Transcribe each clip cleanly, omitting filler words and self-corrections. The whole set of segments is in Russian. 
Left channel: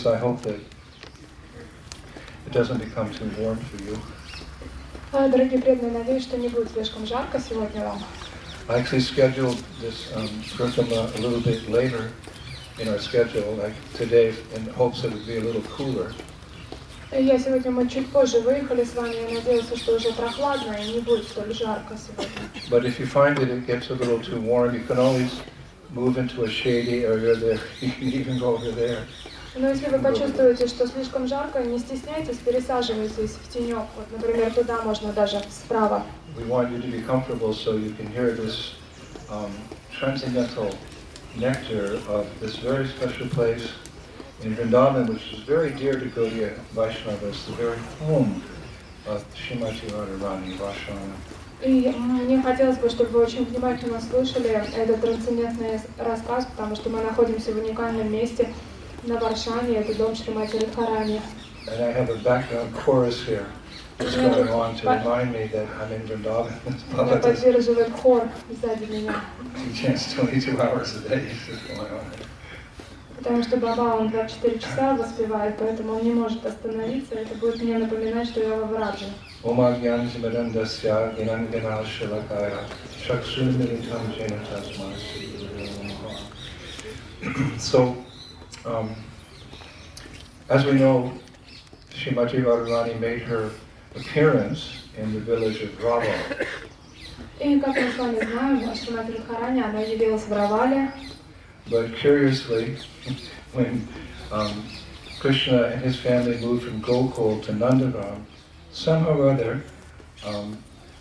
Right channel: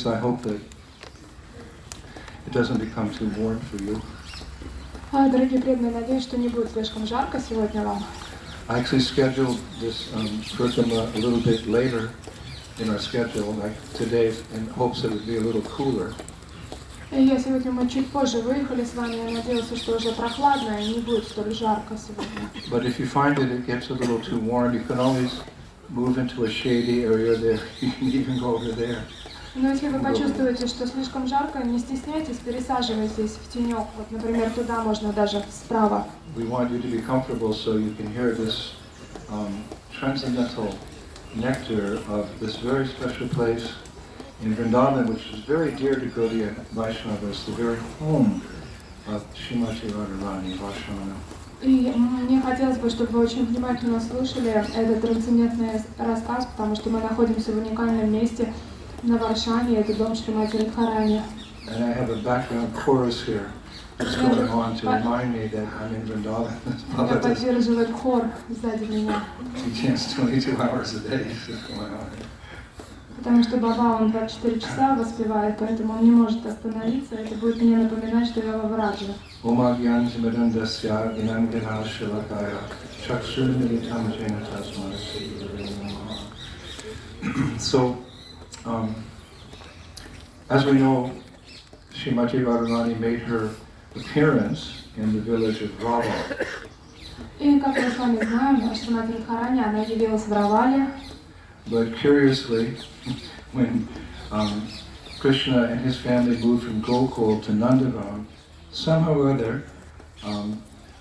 devotees, I hope that it doesn't become too warm for you. Дорогие преданные, надеюсь, что не будет слишком жарко сегодня вам. I actually scheduled this Kirtana a little bit later in our schedule, like today, in hopes that it would be a little cooler. Я сегодня мы чуть позже выехали с вами, я надеялся, что уже прохладно и не будет столь жарко сегодня. But if you find that it gets a little too warm, you can always move into a shady area there. You can even go over there. Но если вы почувствуете, что слишком жарко, не стесняйтесь, пересаживайтесь в тенек. Вот, например, туда можно даже справа. We want you to be comfortable so you can hear this transcendental nectar of this very special place in Vrindavan, which is very dear to Gaudiya Vaishnavas, the very home of Srimati Radharani, Varsana. И мне хотелось бы, чтобы вы очень внимательно слушали этот трансцендентный рассказ, потому что мы находимся в уникальном месте на Варшане, это дом Шримати Радхарани. And I have a background chorus here that's going on to remind me that I'm in Vrindavan. Меня поддерживает хор сзади меня. It's 22 hours a day this is going on. Потому что Баба, он 24 часа воспевает, поэтому он не может остановиться. Это будет мне напоминать, что я во Врадже. So, as we know, Srimati Radharani made her appearance in the village of Rava. И как мы с вами знаем, Шримати Радхарани, она явилась в Равале. But curiously, when Krishna and his family moved from Gokul to Nandagram, somehow or other,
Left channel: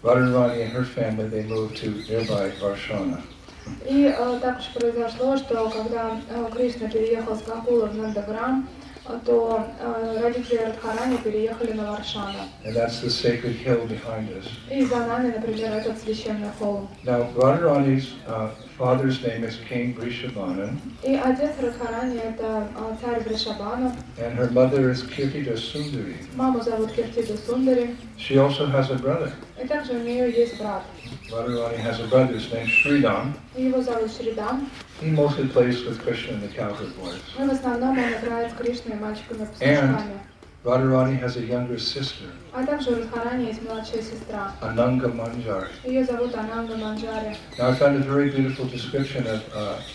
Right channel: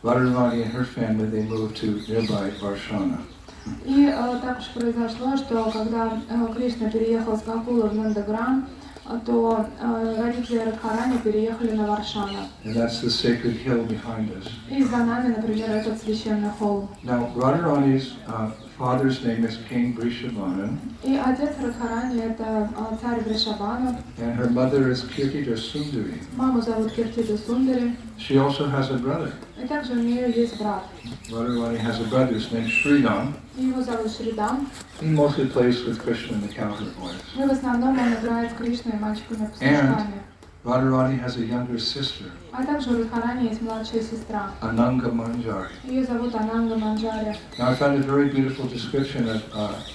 Radharani and her family, they moved to nearby Varsana. И так уж произошло, что когда Кришна переехал с Гокула в Нандаграм, то родители Радхарани переехали на Варшана. And that's the sacred hill behind us. И за нами, например, этот священный холм. Now, Radharani's father's name is King Vrishabhanu. И отец Радхарани это царь Вришабхану. And her mother is Kirtida Sundari. Маму зовут Киртида Сундари. She also has a brother. И также у нее есть брат. Radharani has a brother, his name is Sridham. Его зовут Шридам. He mostly plays with Krishna and the cowherd boys. И в основном он играет с Кришной и мальчиками And пастушками. Radharani has a younger sister, А также у Радхарани есть младшая сестра. Ananga Manjari. Ее зовут Ананда Манджари. Now I found a very beautiful description of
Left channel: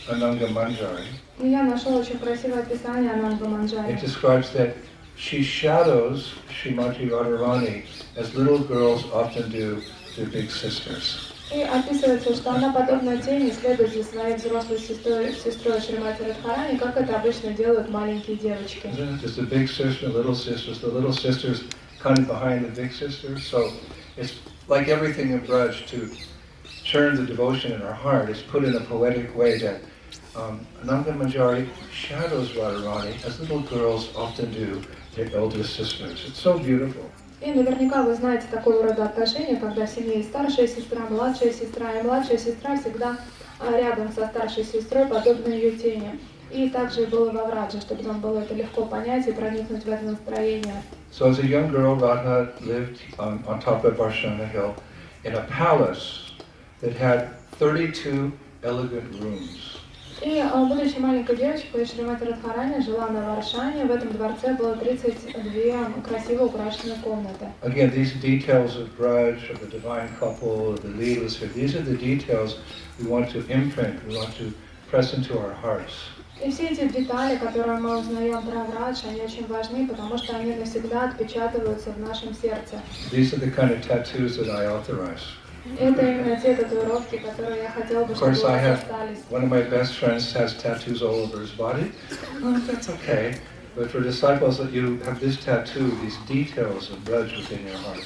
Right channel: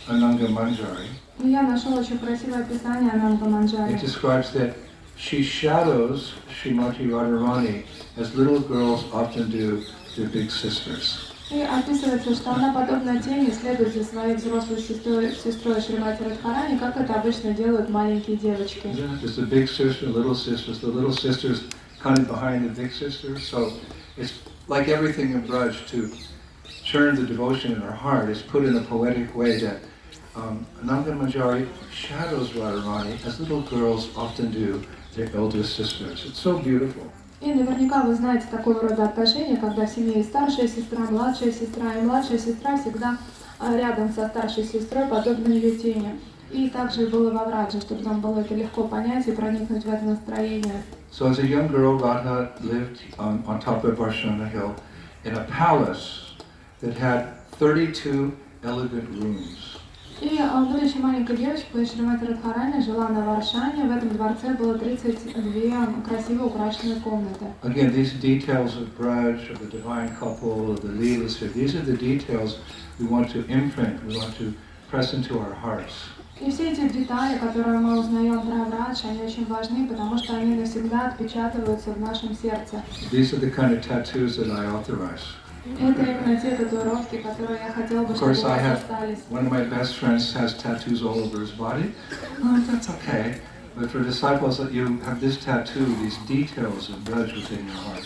Ananga Manjari. И я нашел очень красивое описание Ананды Манджари. It describes that she shadows Srimati Radharani as little girls often do their big sisters. И описывается, что она подобно тени следует за своей взрослой сестрой Шримати Радхарани, как это обычно делают маленькие девочки. There's the big sister, little sisters. The little sisters kind of behind the big sisters. So it's like everything in Braj to churn the devotion in our heart is put in a poetic way that Ananga Manjari shadows Radharani as little girls often do their elder sisters. It's so beautiful. И наверняка вы знаете такого рода отношения, когда в семье есть старшая сестра, младшая сестра, и младшая сестра всегда рядом со старшей сестрой, подобно ее тени. И также было во Врадже, чтобы нам было это легко понять и проникнуть в это настроение. So as a young girl, Radha lived on top of Varsana Hill in a palace that had 32 elegant rooms. И будучи маленькой девочкой, Шримати Радхарани жила на Варшане. В этом дворце было 32 красиво украшенные комнаты. Again, these details of Braj, of the divine couple, of the leelas here, these are the details we want to imprint, we want to press into our hearts. И все эти детали, которые мы узнаем про Врадж, они очень важны, потому что они навсегда отпечатываются в нашем сердце. These are the kind of tattoos that I authorize. Это именно те татуировки, которые я хотела бы, чтобы у вас остались. One of my best friends has tattoos all over his body. Well, that's okay. But for disciples, that you have this tattoo, these details of Braj within your heart.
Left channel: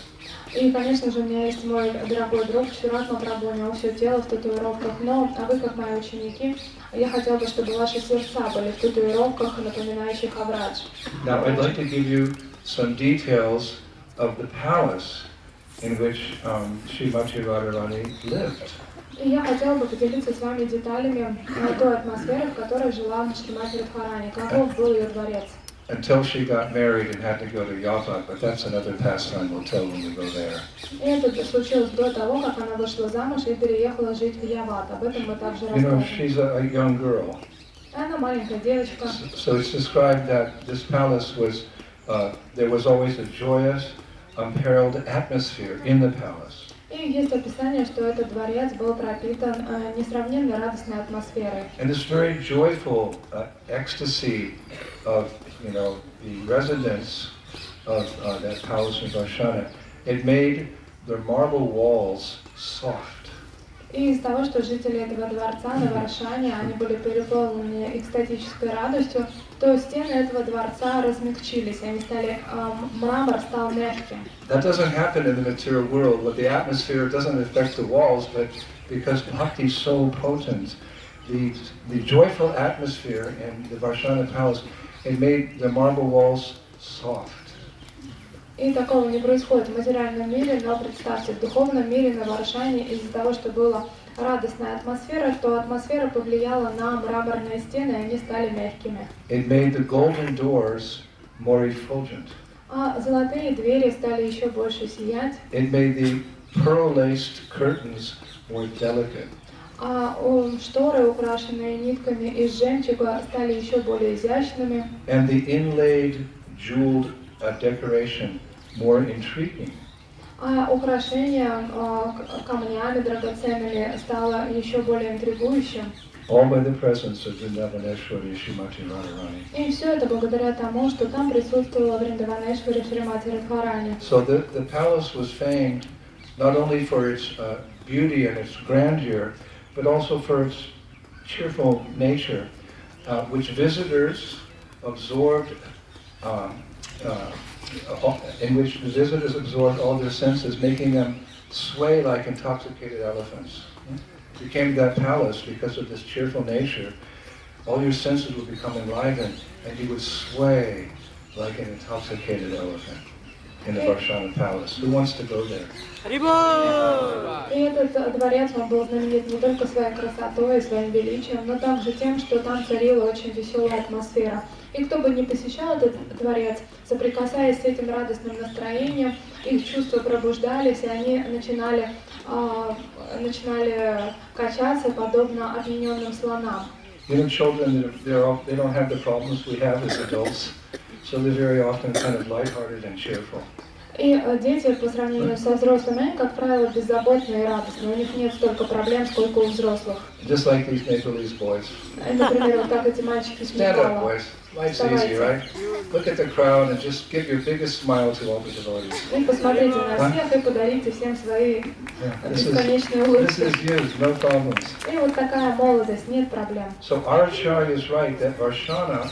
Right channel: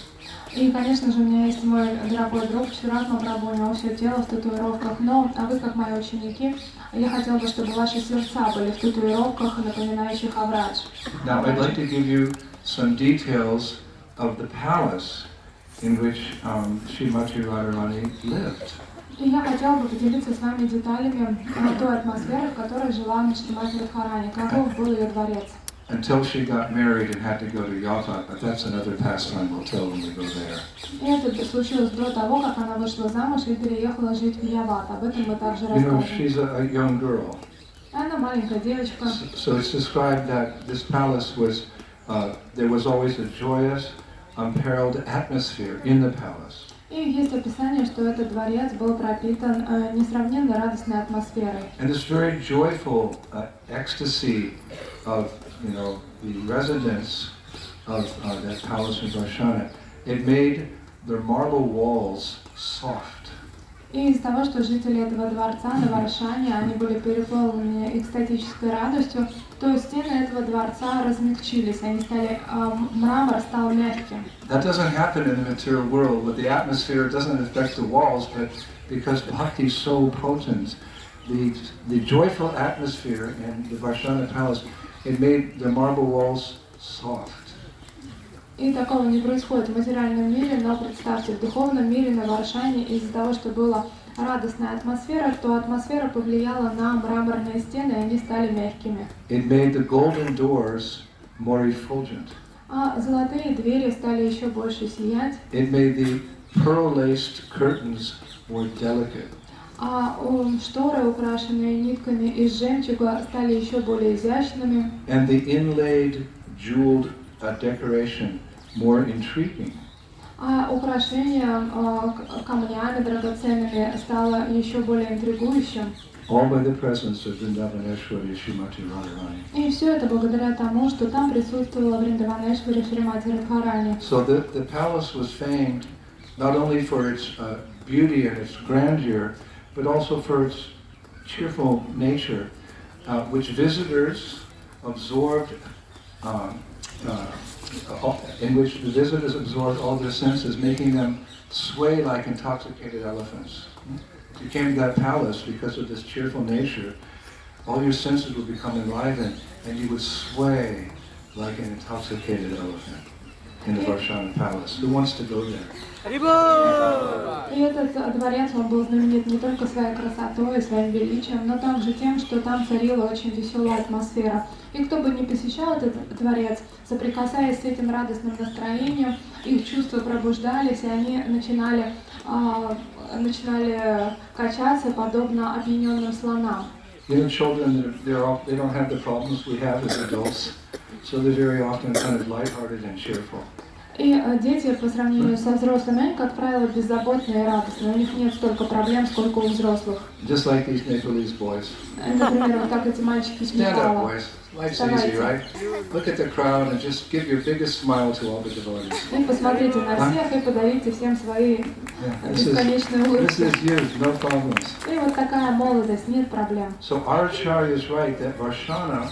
И, конечно же, у меня есть мой дорогой друг Шират Мапрабху, у него все тело в татуировках, но, а вы, как мои ученики, я хотела бы, чтобы ваши сердца были в татуировках, напоминающих о Врадж. Now, I'd like to give you some details of the palace in which Srimati Radharani lived. И я хотела бы поделиться с вами деталями той атмосферы, в которой жила Шримати Радхарани, каков был ее дворец. Until she got married and had to go to Yavat, but that's another pastime we'll tell when we go there. И это случилось до того, как она вышла замуж и переехала жить в Яват. Об этом мы также You know, расскажем. she's a young girl. Она маленькая девочка. So it's described that this palace was, there was always a joyous, unparalleled atmosphere in the palace. И есть описание, что этот дворец был пропитан несравненно радостной атмосферой. And this very joyful ecstasy of, the residents of that palace in Varsana, it made their marble walls soft. И из того, что жители этого дворца на Варшане, они были переполнены экстатической радостью, то стены этого дворца размягчились, они стали, мрамор стал мягким. That doesn't happen in the material world, but the atmosphere doesn't affect the walls, but because bhakti is so potent, the joyful atmosphere in the Varsana palace, it made the marble walls soft. И такого не происходит в материальном мире, но представьте, в духовном мире на Варшане из-за того, что была радостная атмосфера, то атмосфера повлияла на мраморные стены, и они стали мягкими. It made the golden doors more effulgent. А золотые двери стали еще больше сиять. It made the pearl-laced curtains more delicate. А шторы, украшенные нитками из жемчуга, стали еще более изящными. And the inlaid, jeweled decoration more intriguing. А украшение камнями драгоценными стало еще более интригующим. All by the presence of Vrindavaneshwari Srimati Radharani. И все это благодаря тому, что там присутствовала Вриндаванешвари Шримати Радхарани. So the palace was famed not only for its beauty and its grandeur, but also for its cheerful nature, which visitors absorbed, in which the visitors absorbed all their senses, making them sway like intoxicated elephants. If you came to that palace because of this cheerful nature, all your senses would become enlivened, and you would sway like an intoxicated elephant in the Varsana palace. Who wants to go there? И этот дворец, он был знаменит не только своей красотой и своим величием, но также тем, что там царила очень веселая атмосфера. И кто бы ни посещал этот дворец, соприкасаясь с этим радостным настроением, их чувства пробуждались, и они начинали качаться, подобно опьяненным слонам. Children, they don't have the problems we have as adults, so they're very often kind of lighthearted and cheerful. И дети, по сравнению со взрослыми, они, как правило, беззаботные и радостные. У них нет столько проблем, сколько у взрослых. Just like these Nepalese boys. Например, вот как эти мальчики из Stand up, Непала. boys. Life's easy, right? Look at the crowd and just give your biggest smile to all the devotees. И посмотрите на всех и подарите всем свои бесконечные улыбки. This is youth, no problems. И вот такая молодость, нет проблем. So our Acharya is right that Varsana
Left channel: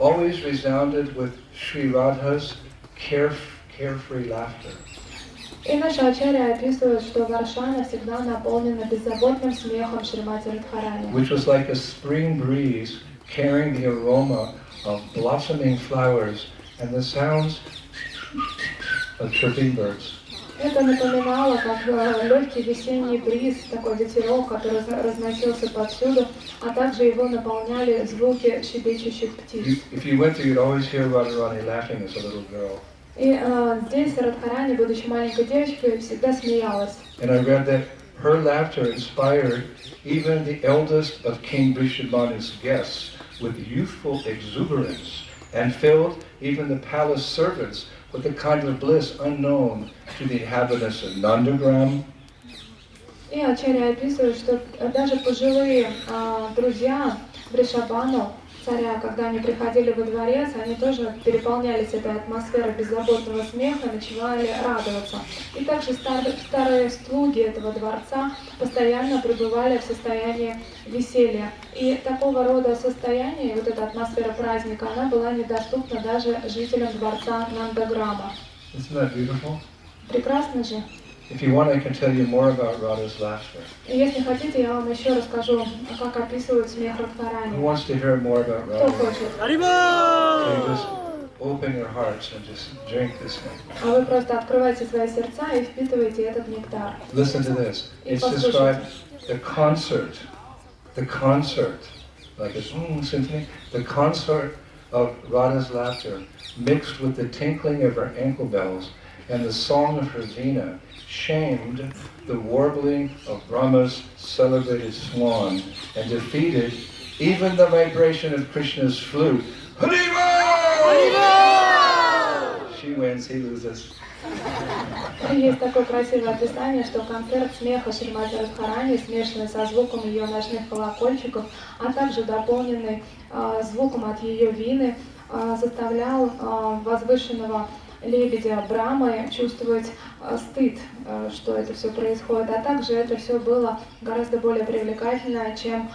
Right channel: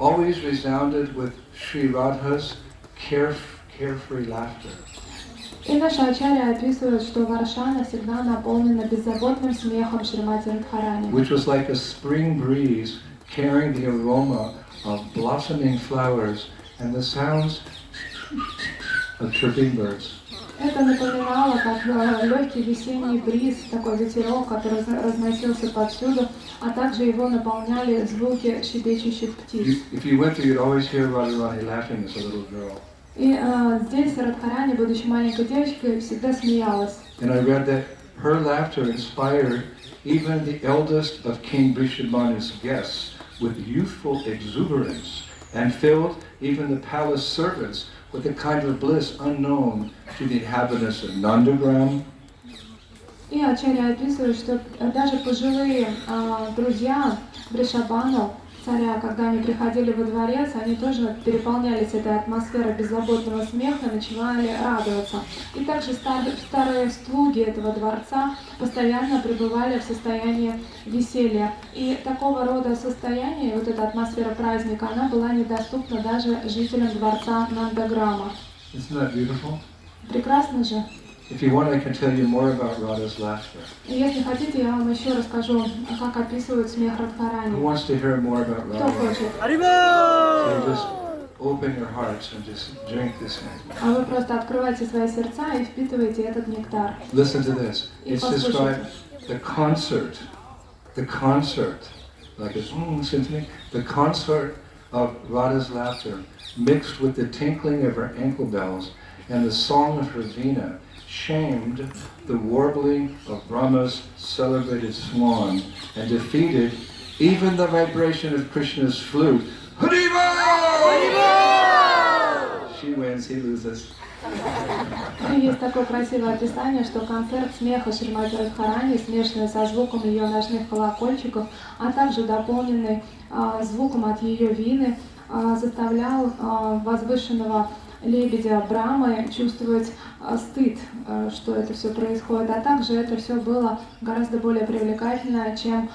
always resounded with Sri Radha's carefree laughter. И наша Ачарья описывает, что Варшана всегда наполнена беззаботным смехом Шримати Радхарани. Which was like a spring breeze carrying the aroma of blossoming flowers and the sounds of chirping birds. Это напоминало, как легкий весенний бриз, такой ветерок, который разносился повсюду, а также его наполняли звуки щебечущих птиц. If you went there, you'd always hear Radharani laughing as a little girl. И здесь Радхарани, будучи маленькой девочкой, всегда смеялась. And I read that her laughter inspired even the eldest of King Vrishabhanu's guests with youthful exuberance and filled even the palace servants with a kind of bliss unknown to the inhabitants of Nandagram. И Ачарья описывает, что даже пожилые друзья Вришабхану, царя, когда они приходили во дворец, они тоже переполнялись этой атмосферой беззаботного смеха, начинали радоваться. И также старые слуги этого дворца постоянно пребывали в состоянии веселья. И такого рода состояние, вот эта атмосфера праздника, она была недоступна даже жителям дворца Нандаграма. Isn't that beautiful? Прекрасно же. If you want, I can tell you more about Radha's laughter. И если хотите, я вам еще расскажу, как описывают смех Who Радхарани. wants to hear more about Кто Radha? хочет? So you just open your hearts and just drink this nectar. А вы просто открывайте свои сердца и впитывайте этот нектар. Listen to this. It's described the concert, like a symphony, the concert of Radha's laughter mixed with the tinkling of her ankle bells and the song of her veena shamed the warbling of Brahma's celebrated swan and defeated Even the vibration of Krishna's flute, Haribo! She wins, he loses. И есть такое красивое описание, что концерт смеха Шримати Радхарани, смешанный со звуком ее ночных колокольчиков, а также дополненный звуком от ее вины, заставлял возвышенного лебедя Брамы чувствовать стыд, что это все происходит, а также это все было гораздо более привлекательно, чем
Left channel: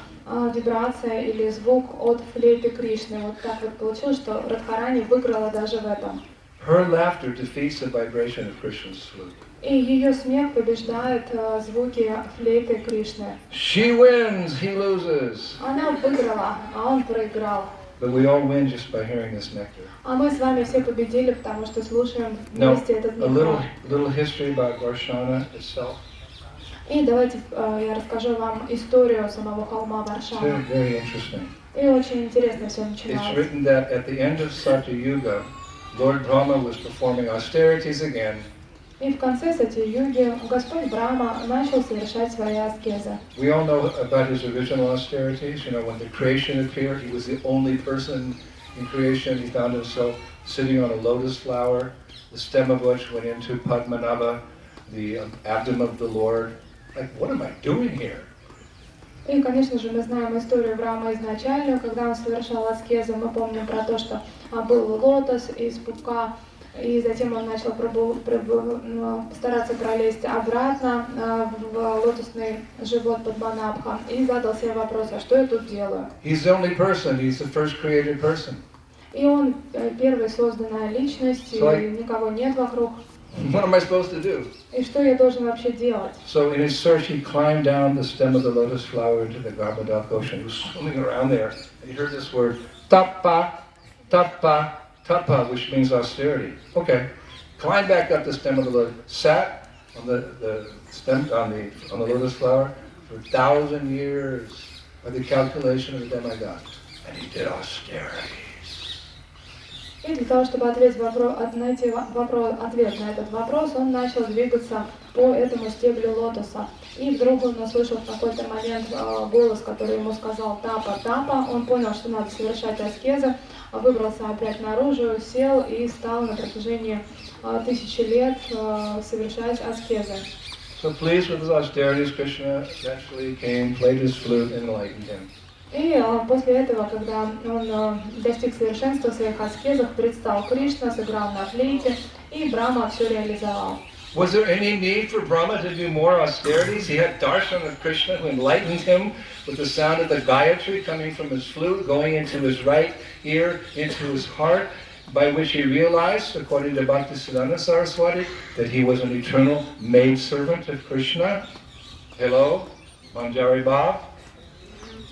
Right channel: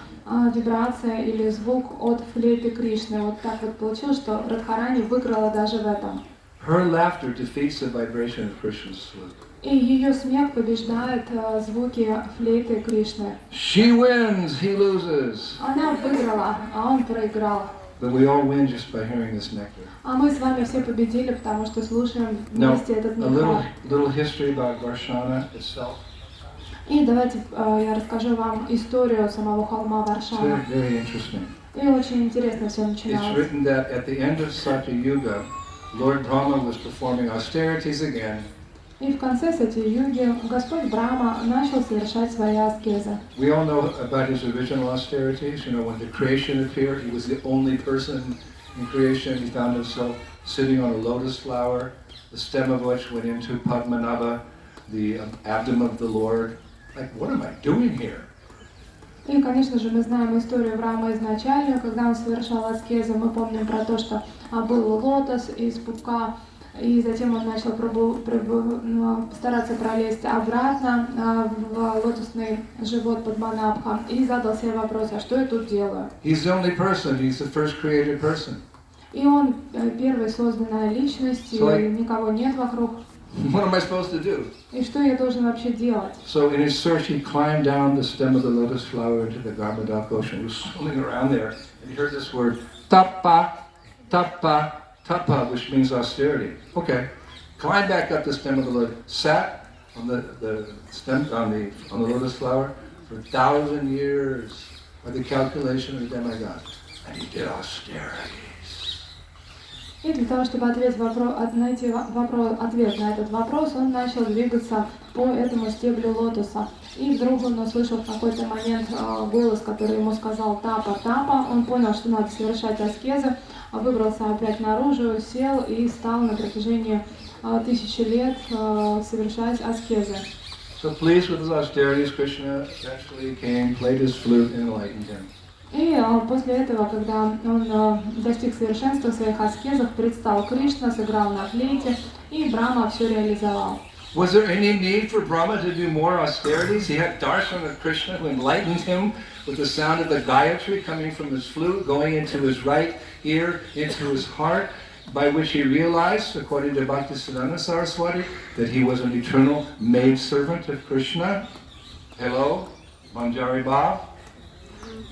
вибрация или звук от флейты Кришны. Вот так вот получилось, что Радхарани выиграла даже в этом. Her laughter defeats the vibration of Krishna's flute. И ее смех побеждает звуки флейты Кришны. She wins, he loses. Она выиграла, а он проиграл. But we all win just by hearing this nectar. А мы с вами все победили, потому что слушаем Now, вместе этот a нектар. little history about Varsana itself. И давайте я расскажу вам историю самого холма It's Варшана. very interesting. И очень интересно все It's начиналось. written that at the end of Satya Yuga, Lord Brahma was performing austerities again. И в конце Сати-юги Господь Брахма начал совершать свои аскезы. We all know about his original austerities. You know, when the creation appeared, he was the only person in creation. He found himself sitting on a lotus flower, the stem of which went into Padmanabha, the abdomen of the Lord. Like, what am I doing here? И, конечно же, мы знаем историю Брахмы изначальную, когда он совершал аскезы. Мы помним про то, что был лотос из пупка, и затем он начал стараться пролезть обратно в лотосный живот Падманабха и задал себе вопрос, а что я тут делаю? He's the only person. He's the first created person. И он первая созданная личность, и никого нет вокруг. What am I supposed to do? И что я должен вообще делать? So in his search, he climbed down the stem of the lotus flower into the Garmadaka ocean. He was swimming around there, and he heard this word, tapa, tapa, tapa, which means austerity. Okay, climbed back up the stem of the lotus, sat on the stem on the lotus flower for 1,000 years by the calculation of the demigod, and he did austerity. И для того, чтобы найти ответ на этот вопрос, он начал двигаться по этому стеблю лотоса. И вдруг он услышал в какой-то момент голос, который ему сказал «тапа, тапа». Он понял, что надо совершать аскезы, выбрался опять наружу, сел и стал на протяжении 1000 лет совершать аскезы. So pleased with his austerities, Krishna eventually came, played his flute, and enlightened him. И после этого, когда он достиг совершенства в своих аскезах, предстал Кришна, сыграл на флейте, и Брахма все реализовал. Was there any need for Brahma to do more austerities? He had darshan of Krishna who enlightened him with the sound of the Gayatri coming from his flute, going into his right ear, into his heart, by which he realized, according to Bhaktisiddhanta Saraswati, that he was an eternal maidservant of Krishna. Hello, Manjari Bhav.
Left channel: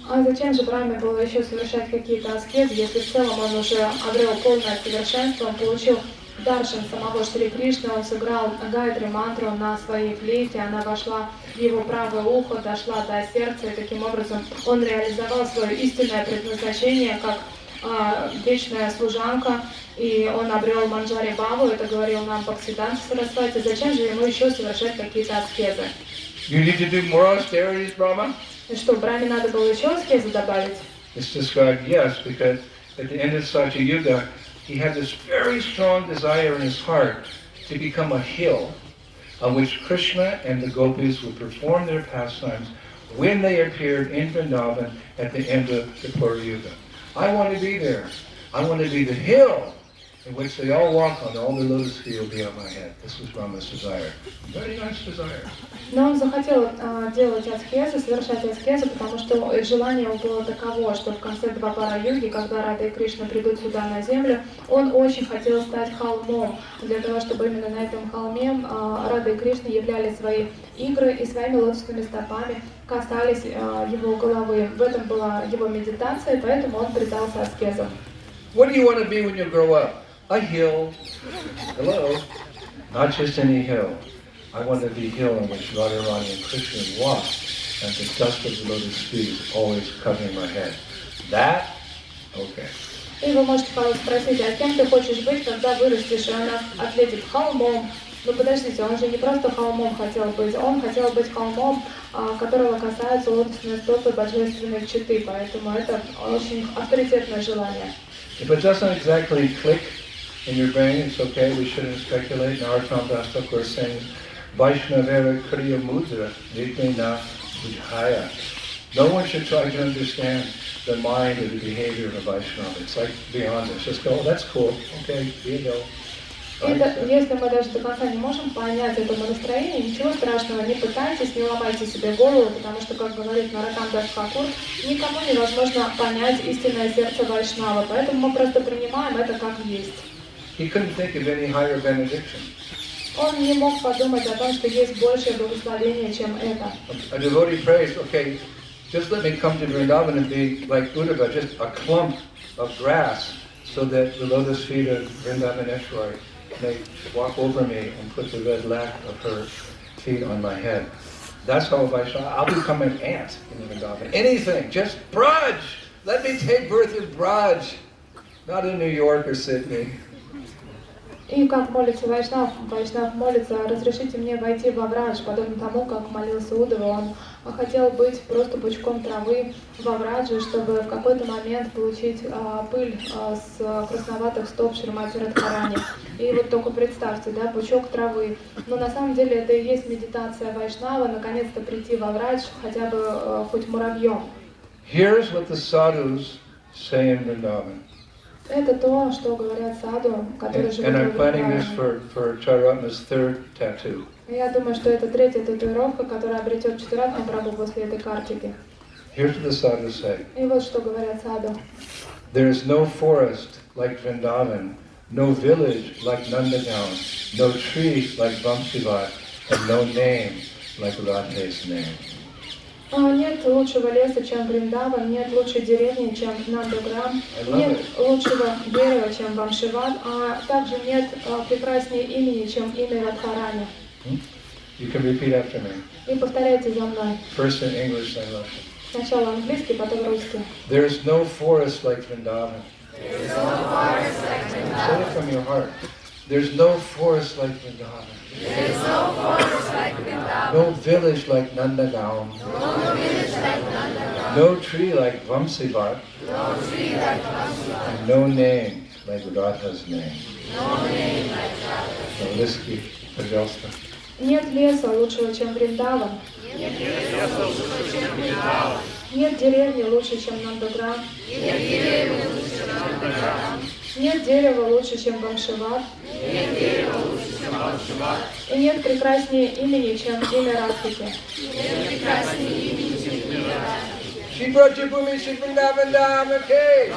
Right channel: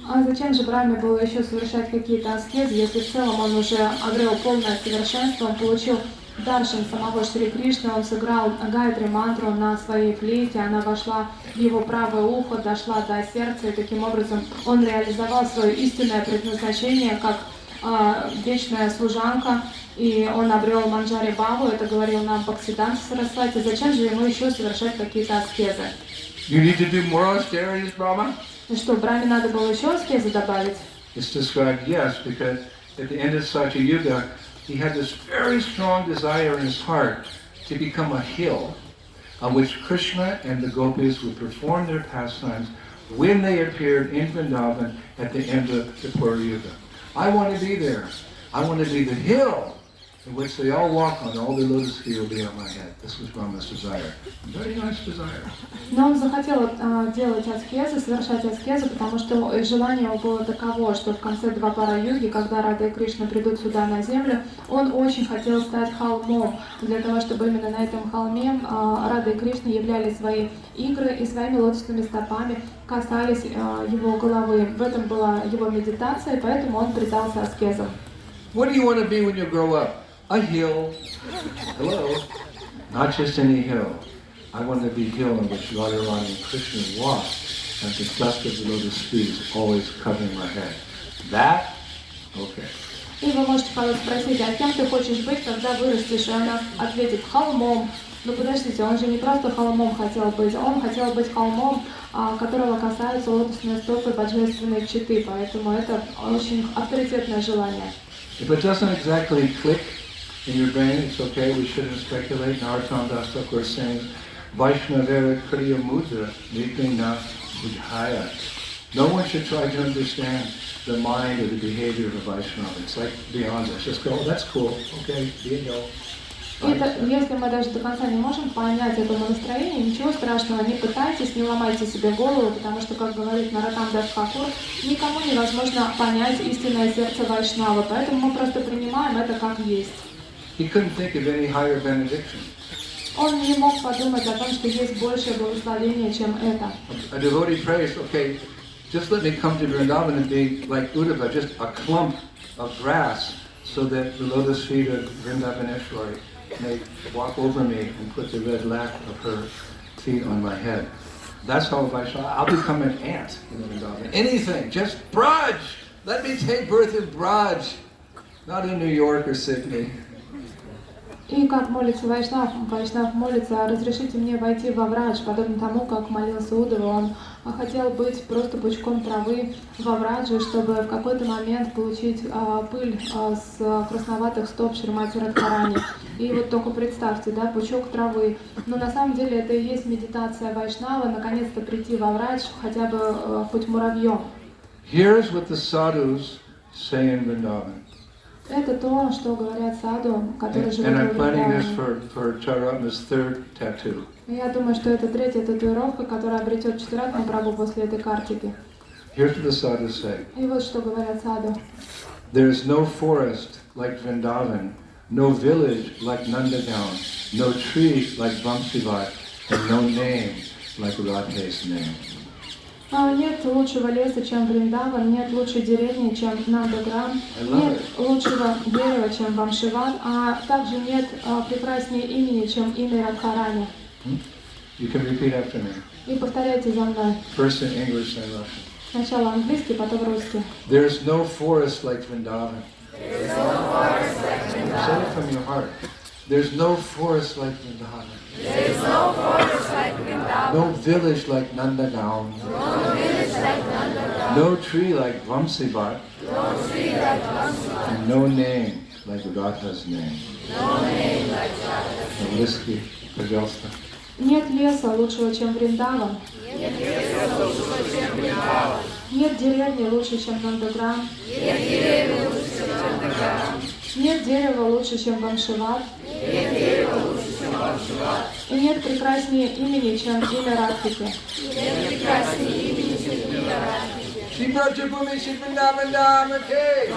А зачем же Брахме было еще совершать какие-то аскезы, если в целом он уже обрел полное совершенство, он получил даршан самого Шри Кришны, он сыграл гайатри мантру на своей флейте, она вошла в его правое ухо, дошла до сердца, и таким образом он реализовал свое истинное предназначение как вечная служанка, и он обрел Манджари Бхаву, это говорил нам Бхактисиддханта Сарасвати. Зачем же ему еще совершать какие-то аскезы? You need to do more austerities, Brahma? И что, Брахме надо было еще аскезы добавить? It's described, yes, because at the end of Satya Yuga, he had this very strong desire in his heart to become a hill on which Krishna and the gopis would perform their pastimes when they appeared in Vrindavan at the end of the Purva Yuga. I want to be there. I want to be the hill in which they all walk on, all the lotus feet will be on my head. This was Brahma's desire. Very nice desire. Но он захотел делать аскезы, совершать аскезы, потому что желание его было таково, что в конце Двапара-юги, когда Рада и Кришна придут сюда на землю, он очень хотел стать холмом, для того, чтобы именно на этом холме Рада и Кришна являли свои игры и своими лотосными стопами касались его головы. В этом была его медитация, поэтому он предался аскезам. What do you want to be when you grow up? A hill. Hello? Not just any hill. I want to be a hill on which Radharani and Krishna walk, and the dust of the lotus feet always covering our head. That? Okay. И вы можете спросить, а кем ты хочешь быть, когда вырастешь? И он ответит, холмом. Ну подождите, он же не просто холмом хотел быть, он хотел быть холмом, которого касаются лотосные стопы божественной читы, поэтому это очень авторитетное желание. If it doesn't exactly click in your brain, it's okay, we shouldn't speculate. Narottam Das Thakur is saying, Vaishnavera Kriya Mudra, Vikrina Vijaya. No one should try to understand the mind or the behavior of a Vaishnava. It's like beyond us. Just go, oh, that's cool, okay, you know. Это, если мы даже до конца не можем понять этому настроению, ничего страшного, не пытайтесь, не ломайте себе голову, потому что, как говорит Наротам Дас Тхакур, никому невозможно понять истинное сердце Вайшнава, поэтому мы просто принимаем это как есть. He couldn't think of any higher benediction. Он не мог подумать о том, что есть большее благословение, чем это. A devotee prays, okay, just let me come to Vrindavan and be like Uddhava, just a clump of grass, so that the lotus feet of Vrindavaneshwari may walk over me and put the red lac of her feet on my head. That's how Vaishnava, I'll become an ant in Vrindavan. Anything, just Braj! Let me take birth in Braj, not in New York or Sydney. И как молится Вайшнав, Вайшнав молится: разрешите мне войти во Врадж, подобно тому, как молился Уддава. Он хотел быть просто пучком травы во Врадже, чтобы в какой-то момент получить пыль с красноватых стоп Шримати Радхарани. И вот только представьте, да, пучок травы. Но на самом деле это и есть медитация Вайшнава, наконец-то прийти во Врадж хотя бы хоть муравьем. Here's what the sadhus say in Vrindavan. Это то, что говорят саду, которые живут And в I'm planning this Вриндаване. for Charatna's third tattoo. Я думаю, что это третья татуировка, которая обретет Читаратма Прабху после этой картики. Here's what the sadhus say. И вот что говорят саду. There is no forest like Vrindavan, no village like Nandagaon, no tree like Vamsivat, and no name like Radha's name. Нет лучшего леса, чем Вриндаван, нет лучшей деревни, чем Нандаграм, нет лучшего дерева, чем Вамшиват, а также нет прекраснее имени, чем имя Радхарани. You can repeat after me. И повторяйте за мной. First in English, then Russian. Сначала английский, потом русский. There is no forest like Vrindavan. There is no forest like Vrindavan. Say it from your heart. There's no forest like Vrindavan. There is no forest like Vrindavan. No village like Nandagaon. No village like Nandagaon. No tree like Vamsivat. No tree like Vamsivat. And no name like Radha's name. No name like Radha's name. Английский, пожалуйста. Нет леса лучшего, чем Вриндаван. Нет леса лучшего, чем Вриндаван. Нет деревни лучше, чем Нандаграм. Нет деревни лучше, чем Нандаграм. Нет дерева лучше, чем Вамшиват. Нет дерева лучше, чем Вамшиват. И нет прекраснее имени, чем имя Радхики. Нет прекраснее имени, чем имя Радхики. Shivrajabhumi Shivrindavan okay.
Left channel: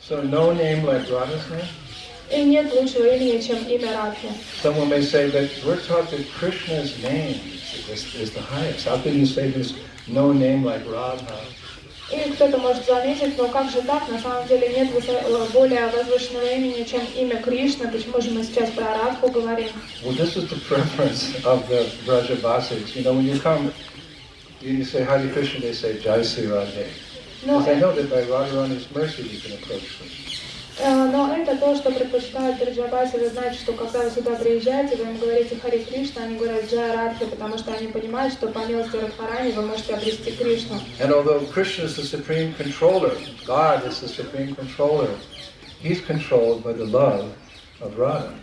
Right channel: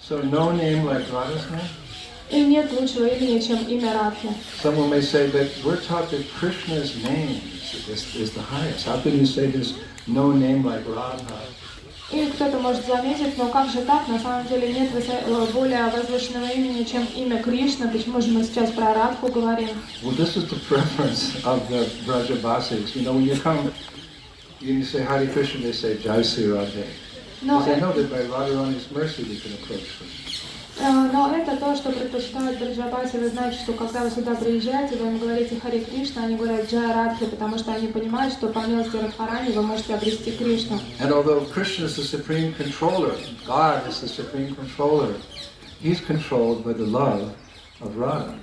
So no name like Radha's name? И нет лучшего имени, чем имя Радхи. Someone may say, but we're taught that Krishna's name is the highest. How can you say there's no name like Radha? И кто-то может заметить, но как же так? На самом деле нет более возвышенного имени, чем имя Кришны. Почему же мы сейчас про Радху говорим? Well, this is the preference of the Brajavasis. You know, when you come, you say Hare Krishna, they say Jai Sri Radhe. Но, Because I know that by Radharani's mercy we can approach Krishna. но это то, что предпочитают Браджабаси. Вы знаете, что когда вы сюда приезжаете, вы им говорите Харе Кришна, они говорят Джай Радхи, потому что они понимают, что по милости Радхарани вы можете обрести Кришну. And although Krishna is the supreme controller, God is the supreme controller, he's controlled by the love of Radha.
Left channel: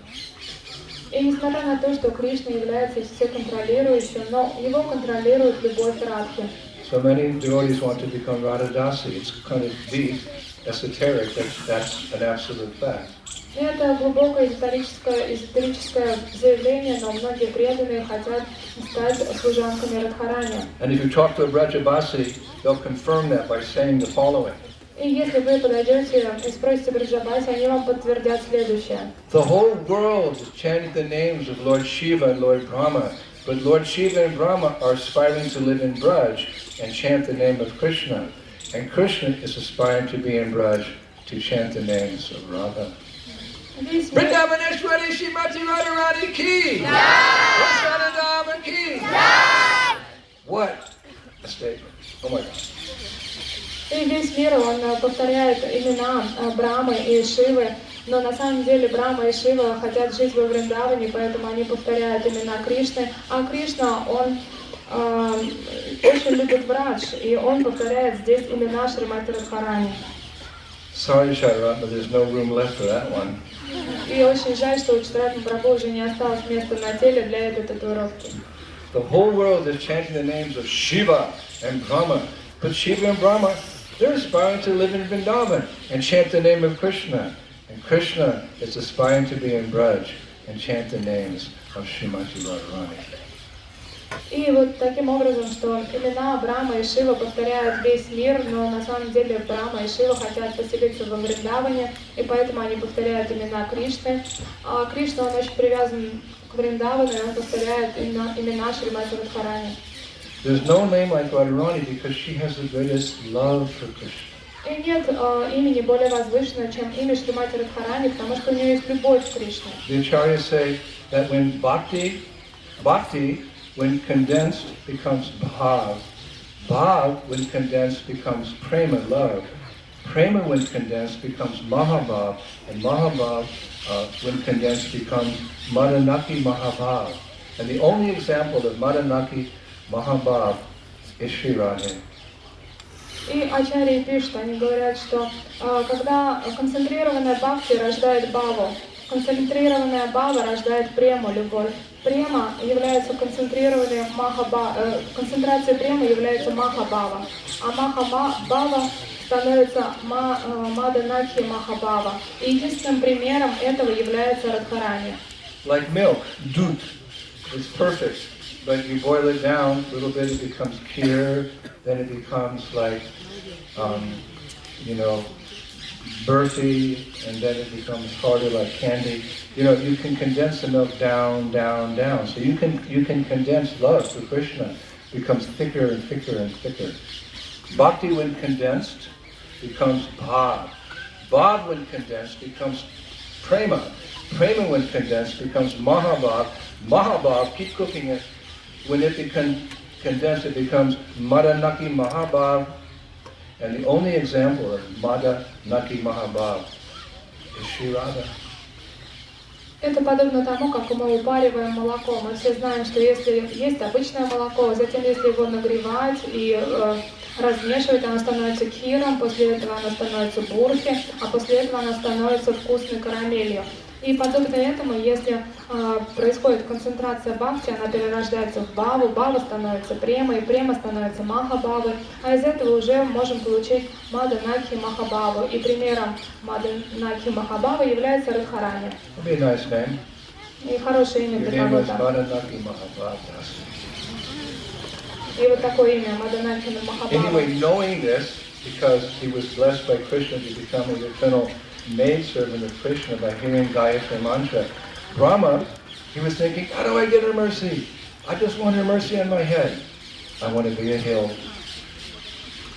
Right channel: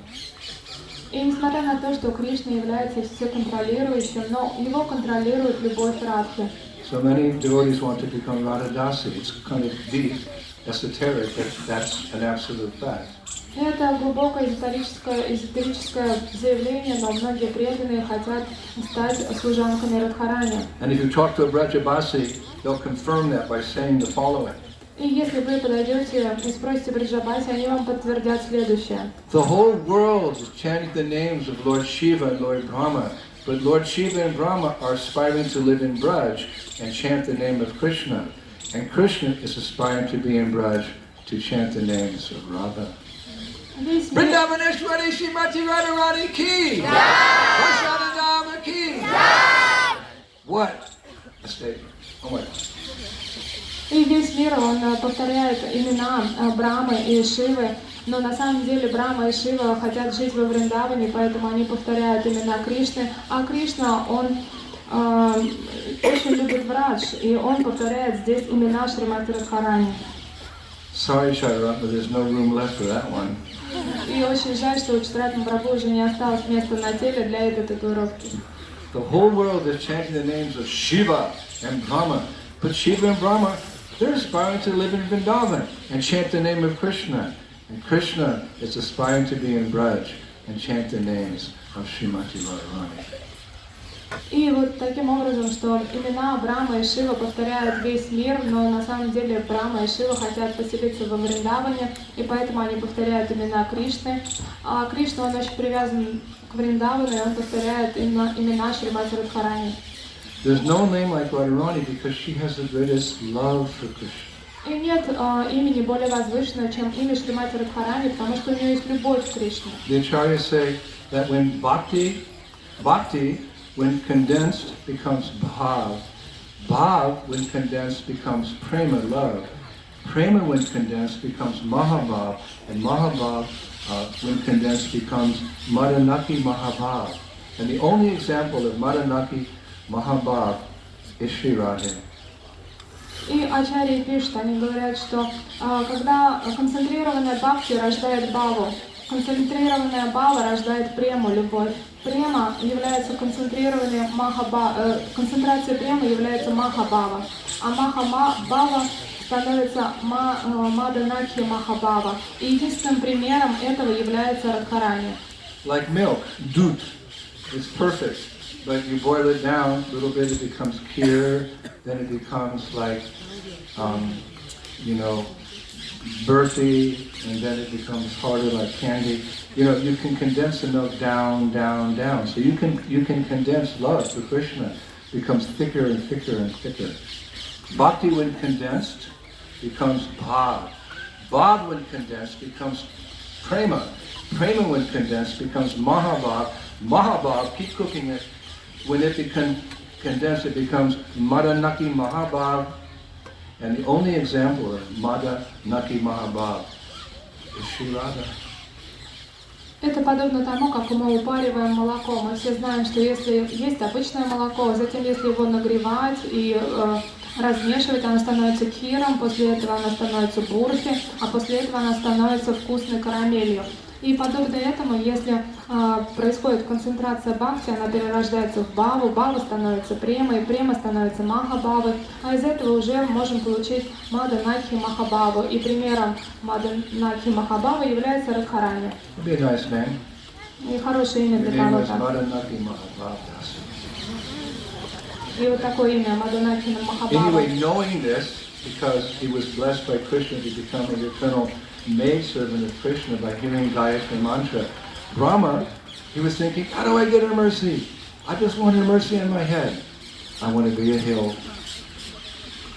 И несмотря на то, что Кришна является всеконтролирующим, но его контролирует любовь Радхи. So many devotees want to become Radhadasi. It's kind of deep, esoteric, but that's an absolute fact. И это глубокое эзотерическое заявление, но многие преданные хотят стать служанками Радхарани. And if you talk to a Brajabasi, they'll confirm that by saying the following. И если вы подойдете и спросите Браджабаси, они вам подтвердят следующее. The whole world is chanting the names of Lord Shiva and Lord Brahma, but Lord Shiva and Brahma are aspiring to live in Braj and chant the name of Krishna. And Krishna is aspiring to be in Braj to chant the names of Radha. Весь мир, Vrindavaneshwari Shrimati Radharani ki! Varsana Dhamma ki! What a statement. Oh my God. и весь мир, он повторяет имена Брамы и Шивы, но на самом деле Брама и Шива хотят жить во Вриндаване, поэтому они повторяют имена Кришны, а Кришна, он очень любит врач, и он повторяет здесь имена Шримати Радхарани. Sorry, Shaivat, but there's no room left for that one. И очень жаль, что у Читратма Прабху уже не осталось места на теле для этой татуировки. The whole world is chanting the names of Shiva and Brahma. But Shiva and Brahma, they're aspiring to live in Vrindavan and chant the name of Krishna. And Krishna is aspiring to be in Braj and chant the names of Srimati Radharani. И вот таким образом, что имена Брахма и Шива повторяют весь мир, но на самом деле Брахма и Шива хотят поселиться во Вриндаване, и поэтому они повторяют имена Кришны. А Кришна, он очень привязан к Вриндавану, и он повторяет имена Шримати Радхарани. There's no name like Radharani because she has the greatest love for Krishna. И нет имени более возвышенного, чем имя Шримати Радхарани, потому что у нее есть любовь к Кришне. The acharyas say that when bhakti, when condensed, becomes bhav. Bhav, when condensed, becomes prema, love. Prema, when condensed, becomes mahabhav. And mahabhav, when condensed, becomes madanaki mahabhav. And the only example of madanaki mahabhav is Sri Radha. И ачарьи пишут, они говорят, что когда концентрированная бхакти рождает бхаву, концентрированная бхава рождает прему, любовь. Према является концентрированием концентрация премы является махабхава, а махабхава становится маданакхи махабхава. И единственным примером этого является Радхарани. Like milk, dut, it's perfect, but you boil it down a little bit, it becomes kheer, then it becomes like, birthy, and then it becomes harder like candy. You can condense the milk down. So you can condense love for Krishna, becomes thicker and thicker and thicker. Bhakti, when condensed, becomes bhav. Bhav, when condensed, becomes prema. Prema, when condensed, becomes mahabhav. Mahabhav, keep cooking it. When it becomes condensed, it becomes madanaki mahabhav. And the only example of madanaki mahabhav is Sri Radha. Это подобно тому, как мы упариваем молоко. Мы все знаем, что если есть обычное молоко, затем если его нагревать и размешивать, оно становится киром, после этого оно становится бурхи, а после этого оно становится вкусной карамелью. И подобно этому, если происходит концентрация бхакти, она перерождается в бхаву, бхава становится премой, према становится махабхавой, а из этого уже можем получить маданакхи махабхаву. И примером маданакхи махабхавы является Радхарани. И хорошее имя для кого-то. И вот такое имя Маданакхи Махабхава. Anyway, knowing this, because he was blessed by Krishna to become an eternal maidservant of Krishna by hearing Gayatri mantra, Brahma, he was thinking, how do I get her mercy? I just want her mercy on my head. I want to be a hill.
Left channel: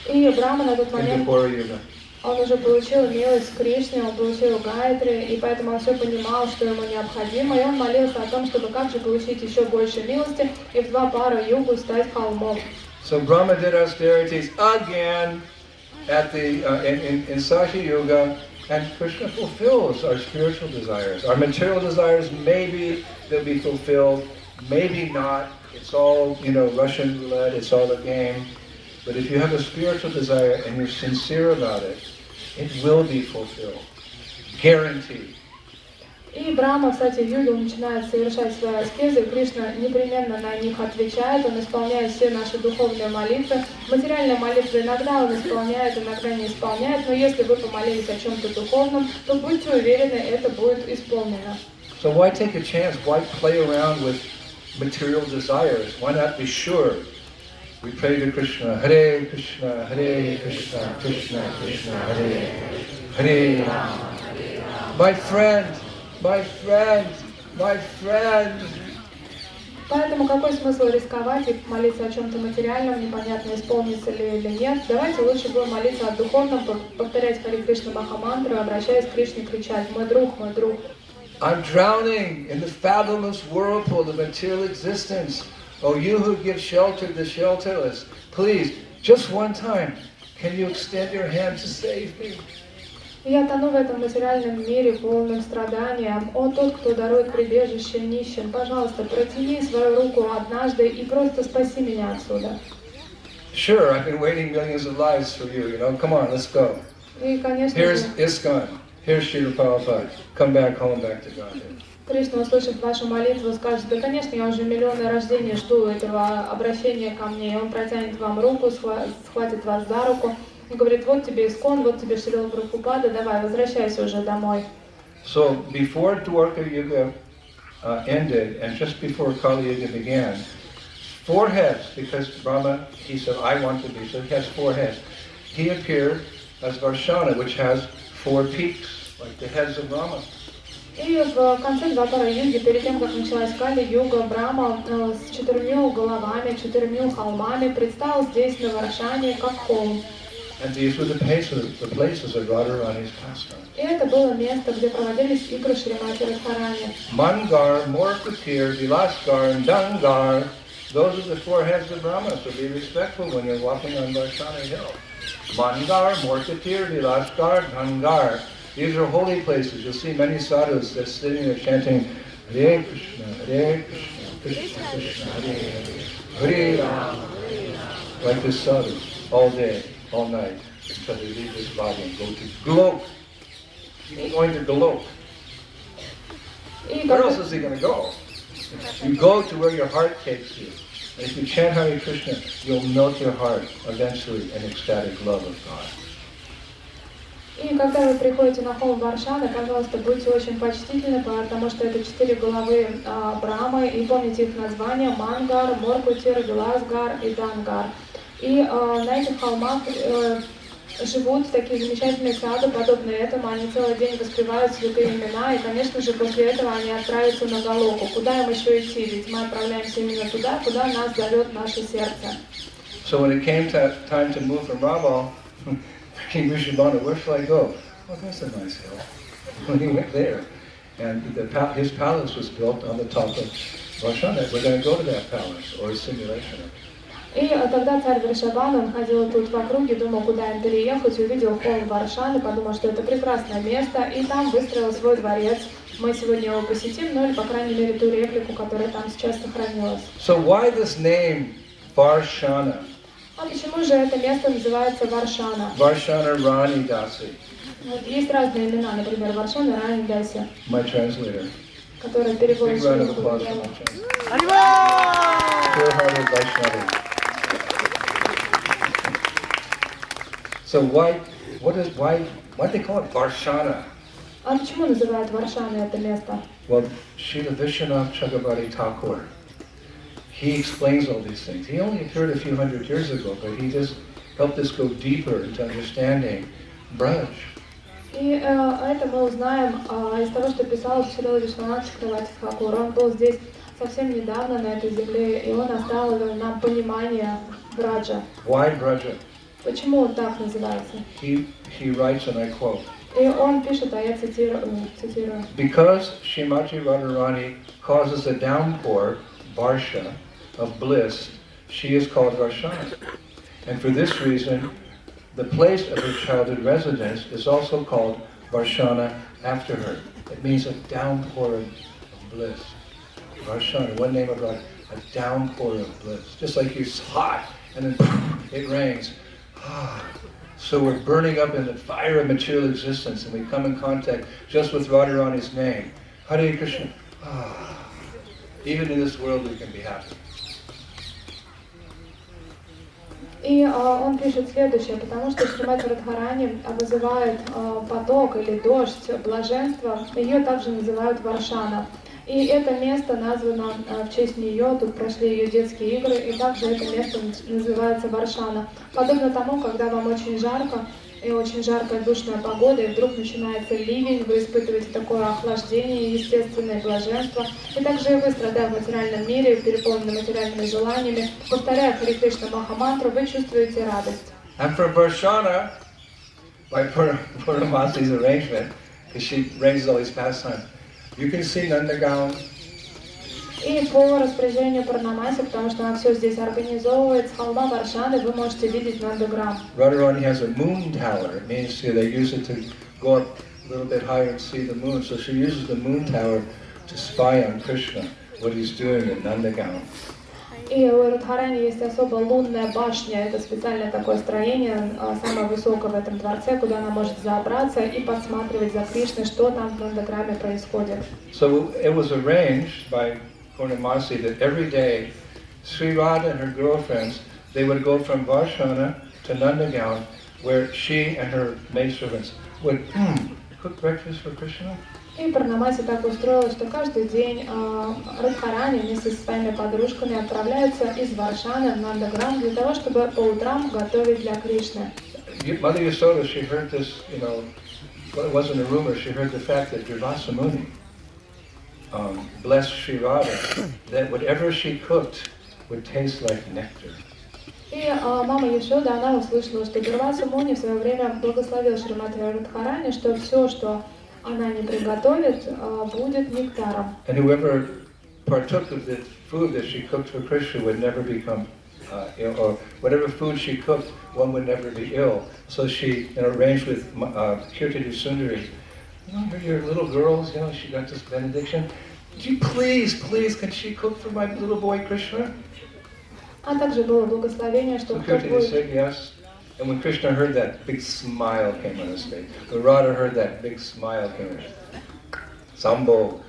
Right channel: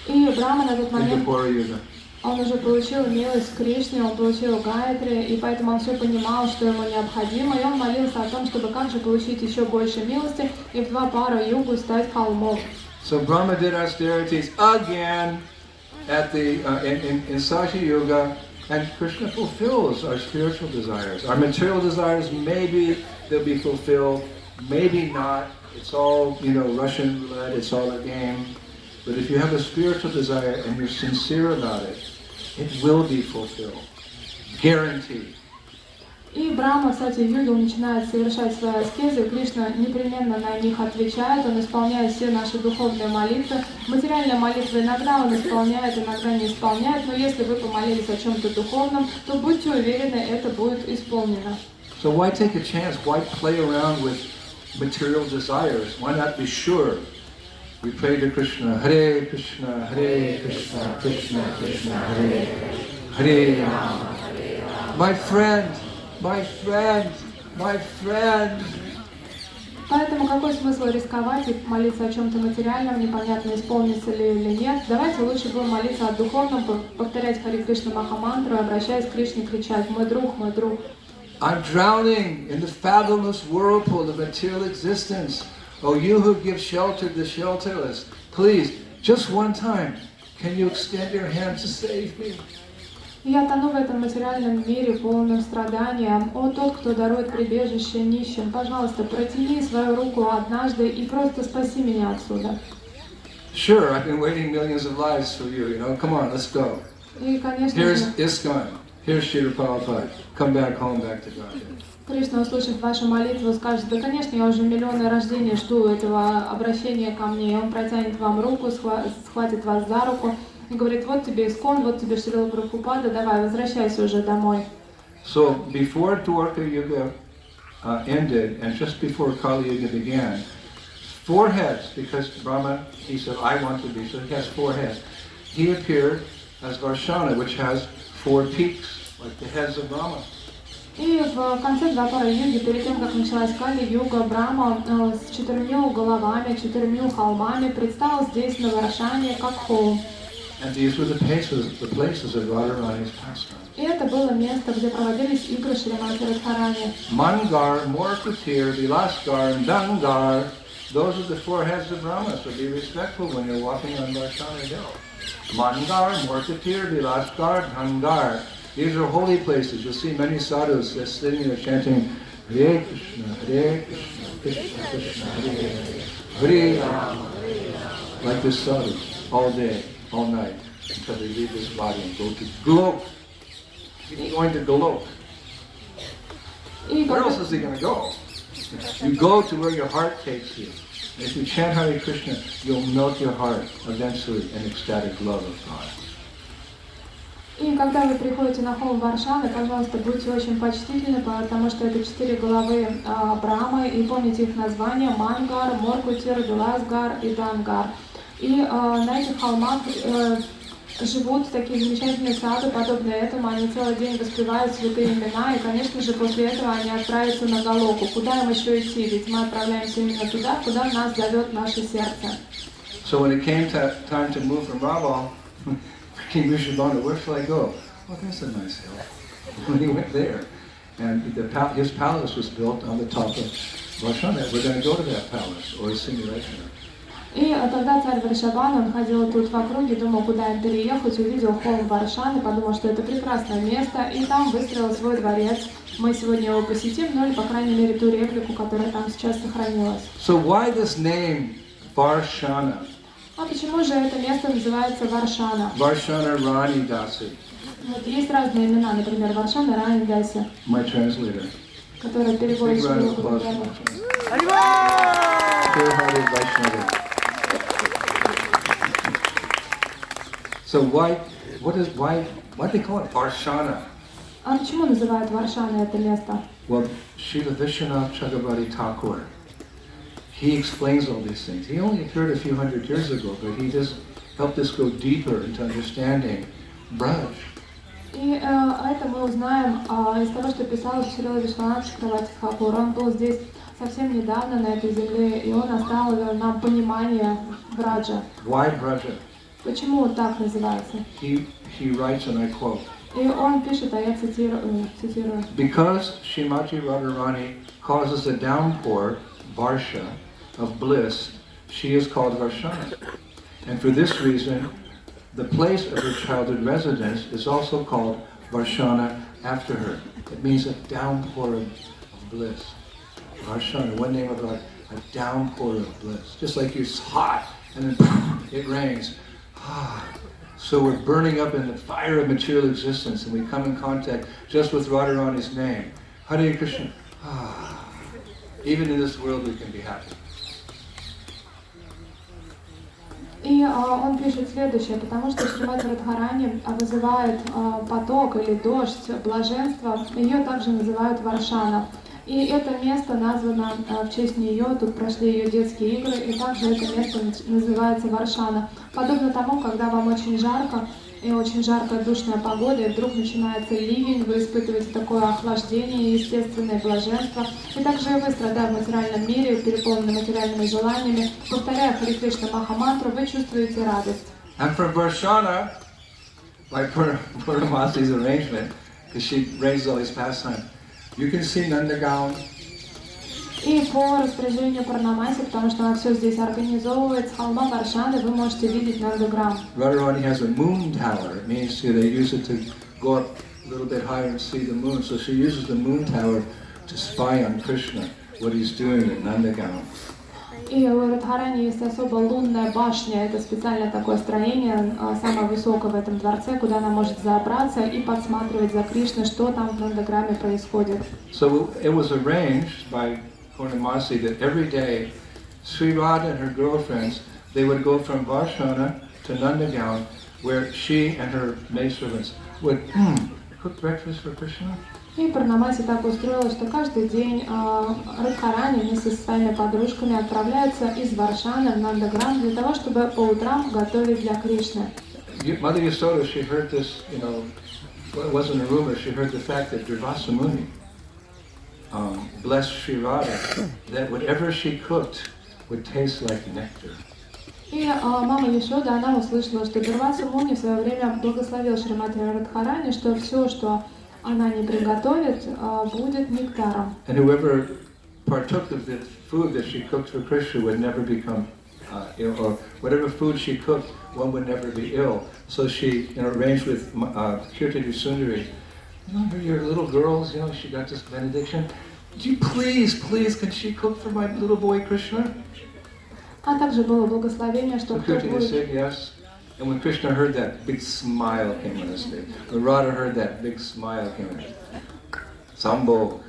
И Брахма на тот момент, Yuga. он уже получил милость Кришны, он получил Гайатри, и поэтому он все понимал, что ему необходимо, и он молился о том, чтобы как же получить еще больше милости и в два пара югу стать холмом. So Brahma did austerities again at the in Sakshi Yuga. And Krishna fulfills our spiritual desires. Our material desires, maybe they'll be fulfilled, maybe not. It's all, Russian roulette, it's all a game. But if you have a spiritual desire and you're sincere about it, it will be fulfilled. Guaranteed. И Брахма, кстати, в юге начинает совершать свои аскезы, и Кришна непременно на них отвечает, он исполняет все наши духовные молитвы. Материальные молитвы иногда он исполняет, иногда не исполняет, но если вы помолились о чем-то духовном, то будьте уверены, это будет исполнено. So why take a chance? Why play around with material desires? Why not be sure? We pray to Krishna, Hare Krishna, Hare Krishna, Krishna Krishna, Hare Hare Rama. My friend, my friend, my friend. Поэтому какой смысл рисковать и молиться о чем-то материальном, непонятно, исполнится ли или нет. Давайте лучше будем молиться о духовном, повторять Хари Кришна Махамантру, обращаясь к Кришне, кричать «Мой друг, мой друг». I'm drowning in the fathomless whirlpool of material existence. Oh, you who give shelter to the shelterless, please, just one time, can you extend your hand to save me? Я тону в этом материальном мире, полным страданием. О, тот, кто дарует прибежище нищим, пожалуйста, протяни свою руку однажды и просто спаси меня отсюда. Sure, I've been waiting millions of lives for you, come on, let's go. И, конечно Here's же, ISKCON, here's Srila Prabhupada, come back home, back to Godhead. Кришна, услышав вашу молитву, скажет: да, конечно, я уже миллионы рождений жду этого обращения ко мне. И он протянет вам руку, схватит вас за руку и говорит: вот тебе Искон, вот тебе Шрила Прабхупада, давай, возвращайся уже домой. So before Dwarka Yuga ended, and just before Kali Yuga began, 4 heads, because Brahma, he said, I want to be, so he has 4 heads. He appeared as Varsana, which has 4 peaks, like the heads of Rama. И в конце Двапара Юги, перед тем, как началась Кали-юга, Брахма с 4 головами, 4 холмами предстал здесь на Варшане как холм. And these were the places of Radharani's pastime. И это было место, где проводились игры Шримати Радхарани. Mangar, Morkutir, Vilasgar, and Dangar, those are the 4 heads of Brahma, so be respectful when you're walking on Varsana Hill. Mangar, Morkutir, Vilasgar, Dangar. These are holy places. You'll see many sadhus sitting there chanting Hare Krishna, Hare Krishna, Krishna Krishna, Hare Hare, Hare Rama. Like this sadhu, all day, all night, until they leave this body and go to Golok. He's going to Golok. Where else is he going to go? You go to where your heart takes you. And if you chant Hare Krishna, you'll melt your heart eventually in ecstatic love of God. И когда вы приходите на холм Варшаны, пожалуйста, будьте очень почтительны, потому что это 4 головы Брахмы, и помните их названия: Мангар, Моркутир, Виласгар и Дангар. И на этих холмах живут такие замечательные сады, подобные этому, они целый день воспевают святые имена, и, конечно же, после этого они отправятся на Галоку. Куда им еще идти? Ведь мы отправляемся именно туда, куда нас зовет наше сердце. So when it came time to move from Raval, King Vrishabhanu, where shall I go? Oh, that's a nice hill. When he went there, and his palace was built on the top of Varsana. We're going to go to that palace, or a simulation. И тогда царь Вришабхану, он ходил тут в округе, думал, куда им переехать, увидел холм Варшаны, подумал, что это прекрасное место, и там выстроил свой дворец. Мы сегодня его посетим, ну или, по крайней мере, ту реплику, которая там сейчас сохранилась. So why this name, Varsana? А почему же это место называется Варшана? Varsana Rani Dasi, Вот есть разные имена, например, Варшана Рани Даси, my translator. которая переводит Big round of с applause for русского. my translator. Pure-hearted Vaishnava. So why they call it Varsana? А почему называют Варшана это место? Well, Srila Vishwanath Chakravarti Thakur, he explains all these things. He only appeared a few hundred years ago, but he just helped us go deeper into understanding Braj. И это мы узнаем из того, что писал Шрила Вишванат Чакраварти Тхакур. Он был здесь совсем недавно на этой земле, и он оставил нам понимание Браджа. Why Braja? Почему он так называется? He writes, and I quote, И он пишет, а я цитирую. because Srimati Radharani causes a downpour, Varsha, of bliss, she is called Varshana. And for this reason, the place of her childhood residence is also called Varshana after her. It means a downpour of bliss. Varshana, one name of God, a downpour of bliss. Just like it's hot and then it rains. So we're burning up in the fire of material existence, and we come in contact just with Radharani's name. Hare Krishna. Even in this world we can be happy. И он пишет следующее, потому что Шримати Радхарани вызывает поток или дождь блаженства, ее также называют Варшана. И это место названо в честь нее, тут прошли ее детские игры, и также это место называется Варшана. Подобно тому, когда вам очень жарко, и очень жаркая душная погода, и вдруг начинается ливень, вы испытываете такое охлаждение, естественное блаженство, и также и вы, страдая в материальном мире, переполнены материальными желаниями, повторяя Харе Кришна Махамантру, вы чувствуете радость. And for Varsana, by Purnamasi's arrangement, because she raised all these pastimes, you can see Nandagown. И по распоряжению Пурнамаси, потому что она все здесь организовывает, с холма Варшаны вы можете видеть Нандаграм. Radharani has a moon tower. It means they use it to go up a little bit higher and see the moon. So she uses the moon tower to spy on Krishna, what he's doing at Nandagaon. И у Радхарани есть особо лунная башня, это специальное такое строение, самое высокое в этом дворце, куда она может забраться и подсматривать за Кришной, что там в Нандаграме происходит. So it was arranged by Purnamasi that every day Sri Radha and her girlfriends, they would go from Varsana to Nandagaon, where she and her maidservants would cook breakfast for Krishna. И Пурнамаси так устроилось, что каждый день Радхарани вместе со своими подружками отправляются из Варшаны в Нандаграм для того, чтобы по утрам готовить для Кришны. Mother Yasoda, she heard this, well, it wasn't a rumor, she heard the fact that Durvasa Muni blessed Sri Radha, that whatever she cooked would taste like nectar. И мама Яшода, она услышала, что Дурваса Муни в свое время благословил Шримати Радхарани, что все, что она не приготовит, будет нектаром. And whoever partook of the food that she cooked for Krishna would never become ill, or whatever food she cooked, one would never be ill. So she arranged with Kirtini Sundari, your little girls, she got this benediction. Would you please, can she cook for my little boy Krishna? А также было благословение, что So кто Kirtini будет... said yes. And when Krishna heard that, big smile came on his face. When Radha heard that, big smile came on his face. Sambhog.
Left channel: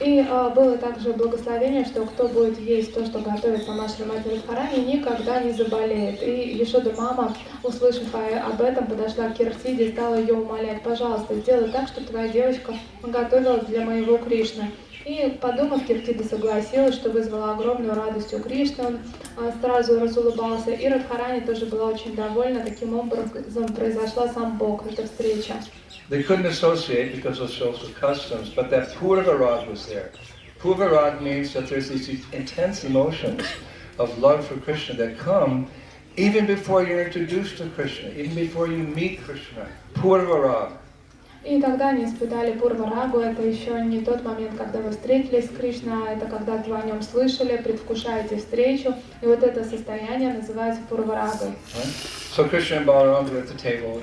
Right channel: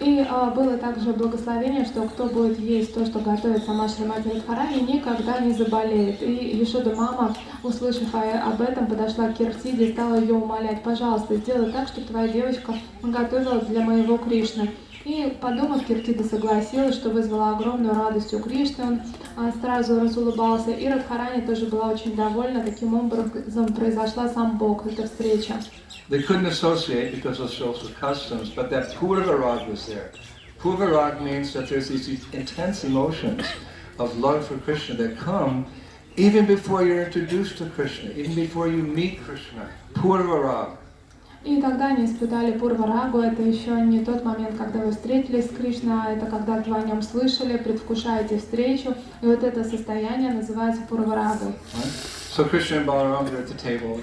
И было также благословение, что кто будет есть то, что готовит сама Шримати Радхарани, никогда не заболеет. И Яшода мама, услышав об этом, подошла к Киртиде и стала ее умолять: пожалуйста, сделай так, чтобы твоя девочка готовила для моего Кришны. И, подумав, Киртида согласилась, что вызвала огромную радость у Кришны, он сразу разулыбался. И Радхарани тоже была очень довольна, таким образом произошла сам Бог, эта встреча. They couldn't associate because of social customs, but that Purvarag was there. Purvarag means that there's these intense emotions of love for Krishna that come even before you're introduced to Krishna, even before you meet Krishna. Purvarag. И тогда они испытали Пурварагу, это еще не тот момент, когда вы встретились с Кришной, а это когда вы о нем слышали, предвкушаете встречу, и вот это состояние называется Пурварагой. So Krishna and Balaram are at the table,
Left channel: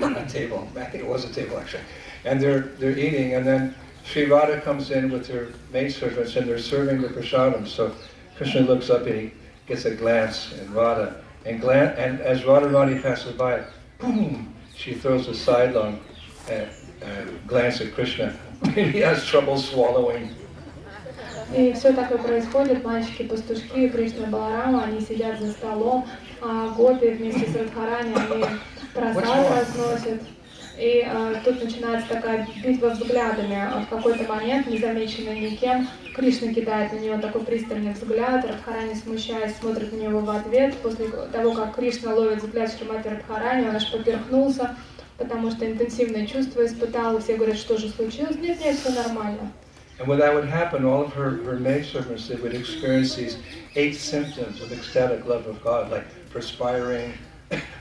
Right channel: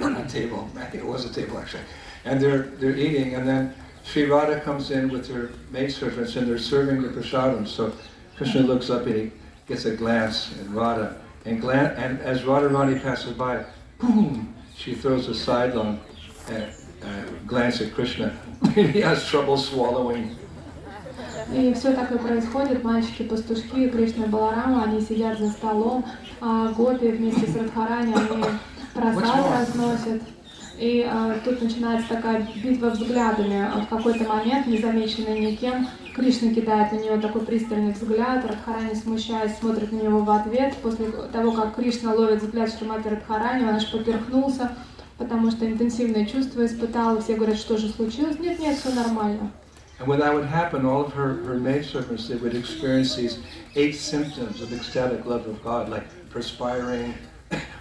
not a table, back it was a table actually, and they're eating, and then Sri Radha comes in with her maidservants and they're serving the prasadam. So Krishna looks up and he gets a glance at Radha, and as Radharani passes by, boom, she throws a sidelong glance at Krishna. He has trouble swallowing. И все так и происходит, мальчики-пастушки, Кришна и Баларама, они сидят за столом, а гопи вместе с Радхарани, они просад разносят. И тут начинается такая битва взглядами. В какой-то момент, незамеченный никем, Кришна кидает на нее такой пристальный взгляд, Радхарани, смущаясь, смотрит на него в ответ. После того, как Кришна ловит взгляд Шримати Радхарани, он аж поперхнулся, потому что интенсивное чувство испытал, и все говорят, что же случилось? Нет, все нормально. And when that would happen, all of her maidservants, they would experience these 8 symptoms of ecstatic love of God, like perspiring,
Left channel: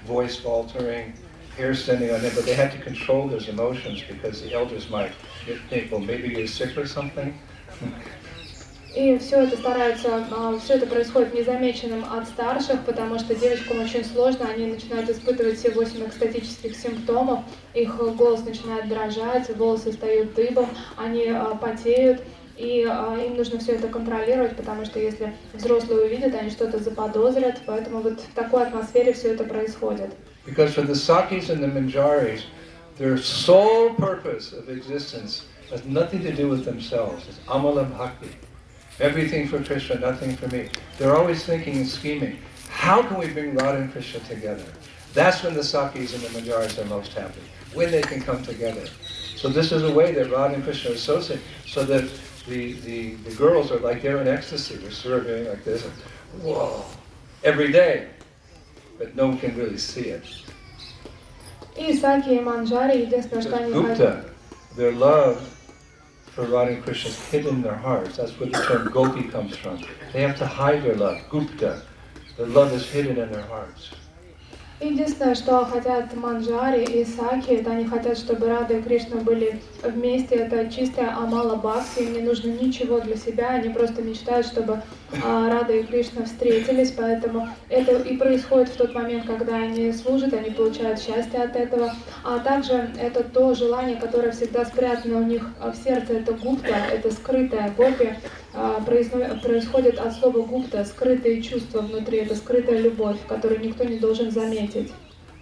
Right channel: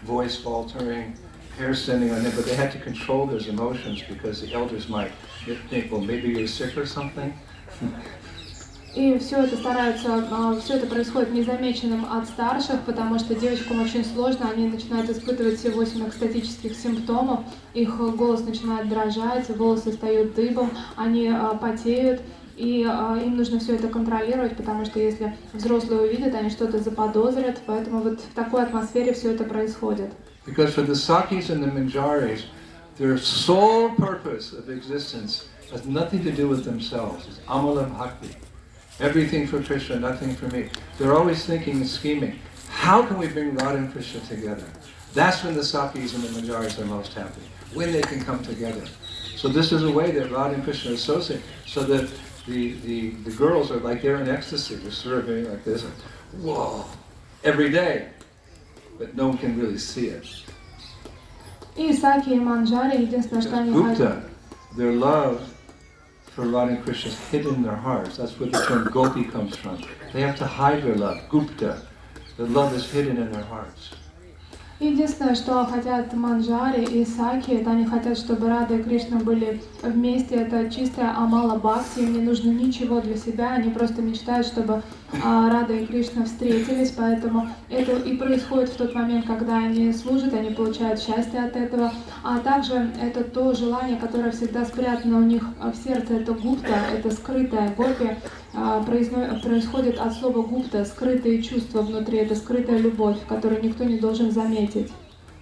voice faltering, hair standing on end, but they had to control those emotions because the elders might think, well, maybe you're sick or something. И все это происходит незамеченным от старших, потому что девочкам очень сложно, они начинают испытывать все 8 экстатических симптомов, их голос начинает дрожать, волосы встают дыбом, они потеют, и им нужно все это контролировать, потому что если взрослые увидят, они что-то заподозрят, поэтому вот в такой атмосфере все это происходит. Because for the Sakis and the Manjaris, their sole purpose of existence has nothing to do with themselves. It's Amala Bhakti. Everything for Krishna, nothing for me. They're always thinking and scheming. How can we bring Radha and Krishna together? That's when the Sakis and the Manjaris are most happy, when they can come together. So this is a way that Radha and Krishna associate, so that the girls are like they're in ecstasy. They're serving like this, and, whoa, every day. But no one can really see it. И Саки и Манджари, единственное, что они Gupta, their love for Radha and Krishna is hidden in their hearts. That's where the term gopi comes from. They have to hide their love. Gupta, their love is hidden in their hearts. Единственное, что хотят Манджари и Саки, это они хотят, чтобы Рада и Кришна были вместе. Это чистая амала бхакти, им не нужно ничего для себя, они просто мечтают, чтобы Рада и Кришна встретились, поэтому это и происходит в тот момент, когда они служат, они получают счастье от этого. А также это то желание, которое всегда спрятано у них в сердце, это гупта, это скрытая гопи, происходит от слова гупта, скрытые чувства внутри, это скрытая любовь, которую никто не должен заметить.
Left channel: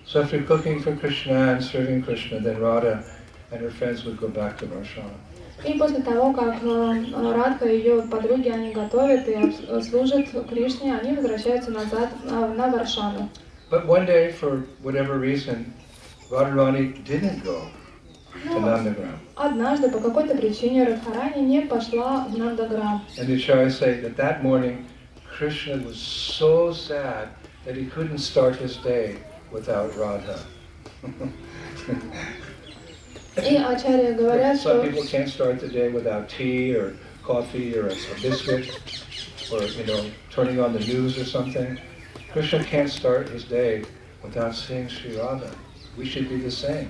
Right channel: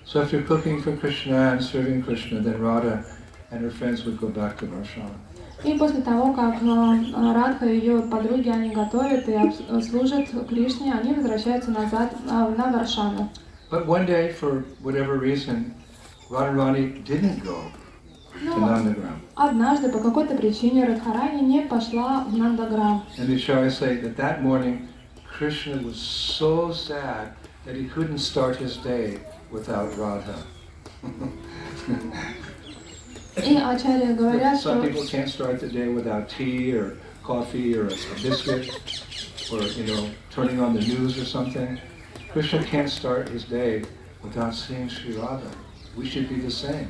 So if you're cooking for Krishna and serving Krishna, then Radha and her friends would go back to Varsana. И после того, как Радха и ее подруги, они готовят и служат Кришне, они возвращаются назад на Варшану. But one day, for whatever reason, Radharani didn't go to Nandagram. Однажды по какой-то причине Радхарани не пошла в Нандаграм. And the acharyas say that that morning, Krishna was so sad that he couldn't start his day without Radha. И ачарьи говорят, Some что people can't start the day without tea or coffee or a biscuit or, turning on the news or something. Krishna can't start his day without seeing Sri Radha. We should be the same.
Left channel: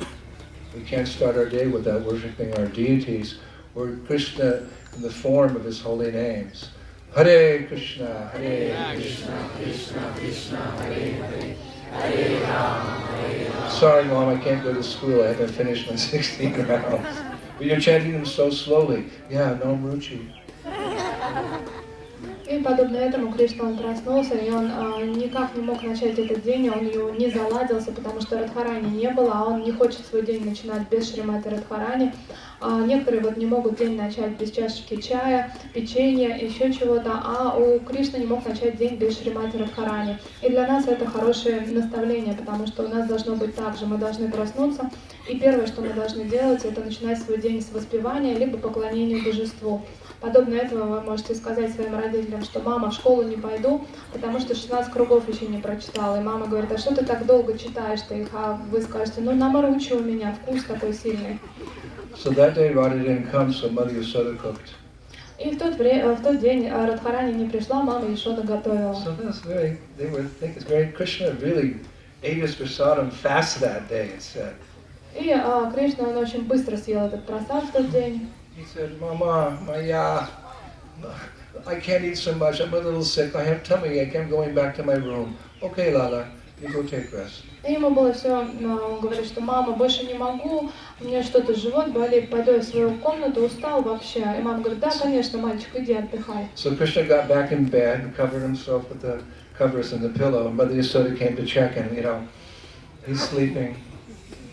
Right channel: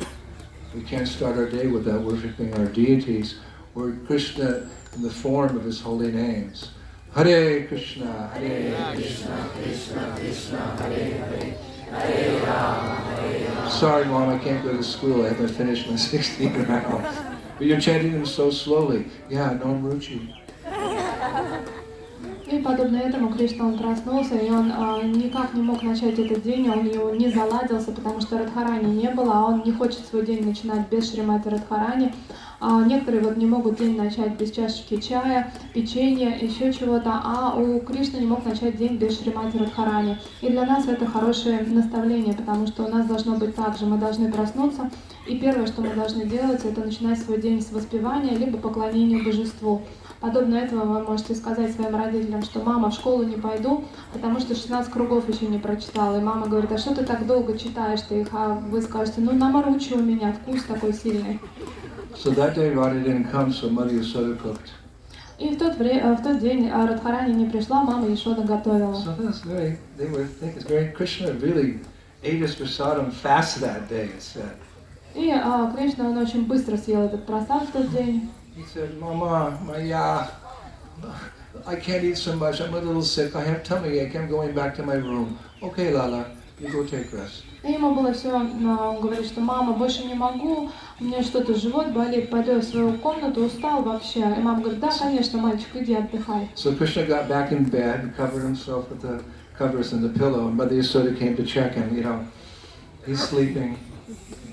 We can't start our day without worshipping our deities or Krishna in the form of his holy names. Hare Krishna, Hare Krishna, Krishna Krishna, Hare Hare, Hare Rama, Hare Rama. Sorry, Mom, I can't go to school. I haven't finished my 16 rounds. But you're chanting them so slowly. Yeah, Nam Ruchi. И подобно этому Кришна, он проснулся, и он никак не мог начать этот день, он не заладился, потому что Радхарани не было, а он не хочет свой день начинать без Шримати Радхарани. Некоторые не могут день начать без чашечки чая, печенья, еще чего-то, а у Кришны не мог начать день без Шримати Радхарани. И для нас это хорошее наставление, потому что у нас должно быть так же, мы должны проснуться, и первое, что мы должны делать, это начинать свой день с воспевания, либо поклонения божеству. Подобно этому вы можете сказать своим родителям, что мама, в школу не пойду, потому что 16 кругов еще не прочитала. И мама говорит, а что ты так долго читаешь-то их? А вы скажете, наморучи у меня, вкус такой сильный. So that day Radha didn't come, so Mother Yasoda cooked. И в тот день Радхарани не пришла, мама Яшода готовила. So they were thinking, Krishna really ate his prasadam fast that day, it said. И Кришна, он очень быстро съел этот прасад в тот день. He said, Mama, Maya, I can't eat so much. I'm a little sick. I have tummy ache. I'm going back to my room. Okay, Lala, you go take rest. И ему было все, он говорит, что мама, больше не могу, у меня что-то, живот болит, пойду в свою комнату, устал вообще. И мама говорит, да, конечно, мальчик, иди отдыхай. So Krishna got back in bed and covered himself with the covers and the pillow. And Mother Yasoda came to check and, he's sleeping.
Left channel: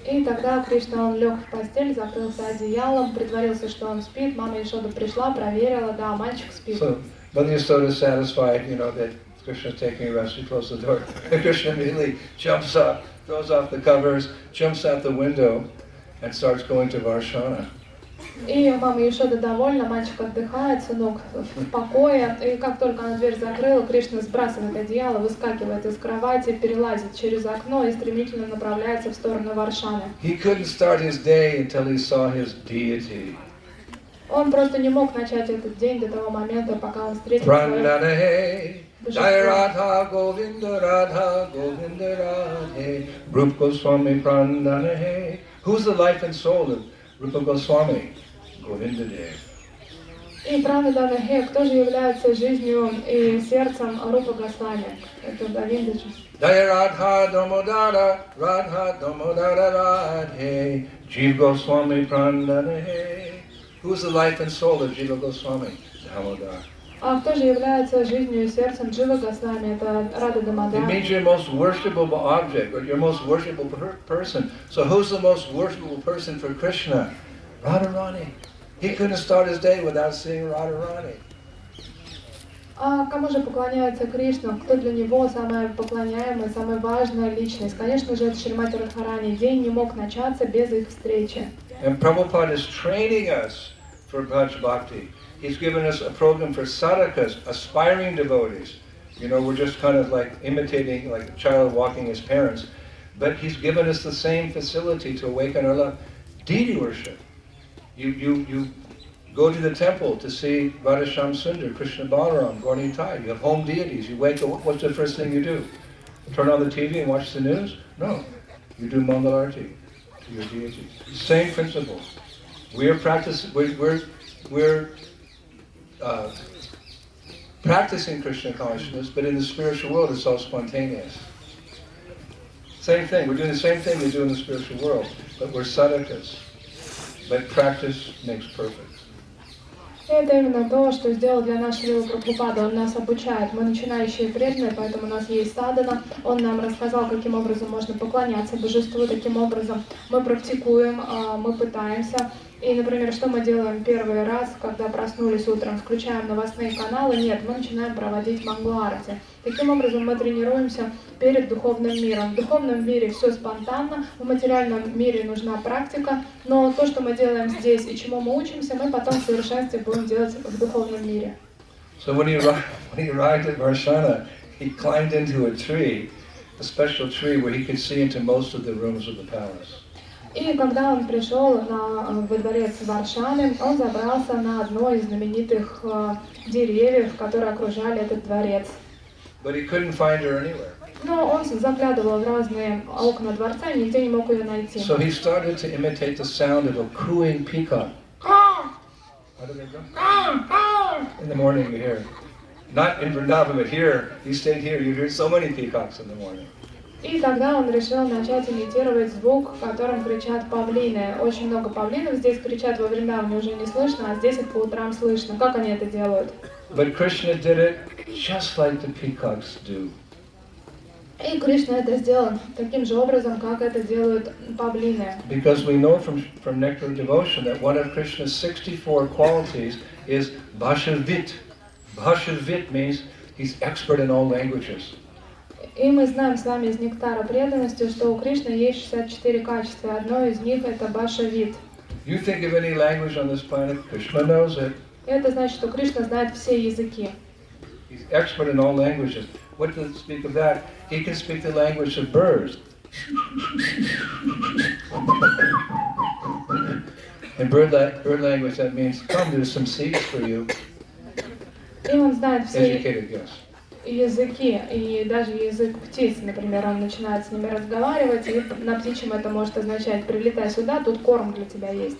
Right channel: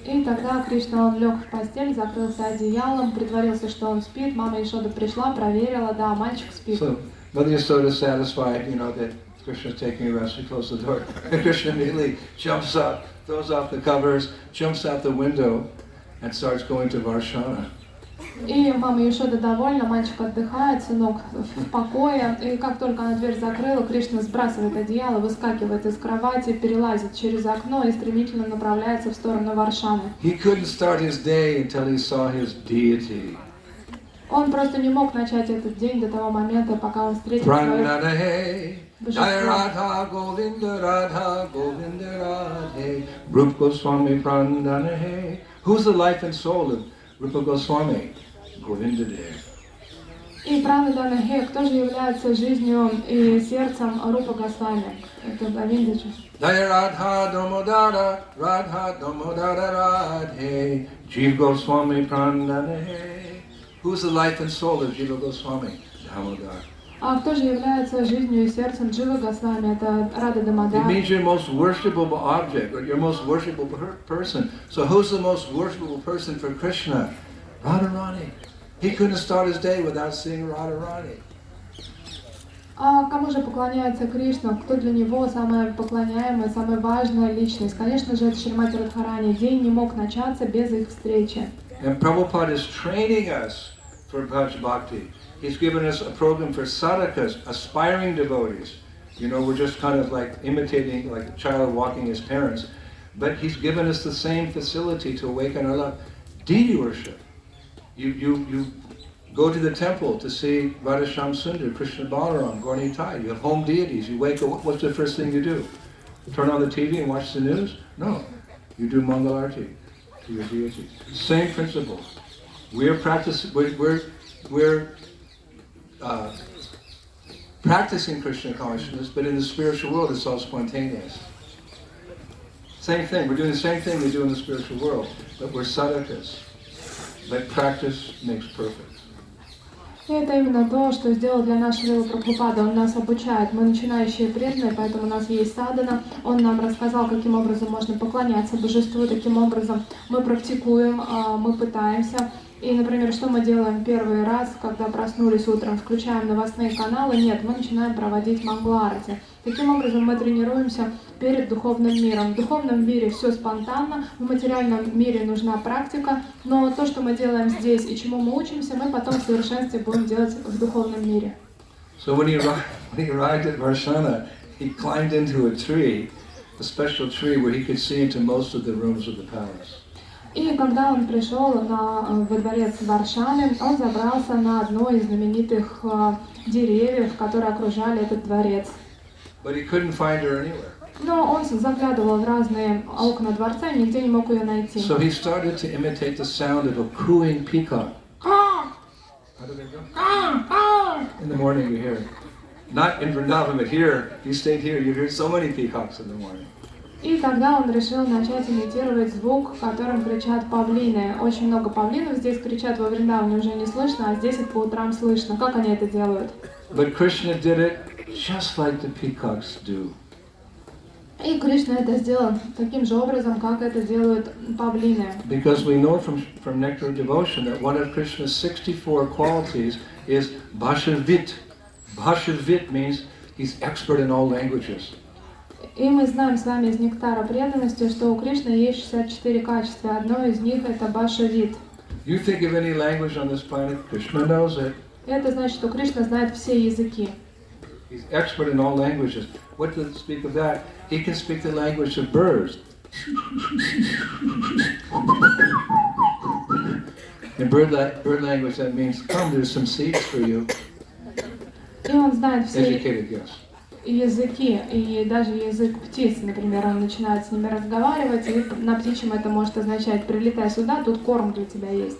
И тогда Кришна, он лег в постель, закрылся одеялом, притворился, что он спит. Мама Яшода пришла, проверила, да, мальчик спит. So Mother Yasoda is satisfied, that Krishna's taking a rest. She closed the door. And Krishna immediately jumps up, throws off the covers, jumps out the window, and starts going to Varsana. И мама Яшода довольна, мальчик отдыхает, сынок в покое. И как только она дверь закрыла, Кришна сбрасывает одеяло, выскакивает из кровати, перелазит через окно и стремительно направляется в сторону Варшаны. He couldn't start his day until he saw his deity. Он просто не мог начать этот день до того момента, пока он встретил свое Jai Radha Govinda Radha Govinda Radhe Rupa Goswami Prandana He. Who's the life and soul of Rupa Goswami? Govinda Dev. И Пранадана Хе, кто же является жизнью и сердцем Рупа Госвами? Это Говиндаджи. Jai Radha Damodara Radha Damodara Radhe Jiva Goswami Prandana He. Who's the life and soul of Jiva Goswami? Damodara. А кто же является жизнью и сердцем Джива Госвами? Это Рада Дамодар. It means your most worshipable object, or your most worshipable person. So who's the most worshipable person for Krishna? Radharani. He couldn't start his day without seeing Radharani. А кому же поклоняется Кришна? Кто для него самая поклоняемая, самая важная личность? Конечно же, это Шримати Радхарани. День не мог начаться без их встречи. And Prabhupada is training us for Bhaj Bhakti. He's given us a program for sadhakas, aspiring devotees. We're just kind of like imitating like a child walking his parents. But he's given us the same facility to awaken our love. Deity worship. You go to the temple to see Radhasham Sundar, Krishna Balaram, Gauri Tai. You have home deities. You wake up, what's the first thing you do? Turn on the TV and watch the news? No, you do Mangalarti to your deity. Same principle. We're practicing Krishna consciousness, but in the spiritual world it's all spontaneous. Same thing, we're doing the same thing we do in the spiritual world, but we're sadhakas. But practice makes perfect. И это именно то, что сделал для нас Шрила Прабхупада. Он нас обучает. Мы начинающие преданные, поэтому у нас есть садхана. Он нам рассказал, каким образом можно поклоняться божеству, таким образом мы практикуем, мы пытаемся. И, например, что мы делаем первый раз, когда проснулись утром, включаем новостные каналы? Нет, мы начинаем проводить мангаларати. Таким образом мы тренируемся перед духовным миром. В духовном мире все спонтанно, в материальном мире нужна практика, но то, что мы делаем здесь и чему мы учимся, мы потом в совершенстве будем делать в духовном мире. So when he arrived at Varsana, he climbed into a tree, a special tree where he could see into most of the rooms of the palace. И когда он пришел во дворец Варшаны, он забрался на одно из знаменитых деревьев, которые окружали этот дворец. But he couldn't find her anywhere. Но он заглядывал в разные окна дворца и нигде не мог ее найти. So he started to imitate the sound of a cooing peacock. How did it go? In the morning you hear it. Not in Vrindavan, but here, you stayed here, you hear so many peacocks in the morning. И тогда он решил начать имитировать звук, которым кричат павлины. Очень много павлинов здесь кричат, во Вриндаване уже не слышно, а здесь это по утрам слышно. Как они это делают? But Krishna did it just like the peacocks do. И Кришна это сделал таким же образом, как это делают павлины. Because we know from Nectar of Devotion that one of Krishna's 64 qualities is Bhashavit. Bhashavit means he's expert in all languages. И мы знаем с вами из нектара преданности, что у Кришны есть 64 качества. Одно из них это башавит. You think of any language on this planet, Krishna knows it. И это значит, что Кришна знает все языки. He's expert in all languages. What does it speak of that? He can speak the language of birds. In bird language that means, come, there's some seeds for you. И он знает все Educated guess. языки, и даже язык птиц, например, он начинает с ними разговаривать, и на птичьем это может означать: прилетай сюда, тут корм для тебя есть.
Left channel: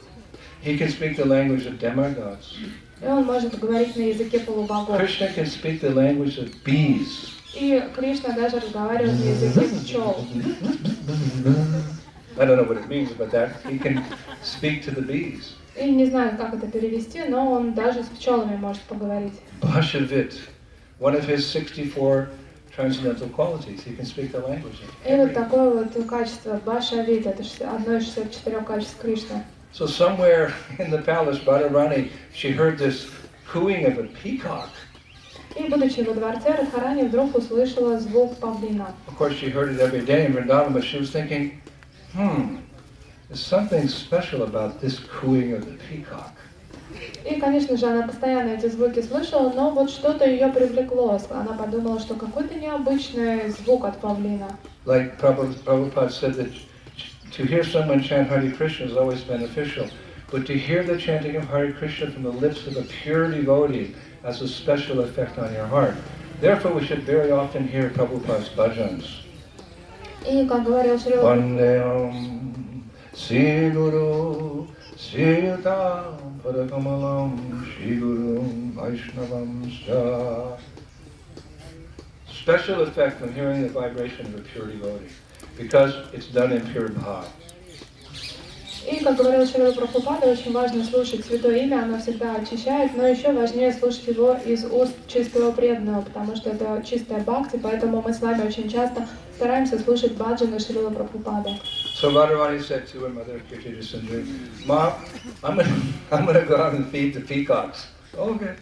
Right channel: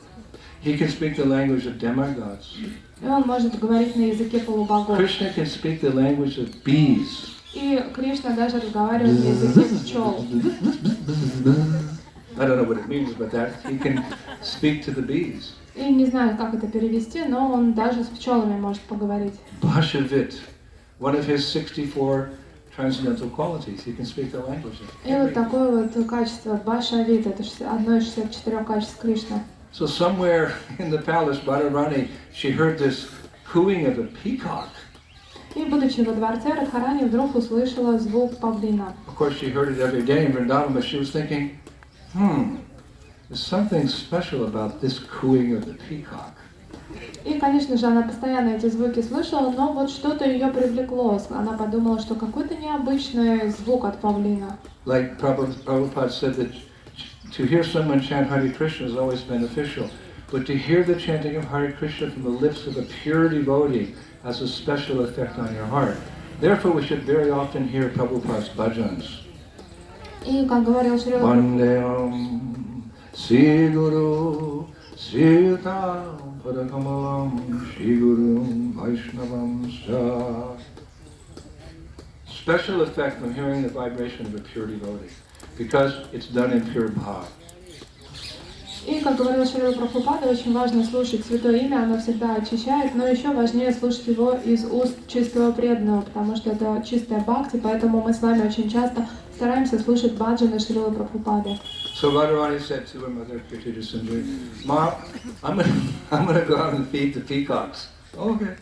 He can speak the language of demigods. И он может говорить на языке полубогов. Krishna can speak the language of bees. И Кришна даже разговаривает на языке пчел. I don't know what it means, but that he can speak to the bees. И не знаю, как это перевести, но он даже с пчелами может поговорить. Bhashavit, one of his 64 transcendental qualities. He can speak the languages. И вот такое вот качество башавит, это одно из 64 качеств Кришны. So somewhere in the palace, Radharani, she heard this cooing of a peacock. И, будучи во дворце, Радхарани вдруг услышала звук павлина. Of course, she heard it every day in Vrindavan, but she was thinking, there's something special about this cooing of the peacock. И, конечно же, она постоянно эти звуки слышала, но вот что-то ее привлекло. Она подумала, что какой-то необычный звук от павлина. Like Prabhupada said that to hear someone chant Hare Krishna is always beneficial, but to hear the chanting of Hare Krishna from the lips of a pure devotee has a special effect on your heart. Therefore, we should very often hear Prabhupada's bhajans. И, как говорил Шрила... Vandeham Sri Guru Sritam Padakamalam Shri Gurum Vaishnavam Scha. Special effect on hearing the vibration of a pure devotee, because it's done in pure bhava. И, как говорил Шрила Прабхупада, очень важно слушать Святое Имя, оно всегда очищает, но еще важнее слушать его из уст чистого преданного, потому что это чистая бхакти, поэтому мы с вами очень часто стараемся слушать баджаны Шрила Прабхупады. So Radharani said to her mother, Kirti Sundari, Ma, I'm gonna go out and feed the peacocks. Okay.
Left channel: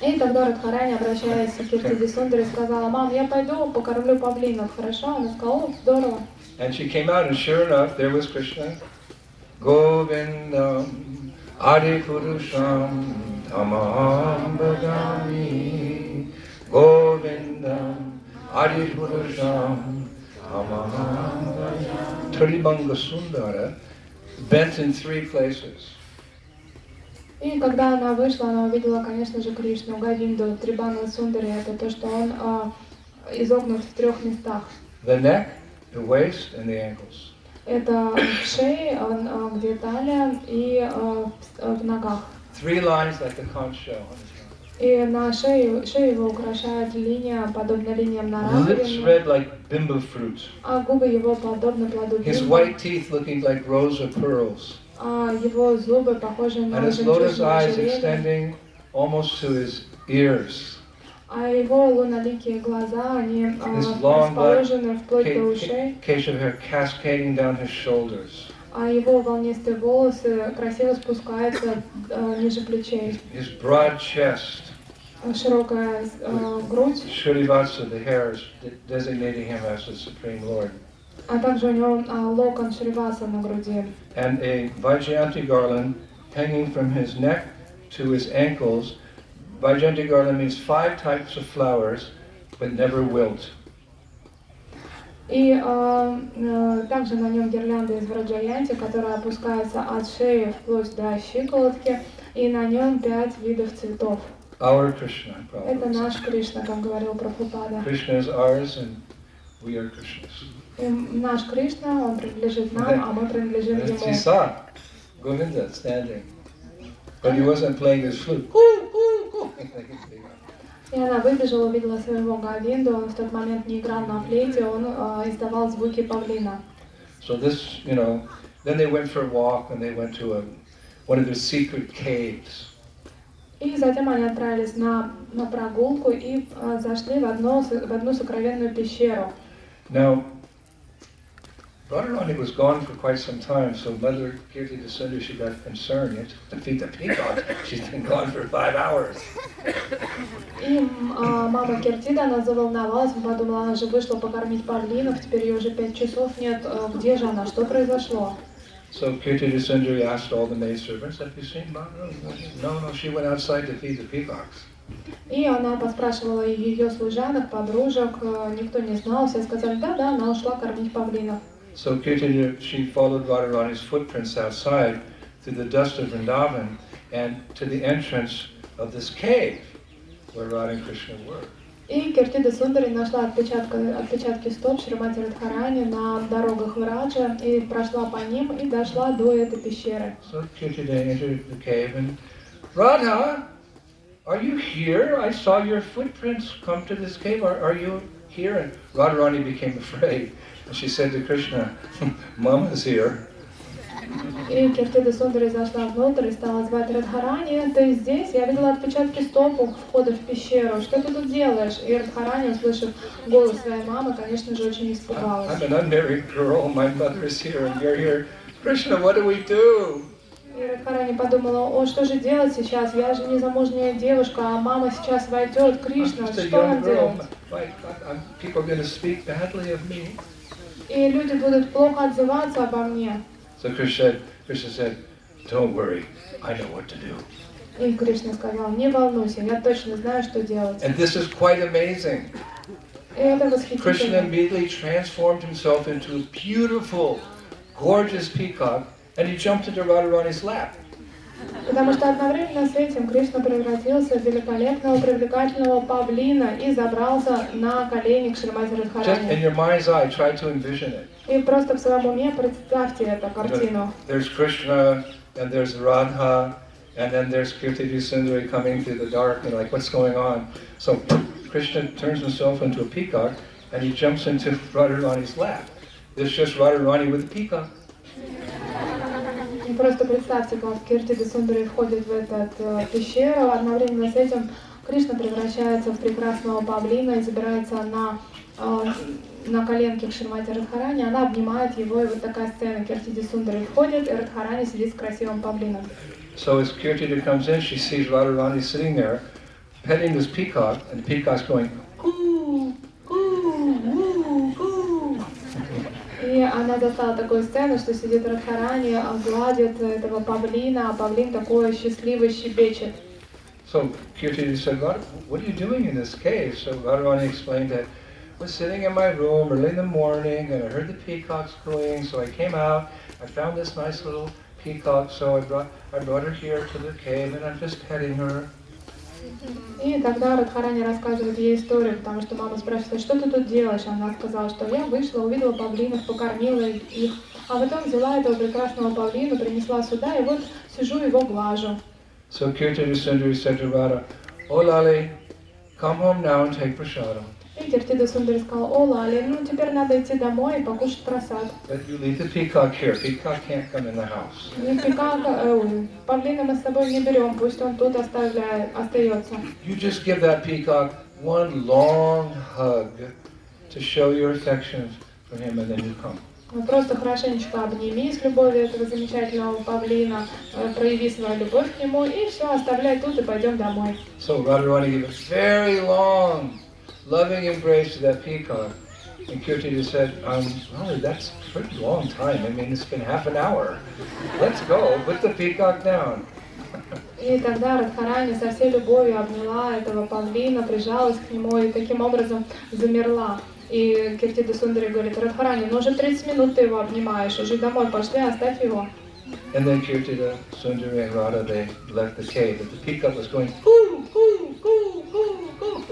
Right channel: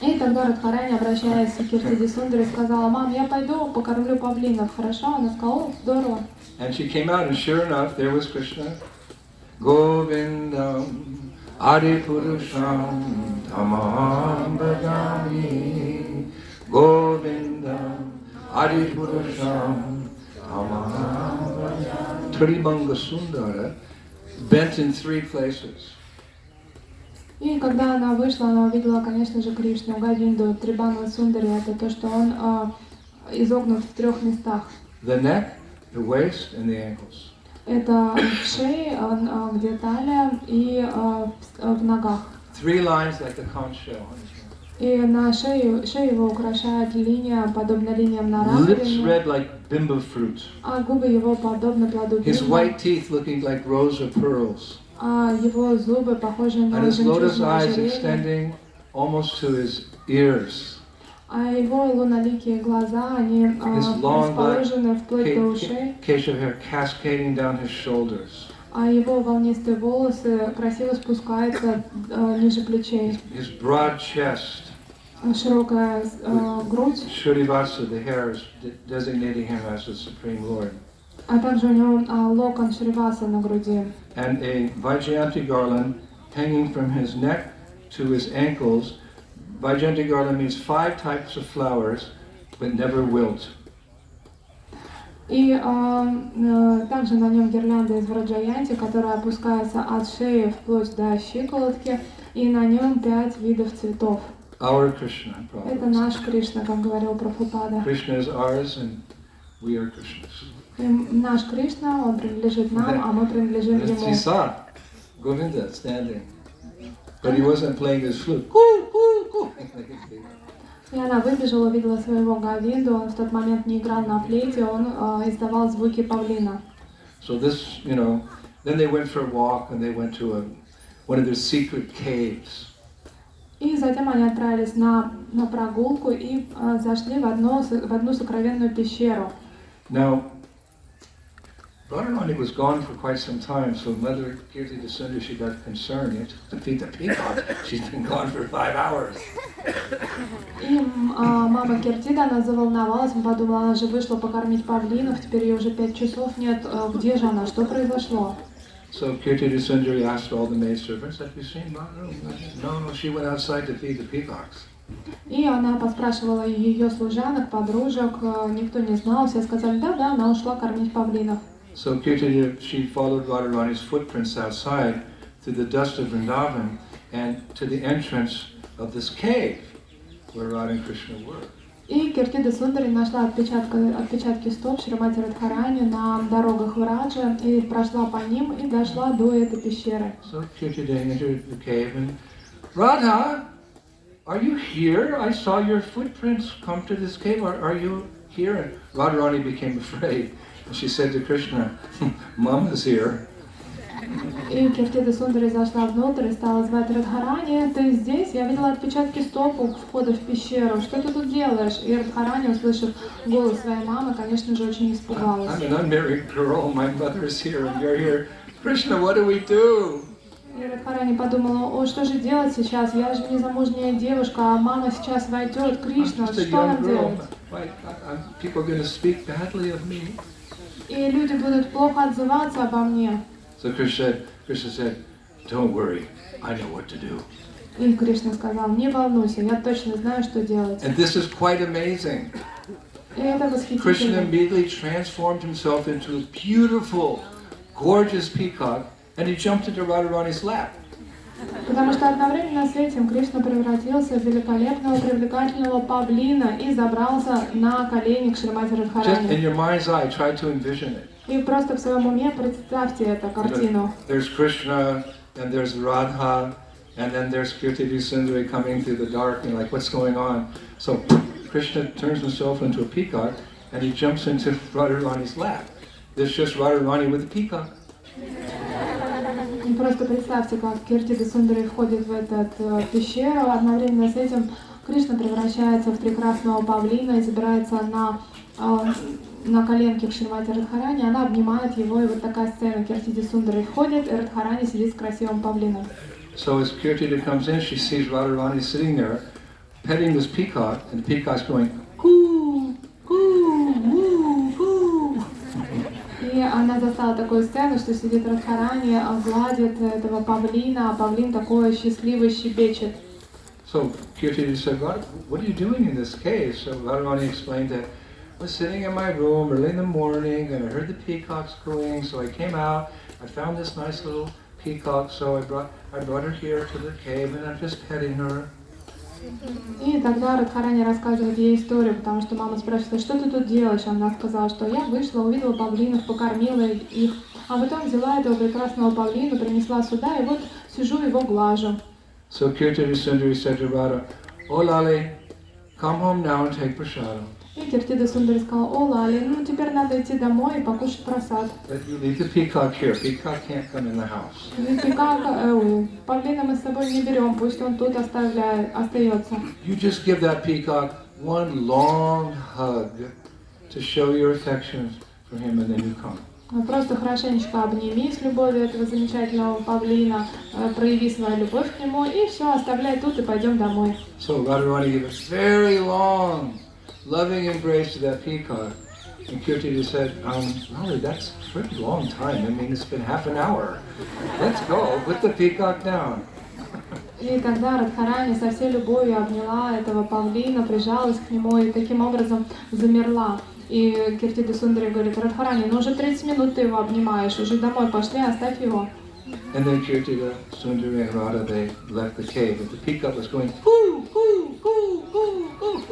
И тогда Радхарани, обращаясь к Кирти Сундари, сказала: мам, я пойду покормлю павлинов, хорошо? Она сказала: о, здорово. And she came out, and sure enough, there was Krishna. Govindam Adipurusham Tamaham Bhajami. Govindam Adipurusham Tamaham Bhajami. Tribanga Sundara bent in 3 places. И когда она вышла, она увидела, конечно же, Кришну, Говинду, Трибанга Сундари, это то, что он изогнут в 3 местах. The neck, the waist and the ankles. Это в шее, где талия, и в ногах. 3 lines like the conch shell. И на шею его украшает линия, подобно линиям на Lips раковине, red like bimbo fruit. а губы его подобны плоду His бимба, white teeth looking like rows of pearls. а его зубы похожи And на his lotus жемчужное eyes ожерелье, extending almost to his ears. а его луноликие глаза, они His long black расположены вплоть до ушей, case of hair cascading down his shoulders. а его волнистые волосы красиво спускаются ниже плечей. His broad chest. Широкая грудь, Shrivasa, the hairs designating him as the Supreme Lord. а также у него локон Шриваса на груди. And a Vaijayanti garland hanging from his neck to his ankles. Vaijayanti garland means 5 types of flowers, but never wilt. И также на нем гирлянда из Враджаянти, которая опускается от шеи вплоть до щиколотки, и на нем 5 видов цветов. Our Krishna. Это наш Кришна, как говорил Прабхупада. Krishna is ours and we are Krishna's. И наш Кришна, он принадлежит нам, а мы принадлежим As ему. he saw Govinda standing, but he wasn't playing his flute. И она выбежала, увидела своего Говинду, он в тот момент не играл на флейте, он издавал звуки павлина. So this, then they went for a walk and they went to one of their secret caves. И затем они отправились на прогулку и зашли в одну сокровенную пещеру. Now, Radharani was gone for quite some time, so Mother Kirti Sundar, she got concerned. You have to feed the peacock. She's been gone for 5 hours. И мама Киртида, она заволновалась, подумала, она же вышла покормить павлинов, теперь ее уже 5 часов нет, где же она, что произошло? So Kirti Sundari asked all the maidservants, have you seen Mother? No, she went outside to feed the peacocks. И она поспрашивала ее служанок, подружек, никто не знал, все сказали, да, она ушла кормить павлинов. So Kirti, she followed Radharani's footprints outside through the dust of Vrindavan and to the entrance of this cave where Radha and Krishna were. И Киртида Сундари нашла отпечатки стоп Шримати Радхарани на дорогах Враджа и прошла по ним и дошла до этой пещеры. So Kirti entered the cave and, Radha, are you here? I saw your footprints come to this cave. Are you here? And Radharani became afraid. And she said to Krishna, Mama's here. И Киртида Сундари зашла внутрь и стала звать Радхарани, ты здесь? Я видела отпечатки стоп у входа в пещеру. Что ты тут делаешь? И Радхарани, услышав голос своей мамы, конечно же, очень испугалась. I'm an unmarried girl. My mother's here and you're here. Krishna, what do we do? И Радхарани подумала, о, что же делать сейчас? Я же незамужняя девушка, а мама сейчас войдет. Кришна, что нам делать? People are going to speak badly of me. И люди будут плохо отзываться обо мне. So Krishna said, don't worry, I know what to do. И Кришна сказал, не волнуйся, я точно знаю, что делать. And this is quite amazing. И это Krishna восхитительно. immediately transformed himself into a beautiful, gorgeous peacock, and he jumped into Radharani's lap. Потому что одновременно с этим Кришна превратился в великолепного, привлекательного павлина и забрался на колени к Шримати Just in Радхарани. your mind's eye, try to envision it. И просто в своем уме представьте эту картину. There's Krishna, and there's Radha, and then there's Kirti Sundari coming through the dark, and like, what's going on? So Krishna turns himself into a peacock, and he jumps into Radharani's lap. There's just Radharani with a peacock. И просто представьте, как Киртида Сундари входит в эту пещеру, одновременно с этим Кришна превращается в прекрасного павлина и забирается на коленки к Шримати Радхарани, она обнимает его, и вот такая сцена. Киртида Сундари входит, и Радхарани сидит с красивым павлином. So as Kirtida comes in, she sees Radharani sitting there, petting this peacock, and the peacock's going, coo, coo, woo, coo. И она застала такую сцену, что сидит Радхарани, гладит этого павлина, а павлин такой счастливый щебечет. So Kirtida said, what are you doing in this cave? So Radharani explained that I was sitting in my room early in the morning, and I heard the peacocks cooing, so I came out, I found this nice little peacock, so I brought her here to the cave, and I'm just petting her. И тогда Радхарани рассказывает ей историю, потому что мама спрашивает, что ты тут делаешь? Она сказала, что я вышла, увидела павлинов, покормила их, а потом взяла этого прекрасного павлина, принесла сюда, и вот сижу его глажу. So Kirtana Sundari said to Radha, "Oh Lale, come home now and take prasada. И Киртида Сундари сказал, о, Лали, ну теперь надо идти домой и покушать просад. But you leave the peacock here. Peacock can't come in the house." Павлина мы с собой не берем, пусть он тут остается. You just give that peacock one long hug to show your affection for him, and then you come. Просто хорошенечко обними с любовью этого замечательного павлина, прояви свою любовь к нему, и все, оставляй тут и пойдем домой. So Radharani gave a very long, loving embrace to that peacock. And Kirti said, Lali, that's a pretty long time. I mean, it's been half an hour. Let's go, put the peacock down. И тогда Радхарани со всей любовью обняла этого павлина, прижалась к нему и таким образом замерла. И Киртида Сундари говорит, Радхарани, ну уже 30 минут ты его обнимаешь, уже домой пошли, оставь его. And then Kirtida, Sundari and Radha, they left the cave, and the peacock was going, boo, boo, boo, boo, boo.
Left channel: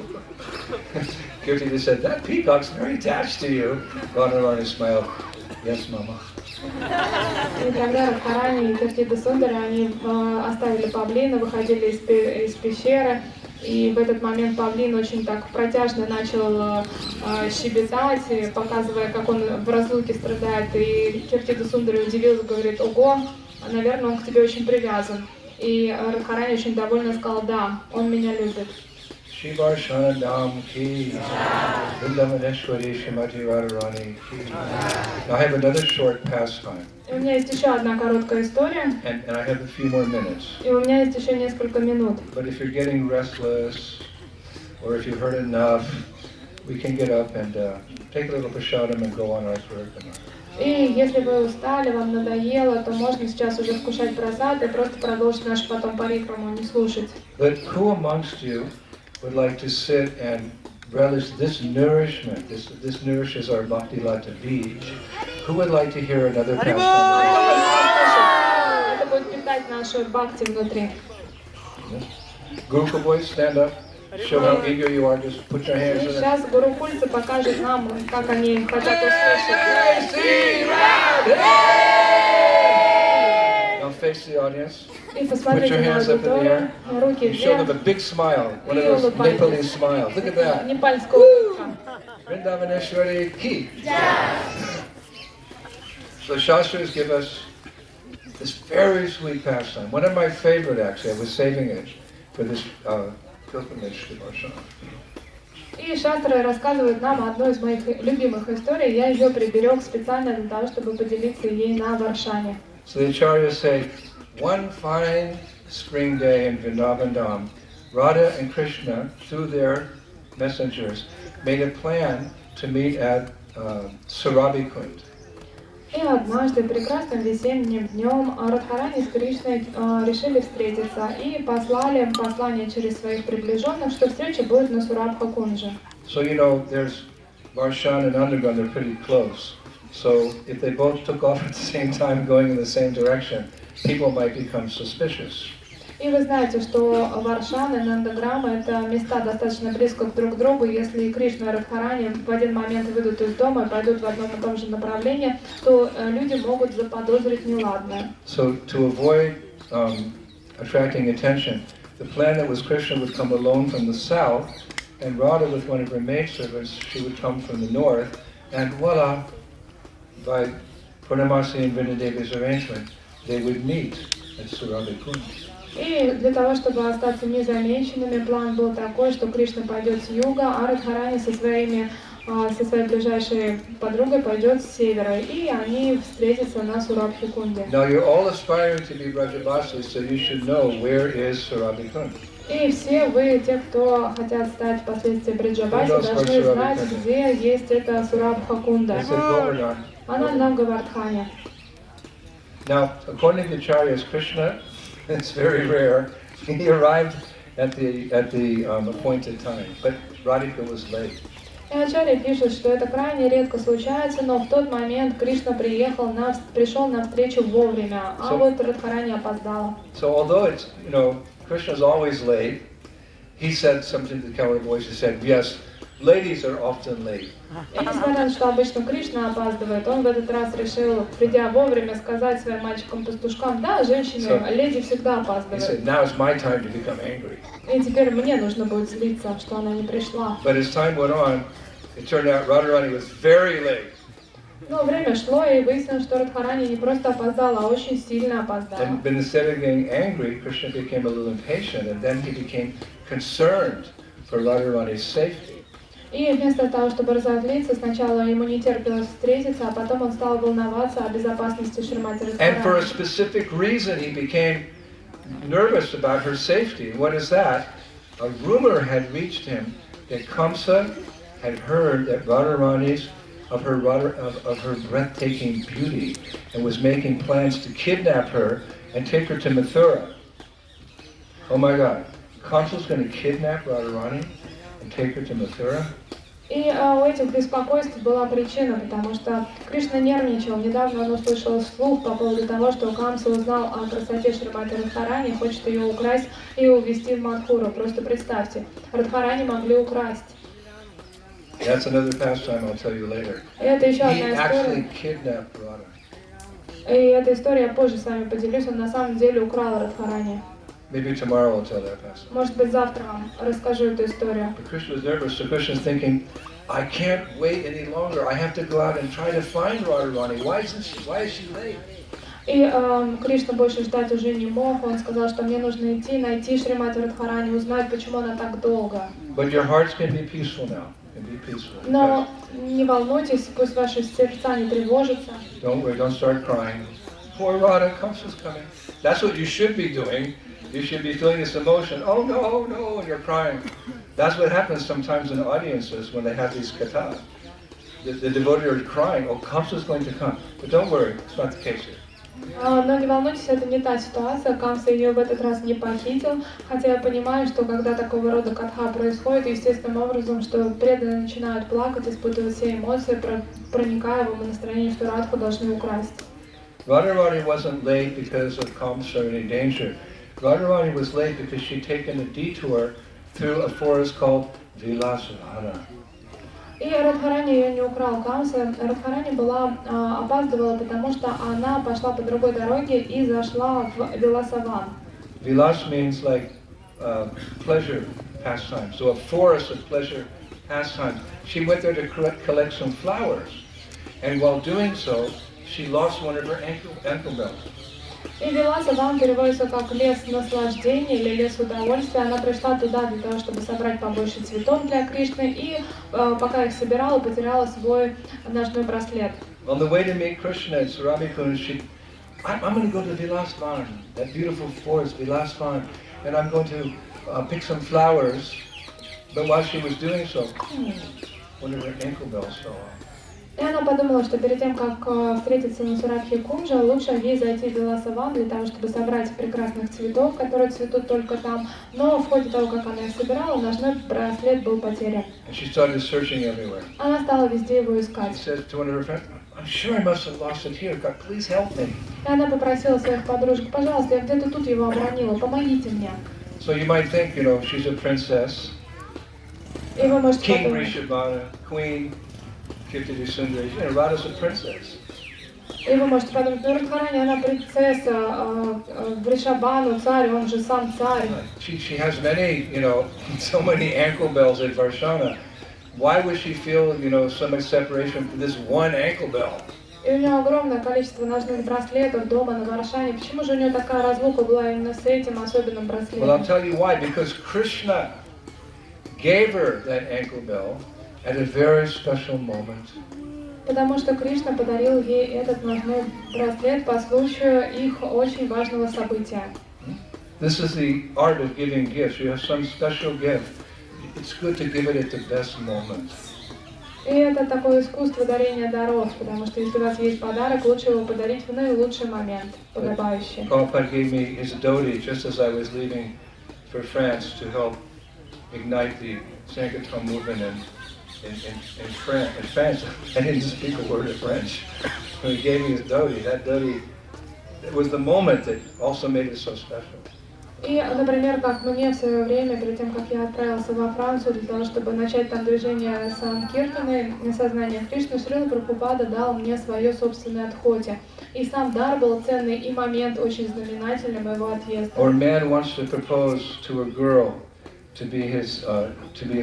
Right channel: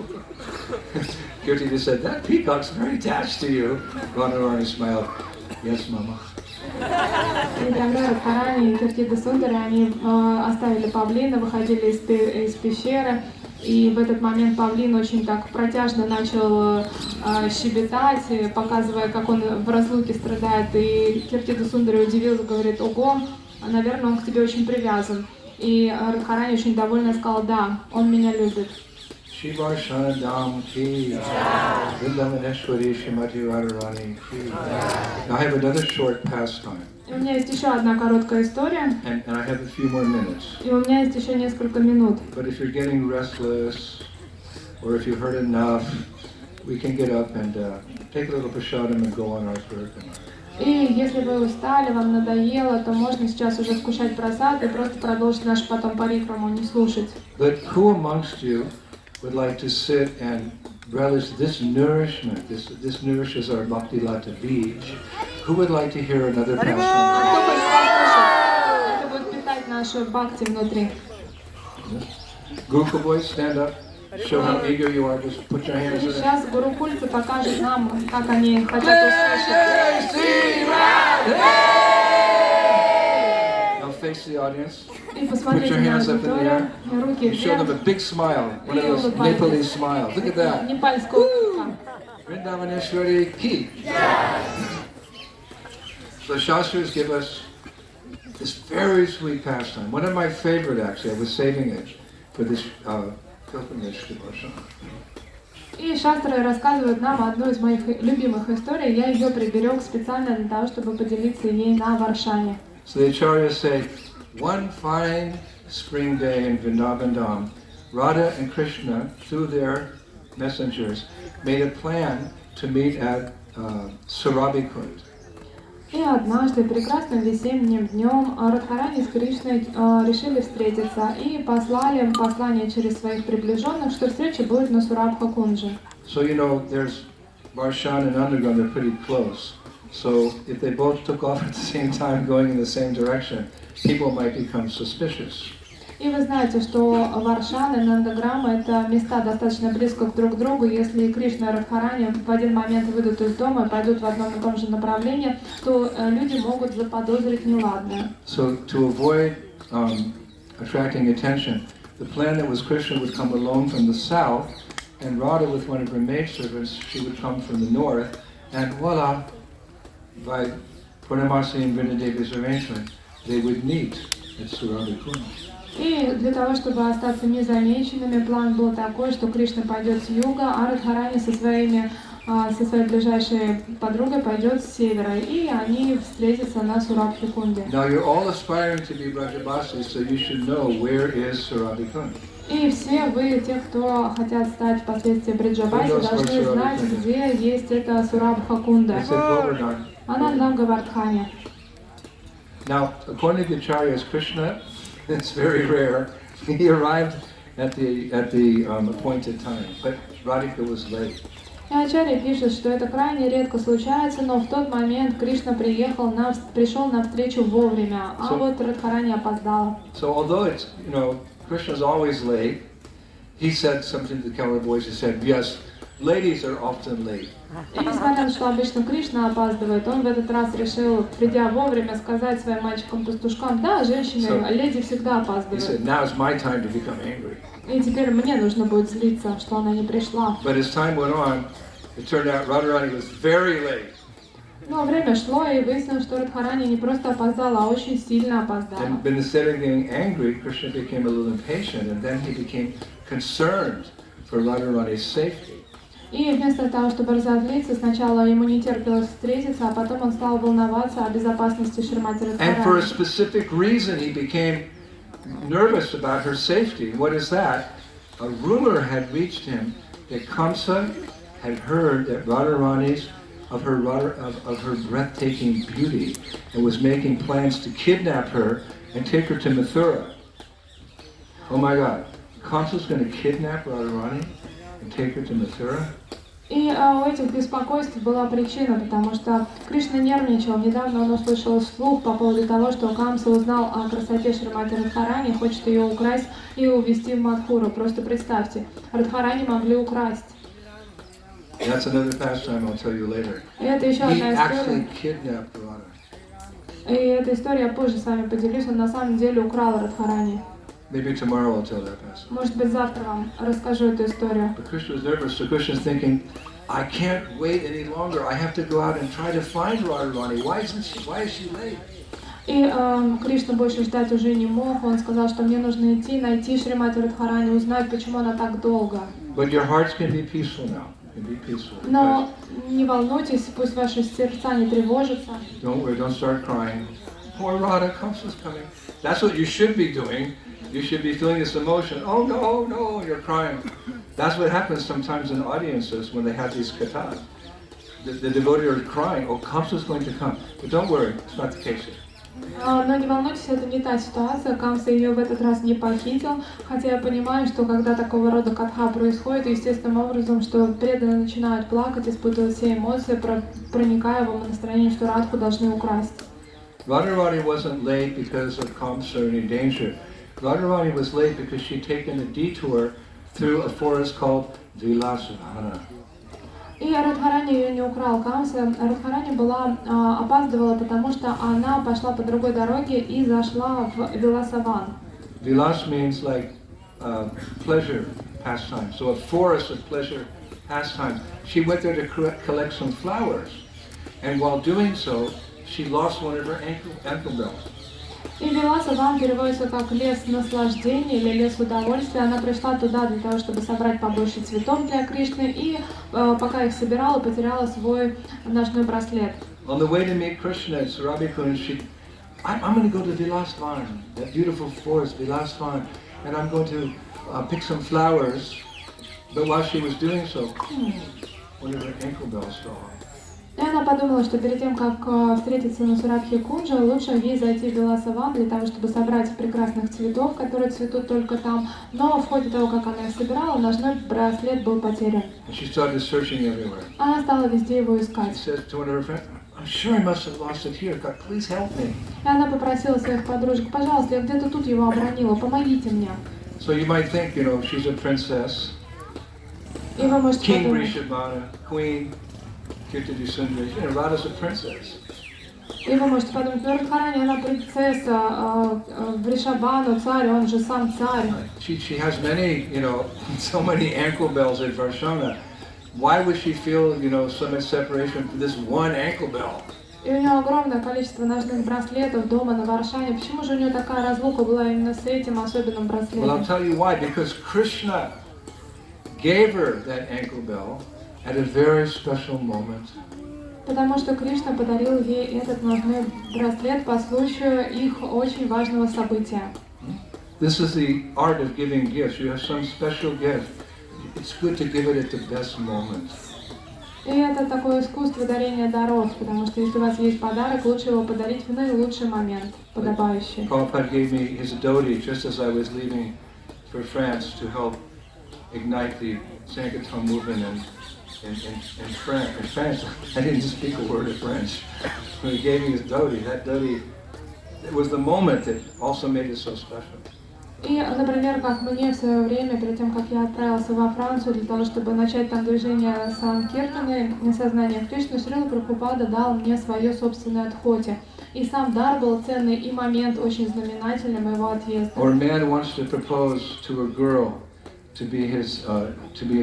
Kirtida said, that peacock's very attached to you. Radharani smiled, yes, Mama. И тогда Радхарани и Киртида Сундари, они оставили павлина, выходили из пещеры, и в этот момент павлин очень так протяжно начал щебетать, показывая, как он в разлуке страдает. И Киртида Сундари удивился, говорит, ого, наверное, он к тебе очень привязан. И Радхарани очень довольна сказала, да, он меня любит. Shri Varsana Dham ki, Vrindavaneshwari Shrimati Radharani ki. Now I have another short pastime, И у меня есть еще одна короткая история, and I have a few more minutes. и у меня есть еще несколько минут. But if you're getting restless, or if you've heard enough, we can get up and take a little prasadam and go on our Parikrama. И если вы устали, вам надоело, то можно сейчас уже вкушать просад и просто продолжить наш потом парикраму, не слушать. But who amongst you would like to sit and relish this nourishment? This nourishes our Bhakti Lata Beach. Who would like to hear another pastime? Это будет питать нашу бхакти внутри. Group of boys, stand up. Show how eager you are. Just put your И hands in it. сейчас гурукульцы покажут нам, как они хотят услышать. Now face the audience. И посмотрите на аудиторию, руки You show them a вверх, big smile. One of those Nepali smiles. Look at that. непальская улыбка. Vrindavaneshwari ki. So Shastras give us this very sweet pastime. One of my favorite, actually. I was saving it for this pilgrimage to Varsana. И шастры рассказывают нам одну из моих любимых историй. Я ее приберег специально для того, чтобы поделиться ей на Варшане. So the acharyas say, one fine spring day in Vrindavan Dham, Radha and Krishna, through their messengers, made a plan to meet at Surabhikund. И однажды, прекрасным весенним днем, Радхарани с Кришной решили встретиться и послали послание через своих приближенных, что встреча будет на Сурабха-кунже. So you know, there's Varsana and Underground, they're pretty close. So if they both took off at the same time, going in the same direction, people might become suspicious. И вы знаете, что Варшана и Нандаграма — это места достаточно близко друг к другу. Если Кришна и Радхарани в один момент выйдут из дома и пойдут в одном и том же направлении, то люди могут заподозрить неладное. So to avoid attracting attention, the plan that was Krishna would come alone from the south, and Radha with one of her maidservants, she would come from the north, and voila, by Purnamasi and Vrindadevi's arrangement, they would meet at Surabhikund. И для того, чтобы остаться незамеченными, план был такой, что Кришна пойдет с юга, а Радхарани со своей ближайшей подругой пойдет с севера, и они встретятся на Сурабхикунде. Now you're all aspiring to be Brajavasis, so you should know where is Surabhikund. И все вы, те, кто хотят стать впоследствии Бриджабаси, должны знать, где есть эта Сурабхакунда. It's in Govardhan. Она на Гавардхане. Now, according to the Acharyas, Krishna, it's very rare, he arrived at the appointed time, but Radhika was late. И Ачарья пишет, что это крайне редко случается, но в тот момент Кришна пришел на встречу вовремя, а вот Радхарани опоздала. So although it's, Krishna's always late, he said something to the camera voice. He said, "Yes, ladies are often late." И несмотря на то, что обычно Кришна опаздывает, он в этот раз решил, придя вовремя, сказать своим мальчикам-пастушкам: да, женщины, леди всегда He опаздывают. said, "Now is my time to become angry." И теперь мне нужно будет злиться, что она не пришла. But as time went on, it turned out Radharani was very late. Но время шло, и выяснилось, что Радхарани не просто опоздала, а очень сильно опоздала. And instead of getting angry, Krishna became a little impatient, and then he became concerned for Radharani's safety. И вместо того, чтобы разозлиться, сначала ему не терпелось встретиться, а потом он стал волноваться о безопасности Шримати And for a Радхарани. specific reason, he became nervous about her safety. What is that? A rumor had reached him that Kamsa had heard that Radharani's of her breathtaking beauty and was making plans to kidnap her and take her to Mathura. Oh my God, Kamsa's going to kidnap Radharani and take her to Mathura? И у этих беспокойств была причина, потому что Кришна нервничал. Недавно он услышал слух по поводу того, что Камса узнал о красоте Шримати Радхарани, хочет ее украсть и увезти в Мадхуру. Просто представьте, Радхарани могли украсть. That's another pastime I'll tell you later. И это еще He одна actually история. kidnapped Radha. И эта история я позже с вами поделюсь. Он на самом деле украл Радхарани. Maybe tomorrow I'll tell that pastime. Может быть, завтра вам расскажу эту историю. But Krishna was nervous, so Krishna's thinking, I can't wait any longer. I have to go out and try to find Radharani. Why is she late? И Кришна больше ждать уже не мог. Он сказал, что мне нужно идти, найти Шримати Радхарани, узнать, почему она так долго. But your hearts can be peaceful now. Can be peaceful. Но не волнуйтесь, пусть ваши сердца не тревожатся. Don't worry, don't start crying. Poor Radha, Kamsa's coming. That's what you should be doing. You should be feeling this emotion. Oh no, no, and you're crying. That's what happens sometimes in audiences when they have these kathas. The devotee are crying, oh, Kamsa's going to come. But don't worry, it's not the case here. Но не волнуйтесь, это не та ситуация. Камса ее в этот раз не похитил. Хотя я понимаю, что когда такого рода катха происходит, естественным образом, что преданные начинают плакать, испытывать все эмоции, проникая в настроение, что Радху должны украсть. Radharani wasn't late because of Kamsa or any danger. Radharani was late because she'd taken a detour through a forest called Varsana. И Радхарани ее не украл Камса. Радхарани опаздывала, потому что она пошла по другой дороге и зашла в Виласаван. Vilas means like pleasure pastime. So a forest of pleasure pastime. She went there to collect some flowers. And while doing so, she lost one of her ankle bells. И Виласаван переводится как лес наслаждения или лес удовольствия. Она пришла туда для того, чтобы собрать побольше цветов для Кришны, и пока их собирала, потеряла свой ножной браслет. On the way to meet Krishna at Sarabhikund, I'm going to go to Vilasvan, that beautiful forest, Vilasvan, and I'm going to pick some flowers. But while she was doing so, one of her ankle bells fell off. И она подумала, что перед тем, как встретиться на Сурабхи-кунже, лучше ей зайти в Виласаван для того, чтобы собрать прекрасных цветов, которые цветут только там. Но в ходе того, как она их собирала, ножной браслет был потерян. And she started searching everywhere. Она стала везде его She искать. said to one of her friends, I'm sure I must have lost it here. God, please help me. И она попросила своих подружек: пожалуйста, я где-то тут его обронила, помогите мне. So you might think, you know, she's a princess, И вы можете King подумать, Rishabhana, Queen Kirtidi Sundari, you know, Radha's a princess. ну Радхарани, она принцесса, Вришабану, царь, он же сам царь. She has many, you know, so many ankle bells at Varsana. Why would she feel, you know, so much separation from this one ankle bell? И у нее огромное количество ножных браслетов дома на Варшане. Почему же у нее такая разлука была именно с этим особенным Well, I'll браслетом? tell you why. Because Krishna gave her that ankle bell at a very special moment. Потому что Кришна подарил ей этот ножной браслет по случаю их очень важного события. This is the art of giving gifts. You have some special gift. It's good to give it at the best moment. И это такое искусство дарения даров, потому что если у вас есть подарок, лучше его подарить в наилучший момент, подобающий. Prabhupada gave me his dhoti just as I was leaving for France to help ignite the Sankirtan movement in France. I didn't speak a word of French. When he gave me the dhoti, that dhoti, it was the moment that also made it so special. И, например, как мне в свое время, перед тем, как я отправился во Францию для того, чтобы начать там движение Санкиртаны, сознание Кришны, Шрила Прабхупада дал мне свое собственное отходе. И сам дар был ценный, и момент очень знаменательный моего отъезда. Or a man wants to propose to a girl to be his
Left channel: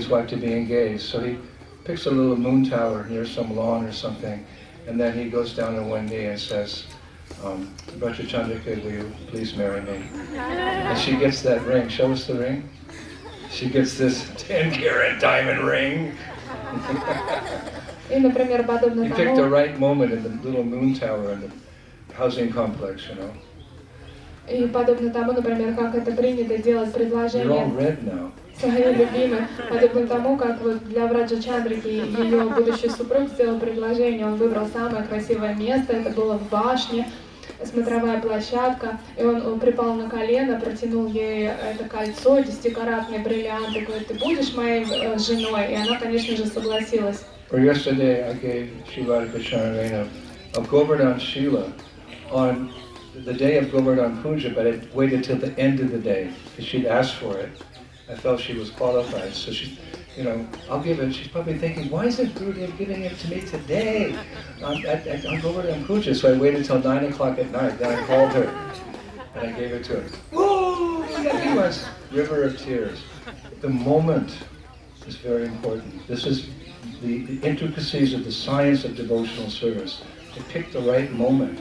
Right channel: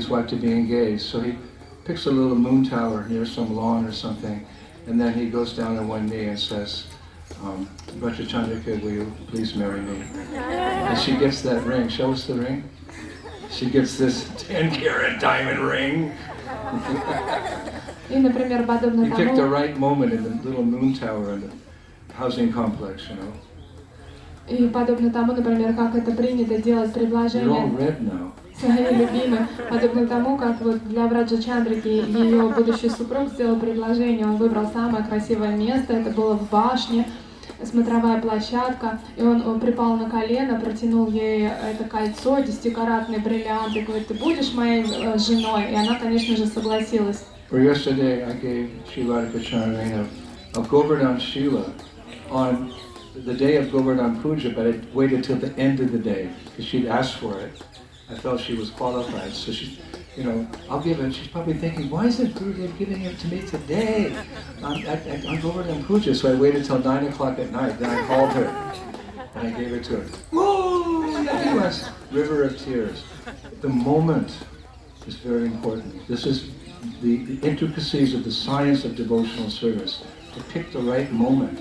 wife, to be engaged. So he picks a little moon tower near some lawn or something, and then he goes down on one knee and says, Bhattachandrika, will you please marry me? And she gets that ring. Show us the ring. She gets this 10-carat diamond ring. И, например, подобно He picked the тому, right moment in the little moon tower in the housing complex, you know. и подобно тому, например, как это принято делать You're all предложение red now. своей любимой, подобно тому, как вот для Враджа Чандрики ее будущий супруг сделал предложение, он выбрал самое красивое место, это было в башне, смотровая площадка, и он припал на колено, протянул ей это кольцо, 10-каратный бриллиант, и говорит, ты будешь моей женой? И она, конечно же, согласилась. Or yesterday I gave Srila Kacharana a Govardhan Shila on the day of Govardhan Puja, but I waited till the end of the day because she'd asked for it. I felt she was qualified, so she, I'll give it. She's probably thinking, why is it Gurudev giving it to me today on Govardhan Puja? So I waited till 9 o'clock at night, then I called her and I gave it to her. Whoa, Yakimas! River of tears. The moment is very important. This is the intricacies of the science of devotional service, to pick the right moment.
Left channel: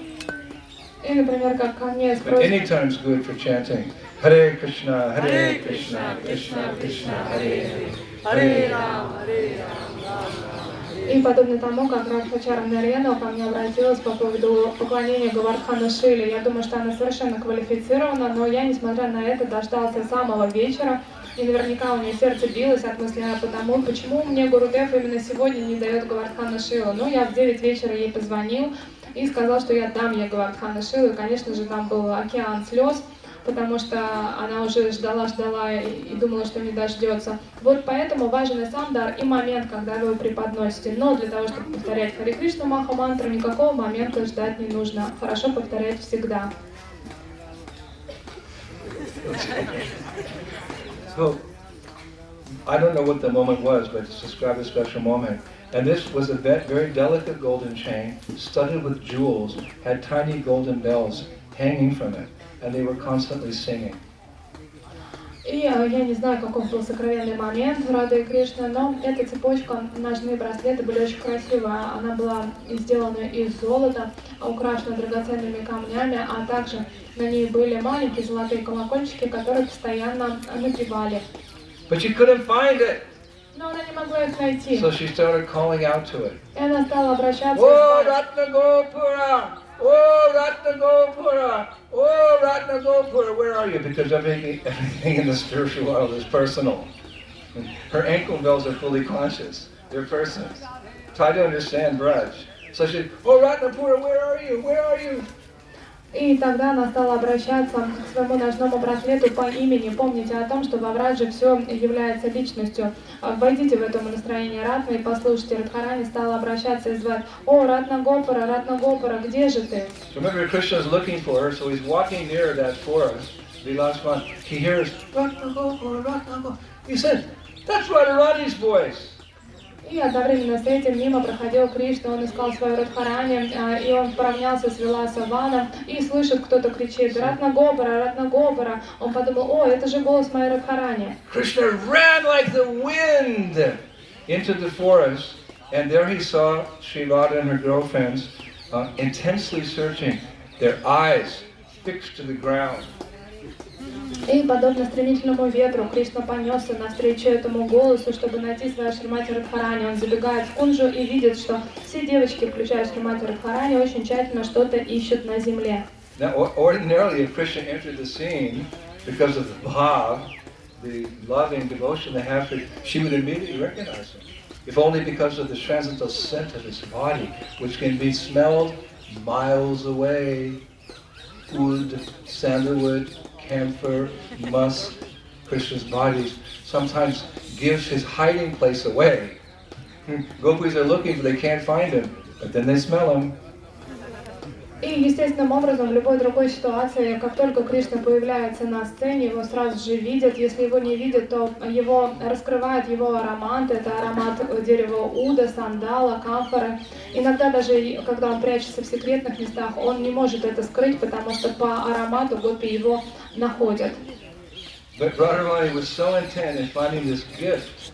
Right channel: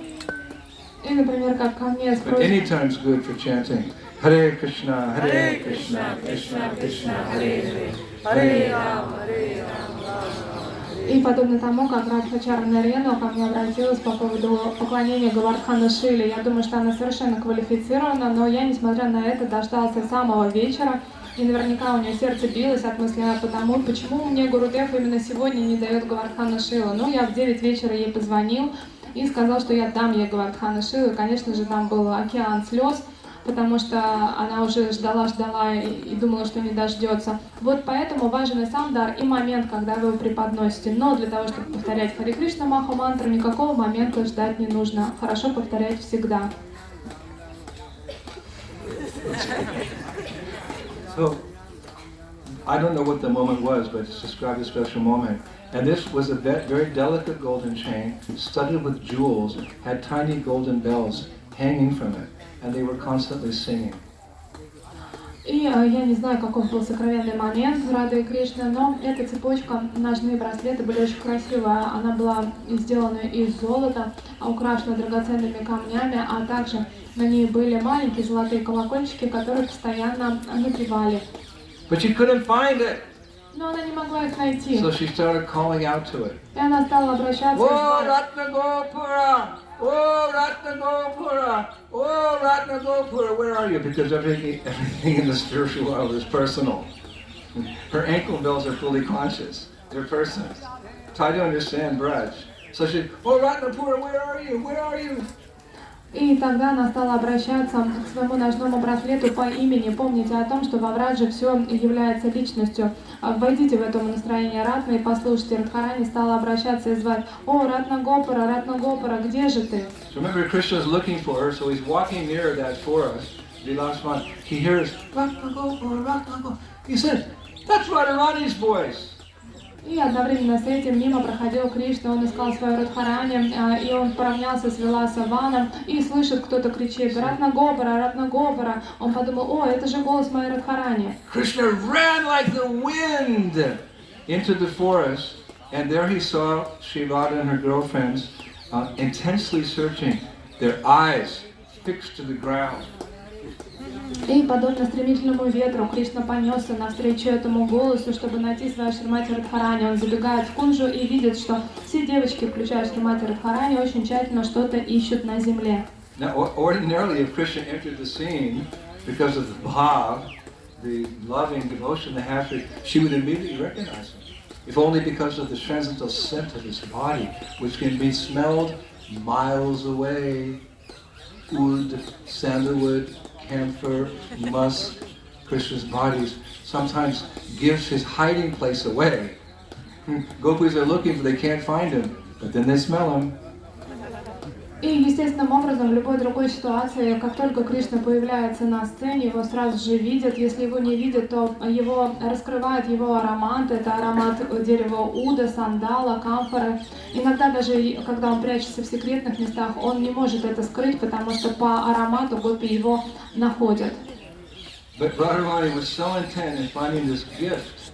И, например, как ко мне с But any time's good for chanting Hare Krishna, Krishna Krishna, Hare Hare Rama, Hare Rama. И подобно тому, как Радхачара Нарена ко мне обратилась по поводу поклонения Говардхана Шиле, я думаю, что она совершенно квалифицирована, но я, несмотря на это, дождался самого вечера, и наверняка у нее сердце билось от мысли о том, почему мне Гурудев именно сегодня не дает Говардхана Шилу. Ну, я в 9 вечера ей позвонил и сказал, что я дам ей Говардхана Шилу, и, конечно же, там был океан слез, потому что она уже ждала и думала, что не дождется. Вот поэтому важен и сам дар, и момент, когда вы его преподносите. Но для того, чтобы повторять Харе Кришна Маха мантру, никакого момента ждать не нужно. Хорошо повторять всегда. So, I don't know what the moment was, but it's described a special moment. And this was a very delicate golden chain, studded with jewels, had tiny golden bells hanging from it, and they were constantly singing. И я не знаю, каков был сокровенный момент Рады и Кришны, но эта цепочка, ножные браслеты были очень красивые. Она была сделана из золота, украшена драгоценными камнями, а также на ней были маленькие золотые колокольчики, которые постоянно напевали. But she couldn't find it. Но она не могла их найти. So she started calling out to it. И она стала обращаться Oh, Ratnagopura! Oh, Ratnagopura! Oh, Ratnagopura! Where are you? Because everything in the spiritual world is personal. Her ankle bells are fully conscious. They're persons. Try to understand Braj. So she, oh, Ratnagopura, where are you? Where are you? И тогда она стала обращаться к своему ножному браслету по имени. Помните о том, что во Врадже все является личностью. Войдите в это настроение Ратны и послушайте. Радхарани стала обращаться и звать: «О, Ратнагопара, где же ты?» So remember, Krishna is looking for her, so he's walking near that forest. He hears, Ratnagopura, Ratnagopura. He said, that's Radharani's voice. И одновременно с этим мимо проходил Кришна, он искал свою Радхарани, и он поравнялся с Виласаваном и слышит, кто-то кричит: Ратнагопара. Он подумал: о, это же голос моей Радхарани. Krishna ran like the wind into the forest, and there he saw Sri Radha and her girlfriends intensely searching, their eyes fixed to the ground. И, подобно стремительному ветру, Кришна понесся навстречу этому голосу, чтобы найти свою Шримати Радхарани. Он забегает в кунджу и видит, что все девочки, включая Шримати Радхарани, очень тщательно что-то ищут на земле. Now, ordinarily, if Krishna entered the scene, because of the bhav, the loving devotion they have for her, she would immediately recognize him. If only because of the transcendental scent of his body, which can be smelled miles away. Oud, sandalwood, camphor, musk, Krishna's body sometimes gives his hiding place away. Gopis are looking, but they can't find him, but then they smell him. И естественным образом, в любой другой ситуации, как только Кришна появляется на сцене, его сразу же видят. Если его не видят, то его раскрывает его аромат. Это аромат дерева уда, сандала, камфоры. Иногда даже, когда он прячется в секретных местах, он не может это скрыть, потому что по аромату гопи его находят. But Radharani was so intent in finding this gift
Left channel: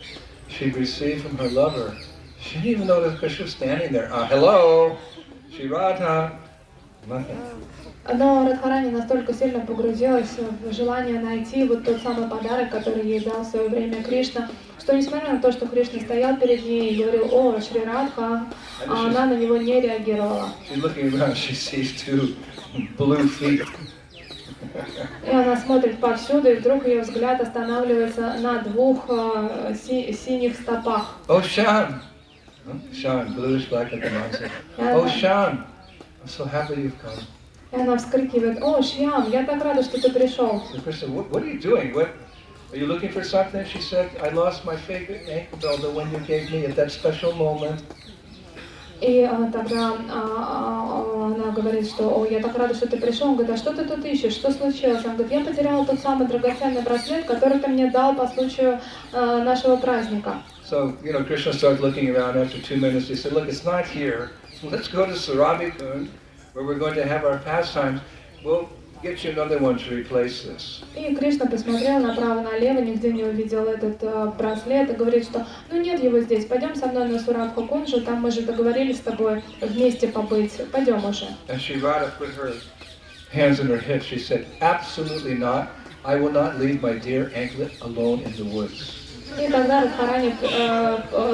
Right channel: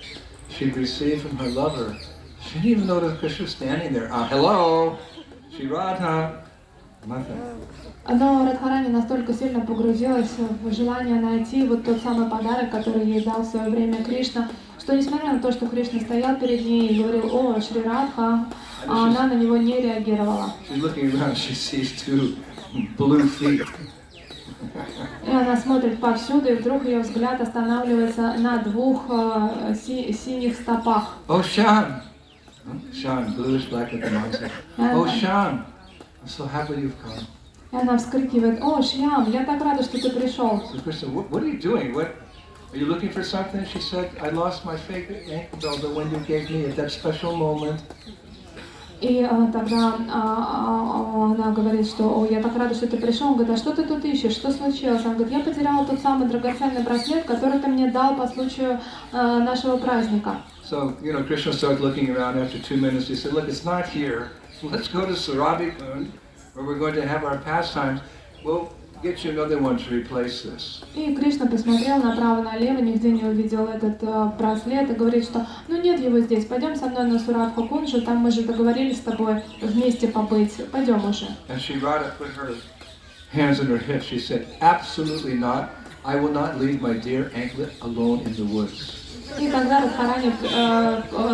she'd received from her lover. She didn't even notice Krishna standing there. Hello, Shri Radha. Nothing. Но Радхарани настолько сильно погрузилась в желание найти вот тот самый подарок, который ей дал в свое время Кришна, что несмотря на то, что Кришна стоял перед ней и говорил: «О, Шри Радха», она на него не реагировала. She's looking around, she sees two blue feet. И она смотрит повсюду, и вдруг ее взгляд останавливается на двух синих стопах. Oh, Shyam. Shyam, bluish black like the mountain. Oh, Shyam, I'm so happy you've come. И она вскрикивает: «О, Шьям, я так рада, что ты пришел». So Krishna, what are you doing? What, are you looking for something? She said, I lost my favorite ankle bell, the one you gave me at that special moment. И тогда она говорит, что: «О, я так рада, что ты пришел». Он говорит: «А что ты тут ищешь? Что случилось?» Он говорит: «Я потеряла тот самый драгоценный браслет, который ты мне дал по случаю нашего праздника». So, Krishna started looking around after 2 minutes. He said, look, it's not here. Let's go to Saravikund, where we're going to have our pastimes. We'll get you another one to replace this. И Кришна посмотрел направо-налево, нигде не увидел этот браслет и говорит, что ну нет его здесь, пойдем со мной на Сурадху-кунджу, там мы же договорились с тобой вместе побыть, пойдем уже. And Shri Radha put her hands on her hips. She said, absolutely not. I will not leave my dear anklet alone in the woods. И тогда Радхарани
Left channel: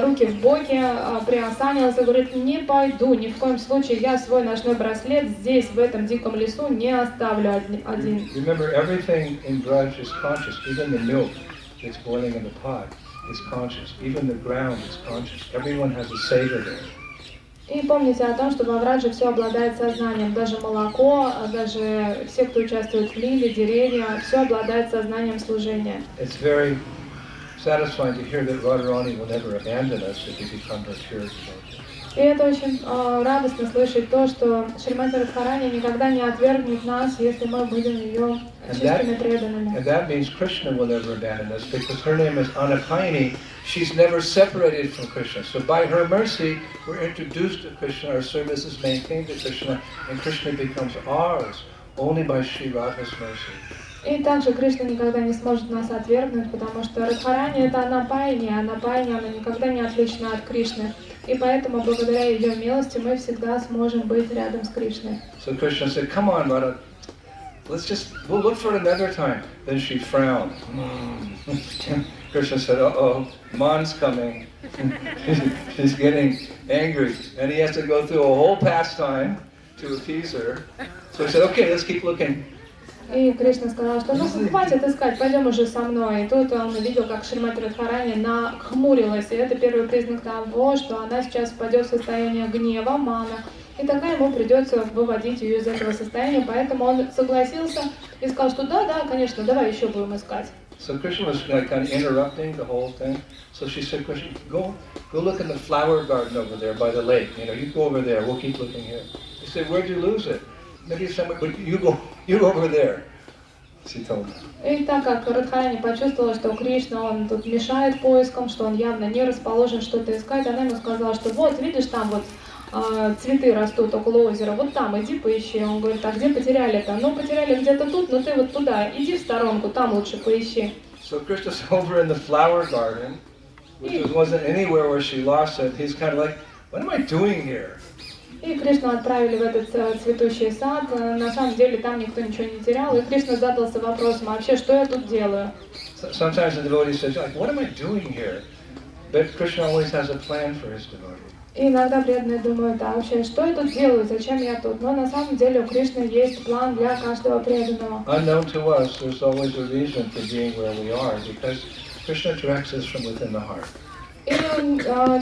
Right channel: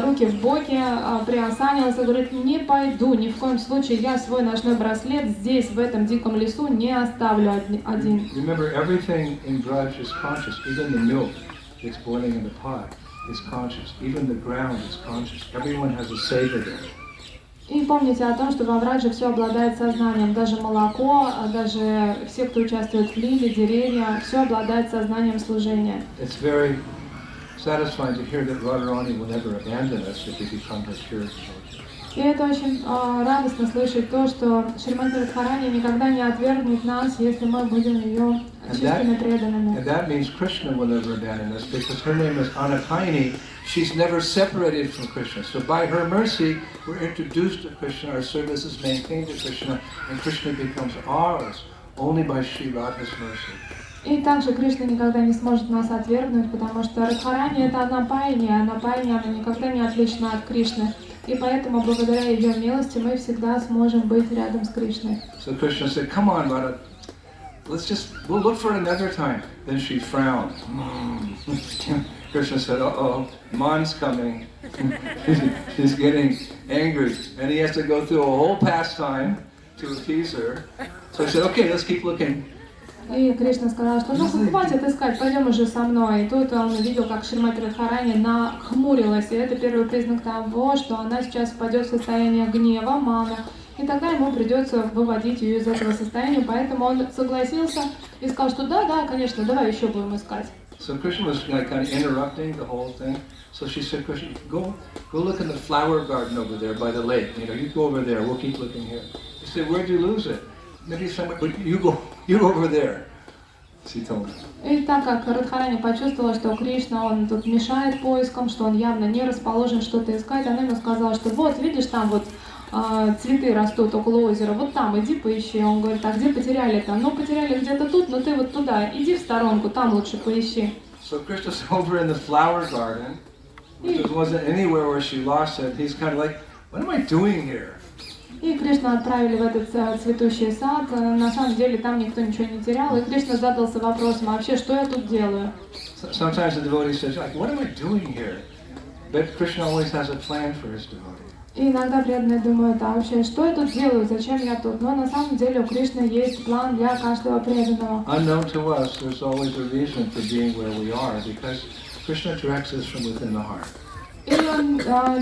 руки в боки, приосанился и говорит: «Не пойду, ни в коем случае, я свой ночной браслет здесь, в этом диком лесу, не оставлю один». Remember, everything in Braj is conscious. Even the milk that's boiling in the pot is conscious. Even the ground is conscious. Everyone has a savor there. И помните о том, что во Врадже все обладает сознанием, даже молоко, даже все, кто участвует в лиле, деревья, все обладает сознанием служения. It's very satisfying to hear that Radharani will never abandon us if we become her pure devotees. И это очень радостно слышать то, что Шримати Радхарани никогда не отвергнет нас, если мы будем ее чистыми преданными. And that means Krishna will never abandon us because her name is Anapayini. She's never separated from Krishna. So by her mercy, we're introduced to Krishna, our service is maintained to Krishna, and Krishna becomes ours only by Shri Radha's mercy. И также Кришна никогда не сможет нас отвергнуть, потому что Радхарани — это Анапайни, а Анапайни, она никогда не отлична от Кришны. И поэтому, благодаря ее милости, мы всегда сможем быть рядом с Кришной. So Krishna said, come on, Radha, we'll look for another time. Then she frowned. Krishna said, uh-oh, Man's coming. She's getting angry. And he has to go through a whole pastime to appease her. So he said, okay, let's keep looking. И Кришна сказал, что ну хватит искать, пойдем уже со мной. И тут он видел, как Шримати Радхарани нахмурилась, и это первый признак того, что она сейчас впадет в состояние гнева, мана. И тогда ему придется выводить ее из этого состояния, поэтому он согласился и сказал, что да, конечно, давай еще будем искать. So Krishna was kind of interrupting the whole thing. So she said, Krishna, go look in the flower garden over there by the lake. You go over there, we'll keep looking here. He said, where'd you lose it? Maybe somewhere, but you go over there. She told him. И так как Радхарани почувствовала, что Кришна, он тут мешает поискам, что он явно не расположен что-то искать, она ему сказала, что вот, видишь, там вот цветы растут около озера, вот там, иди поищи. Он говорит, а где потеряли-то? Ну, потеряли где-то тут, но ты вот туда, иди в сторонку, там лучше поищи. So Krishna's over in the flower garden, which wasn't anywhere where she lost it. He's kind of like, what am I doing here? И Кришну отправили в этот цветущий сад. На самом деле там никто ничего не терял. И Кришна задался вопросом, а вообще, что я тут делаю? Sometimes the devotee says, like, what am I doing here? But Krishna always has a plan for his devotee. И иногда преданные думают, а вообще, что я тут делаю, зачем я тут? Но на самом деле у Кришны есть план для каждого преданного. Unknown to us, there's always a reason for being where we are, because Krishna directs us from within the heart. И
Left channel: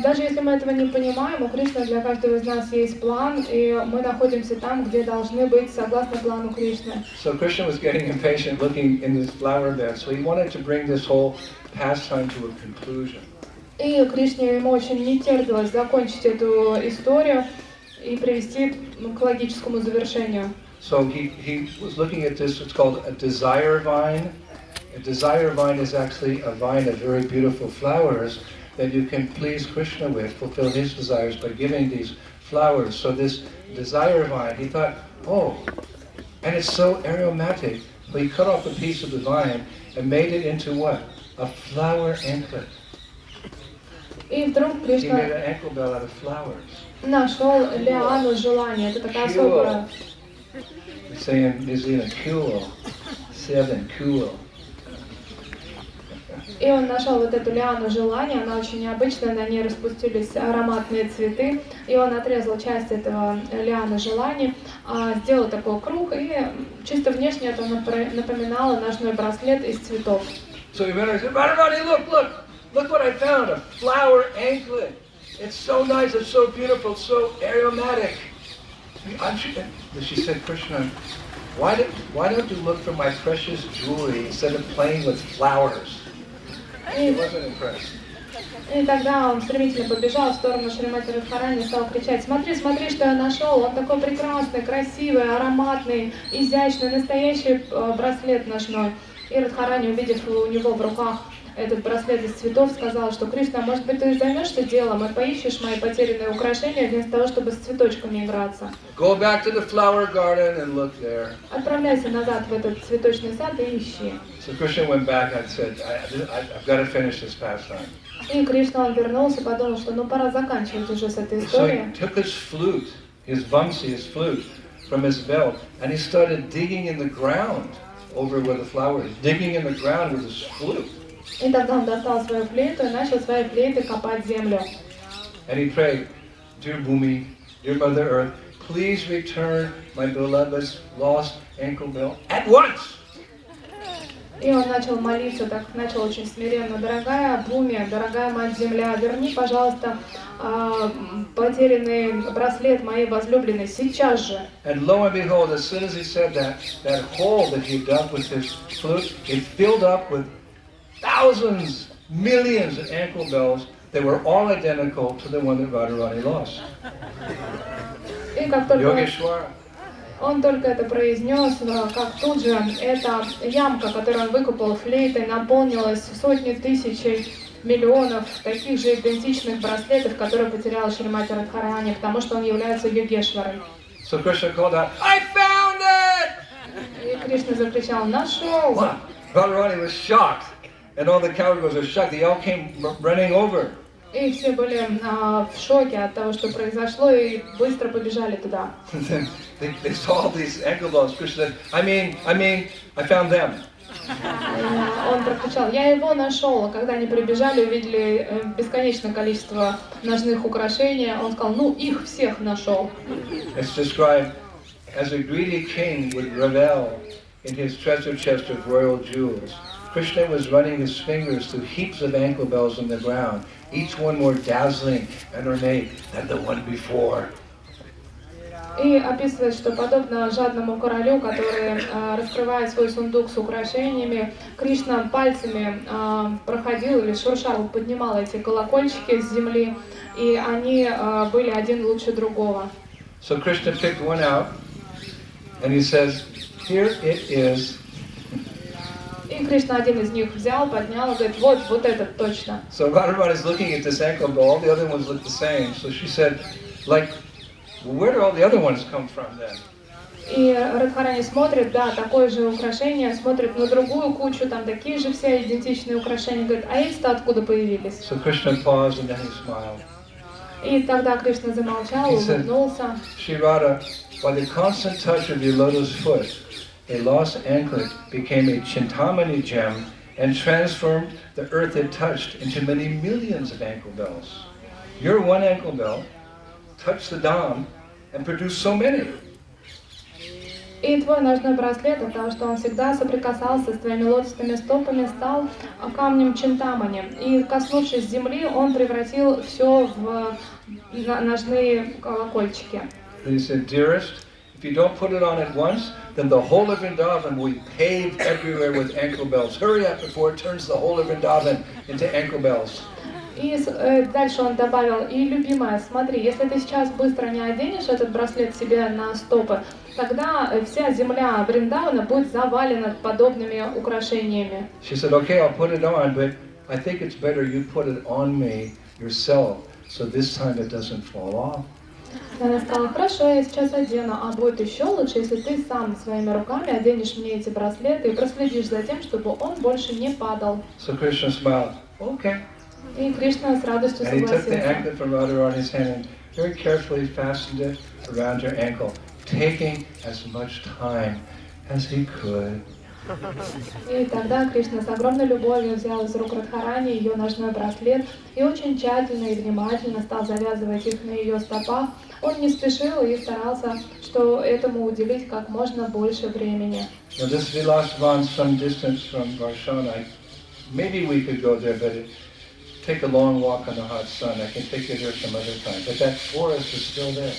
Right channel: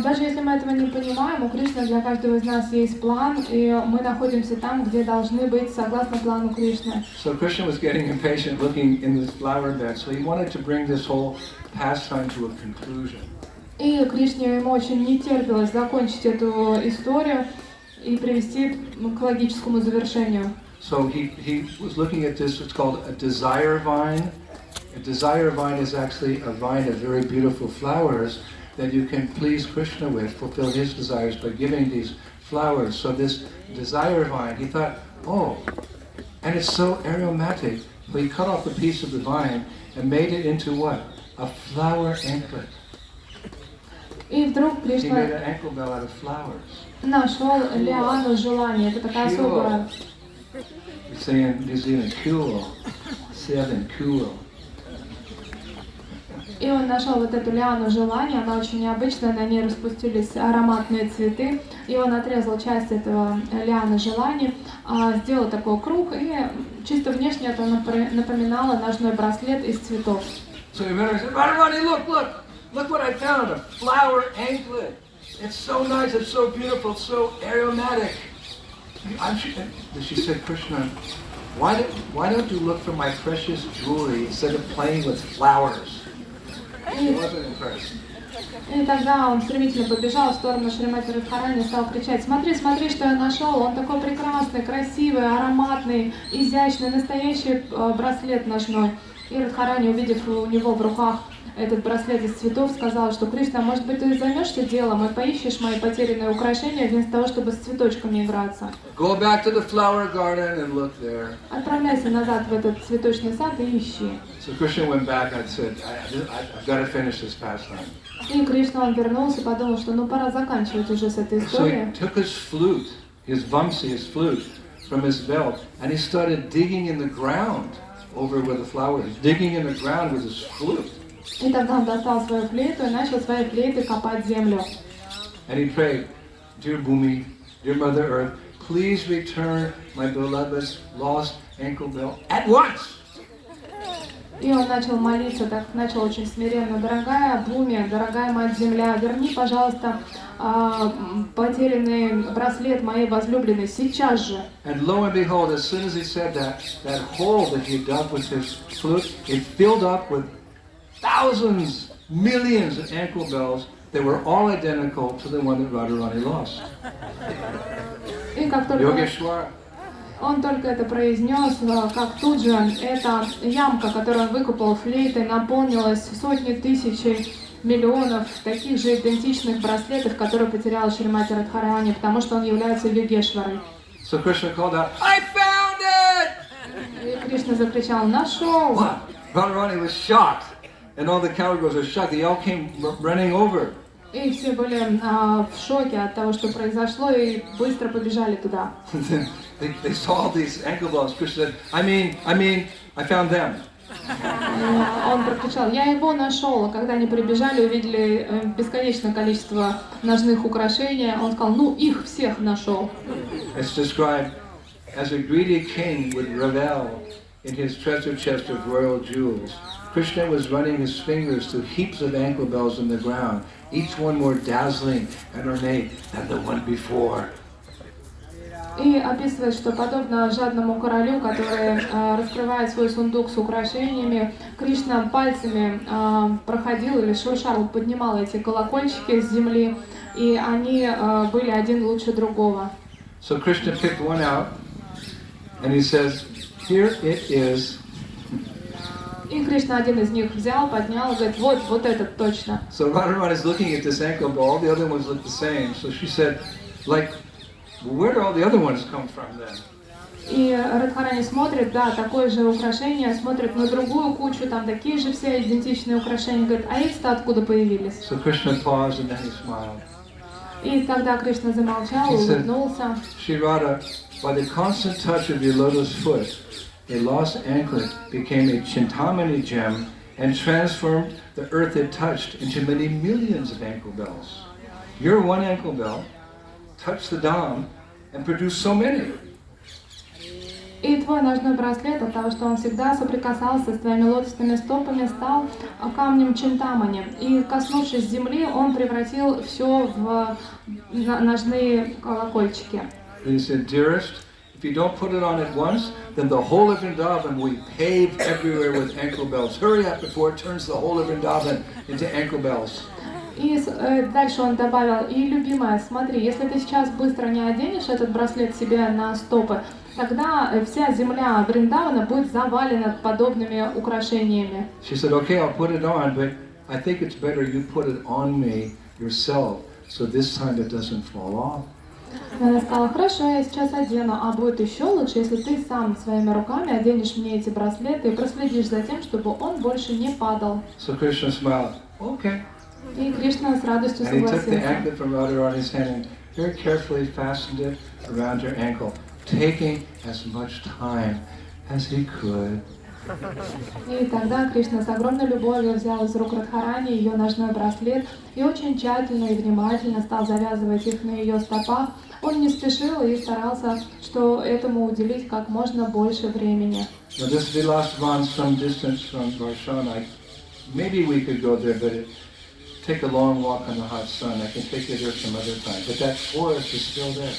даже если мы этого не понимаем, у Кришны для каждого из нас есть план, и мы находимся там, где должны быть согласно плану Кришны. So Krishna was getting impatient looking in this flower bed, so he wanted to bring this whole pastime to a conclusion. И Кришне ему очень не терпелось закончить эту историю, и привести к логическому завершению. So he was looking at this, it's called a desire vine. A desire vine is actually a vine of very beautiful flowers that you can please Krishna with, fulfill his desires by giving these flowers. So this desire vine, he thought, oh, and it's so aromatic. So he cut off a piece of the vine and made it into what? A flower anklet. И вдруг He made Кришна an ankle bell out of flowers. нашел лиану желания. Это такая особая. They say in New Zealand, kulo, 7, kulo. И он нашел вот эту лиану желания, она очень необычная, на ней распустились ароматные цветы, и он отрезал часть этого лианы желаний, сделал такой круг, и чисто внешне это напоминало ножной браслет из цветов. So he went and said, Radharani, look what I found, a flower anklet. It's so nice, it's so beautiful, it's so aromatic. And she said, Krishna, why don't you look for my precious jewelry instead of playing with flowers? He wasn't impressed. И тогда он стремительно побежал в сторону Шримати Радхарани и стал кричать: смотри, смотри, что я нашел, он такой прекрасный, красивый, ароматный, изящный, настоящий браслет ножной. И Радхарани, увидев у него в руках этот браслет из цветов, сказал, что Кришна, может быть, ты займешься делом и поищешь мои потерянные украшения вместо того, чтобы с цветочками играться. Go back to the flower garden and look there. Отправляйся назад в этот цветочный сад и ищи. So Krishna went back and said, I've got to finish this pastime. И Кришна, он вернулся и подумал, что ну пора заканчивать уже с этой So историей. he took his flute, his vamsi, his flute, from his belt, and he started digging in the ground over where the flower is, digging in the ground with his flute. И тогда он достал свою флейту и начал своей флейтой копать землю. And he prayed, Dear Bhumi, dear Mother Earth, please return my beloved's lost ankle bell at once. И он начал молиться, так начал очень смиренно: дорогая Бхуми, дорогая Мать Земля, верни, пожалуйста, потерянный браслет моей возлюбленной сейчас же. And lo and behold, as soon as he said that hole that he dug with his flute, it filled up with thousands, millions of ankle bells. They were all identical to the one that Radharani lost. И как только Yogeshwara. он только это произнес, как тут же эта ямка, которую он выкопал флейтой, наполнилась сотни тысяч, миллионов таких же идентичных браслетов, которые потерял Шримати Радхарани, потому что он является Йогешварой. So Krishna called out, I found it! И Кришна закричал: нашел! What? Radharani was shocked. And all the cowgirls were shocked. They all came running over. И все были в шоке от того, что произошло, и быстро побежали туда. They saw all these ankle bells. Krishna said, I mean, I found them. Он прокричал: я его нашел. А когда они прибежали, увидели бесконечное количество ножных украшений, он сказал: ну, их всех нашел. It's described as a greedy king would revel in his treasure chest of royal jewels. Krishna was running his fingers through heaps of ankle bells in the ground, each one more dazzling and ornate than the one before. И описывает, что подобно жадному королю, который раскрывает свой сундук с украшениями, Кришна пальцами проходил или шуршал, поднимал эти колокольчики с земли, и они были один лучше другого. So Krishna picked one out, and he says, "Here it is." И Кришна один из них взял, поднял и говорит: вот этот точно. So Radharani is looking at this ankle bell. All the other ones look the same. So she said, like, where do all the other ones come from then? И Радхарани смотрит, да, такое же украшение, смотрит на другую кучу, там такие же все идентичные украшения, говорит: а эти-то откуда появились? So Krishna paused and then he smiled. И тогда Кришна замолчал, улыбнулся. Shri Radha, by the constant touch of your lotus foot, a lost anklet became a Chintamani gem and transformed the earth it touched into many millions of ankle bells. Your one ankle bell touched the Dham and produced so many. И твой ножной браслет, от того, что он всегда соприкасался с твоими лотосными стопами, стал камнем Чинтамани. И, коснувшись земли, он превратил все в ножные колокольчики. And he said, dearest, if you don't put it on at once, then the whole of Vrindavan will be paved everywhere with ankle bells. Hurry up before it turns the whole of Vrindavan into ankle bells. И дальше он добавил, и любимая, смотри, если ты сейчас быстро не оденешь этот браслет себе на стопы, тогда вся земля Вриндавана будет завалена подобными украшениями. She said, okay, I'll put it on, but I think it's better you put it on me yourself, so this time it doesn't fall off. Она сказала, хорошо, я сейчас одену, а будет еще лучше, если ты сам своими руками оденешь мне эти браслеты и проследишь за тем, чтобы он больше не падал. So Krishna smiled, okay. И Кришна с радостью And he took the согласился. anklet from Radha on his hand and very carefully fastened it around her ankle, taking as much time as he could. И тогда Кришна с огромной любовью взял из рук Радхарани ее ножной браслет и очень тщательно и внимательно стал завязывать их на ее стопах. Он не спешил и старался, что этому уделить как можно больше времени. Now this Vilasvan, some distance from Varsana, maybe we could go there, but it take a long walk in the hot sun. I can take you there some other time. But that forest is still there.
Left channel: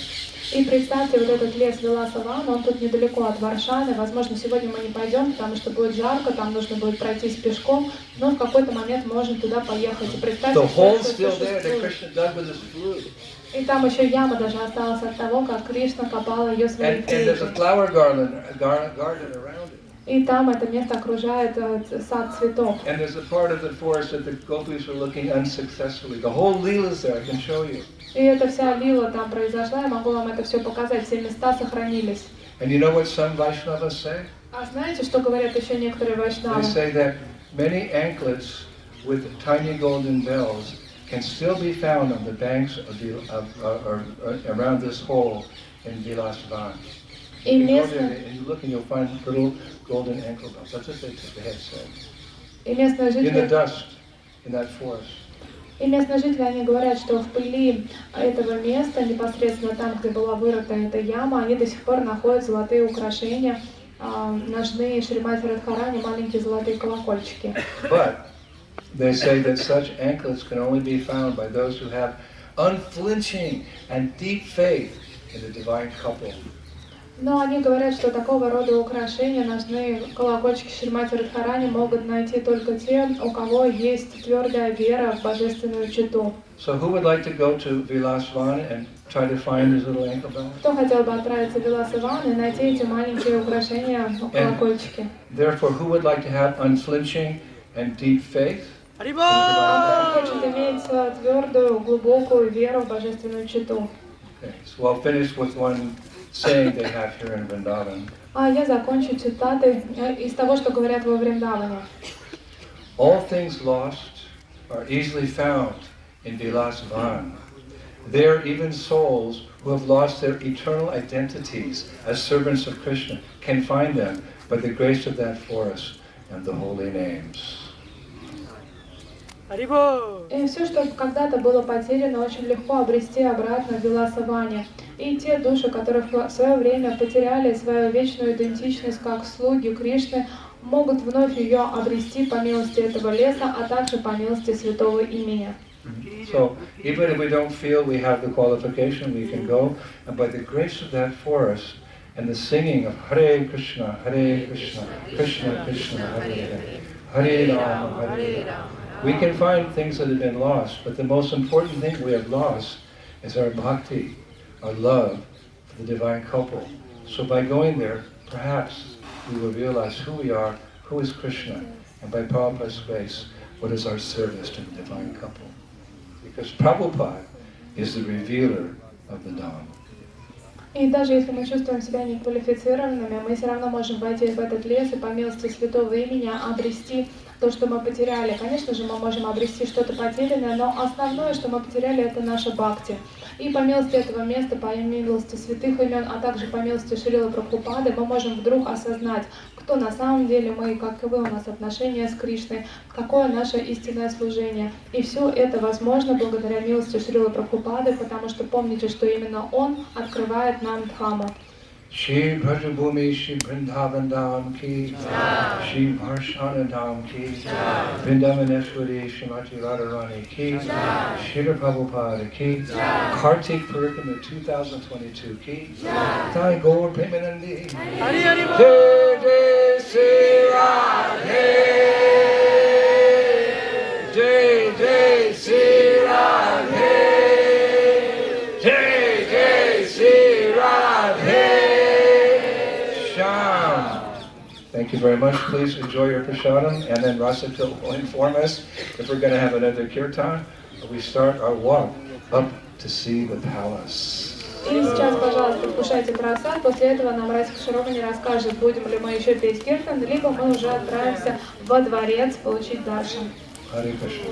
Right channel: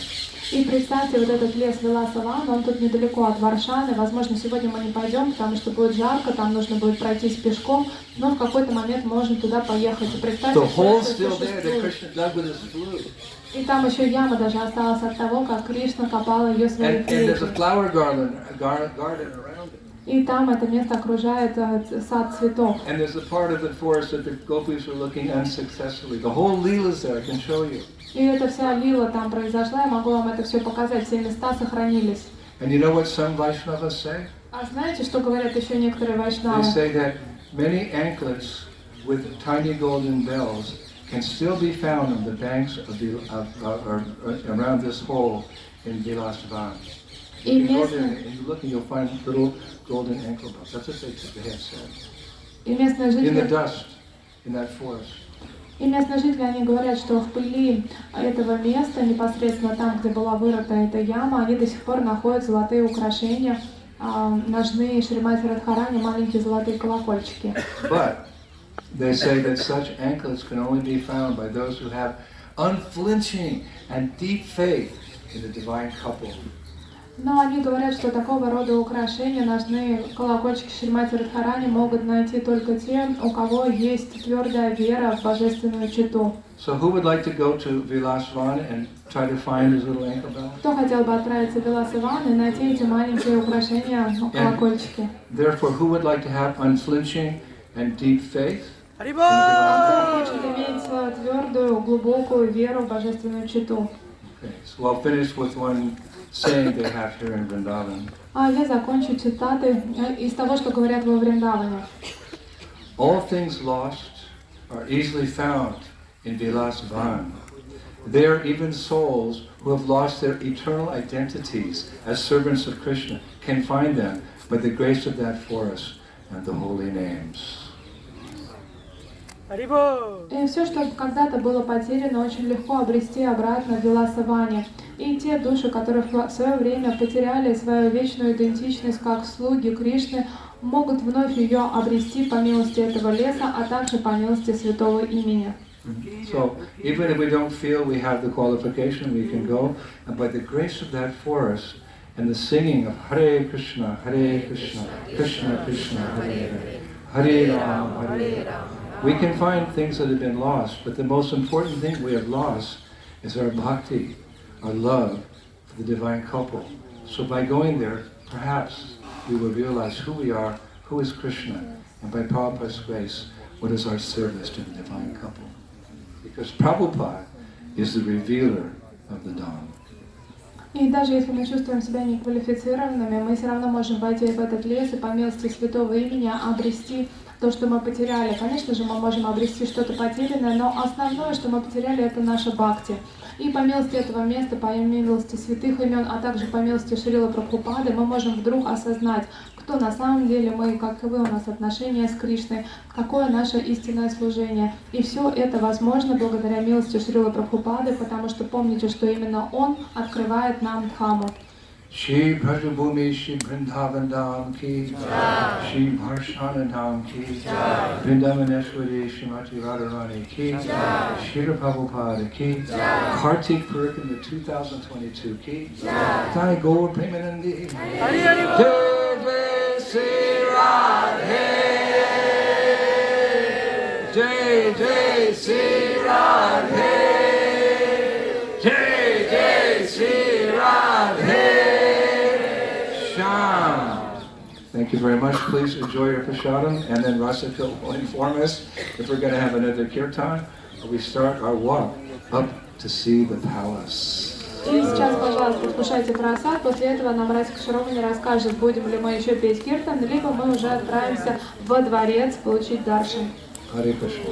И представьте, вот этот лес Виласаван, он тут недалеко от Варшаны. Возможно, сегодня мы не пойдем, потому что будет жарко, там нужно будет пройтись пешком, но в какой-то момент можем туда поехать. И представьте, The что hole's это still there that существует. Krishna dug with his flute. И там еще яма даже осталась от того, как Кришна копал ее своей And there's a флейтой. flower garden around it. И там это место окружает сад цветов. And there's a part of the forest that the gopis were looking unsuccessfully. The whole Leela's there, I can show you. И эта вся лила там произошла, я могу вам это все показать, все места сохранились. And you know what some Vaishnavas say? А знаете, что говорят еще некоторые They вайшнавы? say that many anklets with tiny golden bells can still be found on the banks or around this hole in Vilasvan. И You go there местные, and you look and you'll find little golden ankle bells. That's what they have said. и местные In the жители dust, in that forest. И местные жители, они говорят, что в пыли этого места, непосредственно там, где была вырыта эта яма, они до сих пор находят золотые украшения, ножные Шримати Радхарани, маленькие золотые колокольчики. But they say that such anklets can only be found by those who have unflinching and deep faith in the divine couple. Но они говорят, что такого рода украшения, ножные колокольчики Шримати Радхарани могут найти только те, у кого есть твердая вера в божественную читу. So who would like to go to Vilasvan and try to find his little ankle bell? Кто хотел бы отправиться в Виласаван и найти эти маленькие украшения, колокольчики? Therefore, who would like to have unflinching and deep faith? Кто хочет иметь твердую, глубокую веру в божественную читу? Okay, so I'll finish with one saying they have here in Vrindavan. А я закончу цитатой из того, что говорят во Вриндаване. All things lost are easily found in Vilasvan. There, even souls who have lost their eternal identities as servants of Krishna can find them by the grace of that forest and the holy names. И все, что когда-то было потеряно, очень легко обрести обратно в Виласаване. И те души, которые в свое время потеряли свою вечную идентичность как слуги Кришны, могут вновь ее обрести по милости этого леса, а также по милости святого имени. So, even if we don't feel we have the qualification, we can go, and by the grace of that forest and the singing of Hare Krishna, Krishna Krishna, Hare Hare Rama, Hare Rama, we can find things that have been lost, but the most important thing we have lost is our bhakti, our love for the divine couple. So by going there, perhaps we will realize who we are, who is Krishna, and by Prabhupada's grace, what is our service to the divine couple. Because Prabhupada is the revealer of the Dham. И даже если мы чувствуем себя неквалифицированными, мы все равно можем пойти в этот лес и по милости святого имени обрести то, что мы потеряли. Конечно же, мы можем обрести что-то потерянное, но основное, что мы потеряли, это наша бхакти. И по милости этого места, по милости святых имен, а также по милости Шрилы Прабхупады, мы можем вдруг осознать, кто на самом деле мы, каковы у нас отношения с Кришной, какое наше истинное служение. И все это возможно благодаря милости Шрилы Прабхупады, потому что помните, что именно Он открывает нам Дхаму. Shri Brajabhumi Shri Vrindavan Dham Ki Jai, Shri Varsana Dham Ki Jai, Vrindavaneshwari Srimati Radharani Ki Jai, Shri Prabhupada Ki Jai, Kartik Purkan 2022 Ki Jai, Jai Gaur Premanandi, Jai Jai Sri Radhe, Jai Jai Sri Thank you very much. Please enjoy your prasadam, and then Rasika will inform us if we're going to have another kirtan, or we start our walk up to see the palace. И сейчас, пожалуйста, вкушайте просад. После этого нам Расика Шаровани расскажет, будем ли мы еще петь киртан, либо мы уже отправимся во дворец получить даршан. Hare Krishna.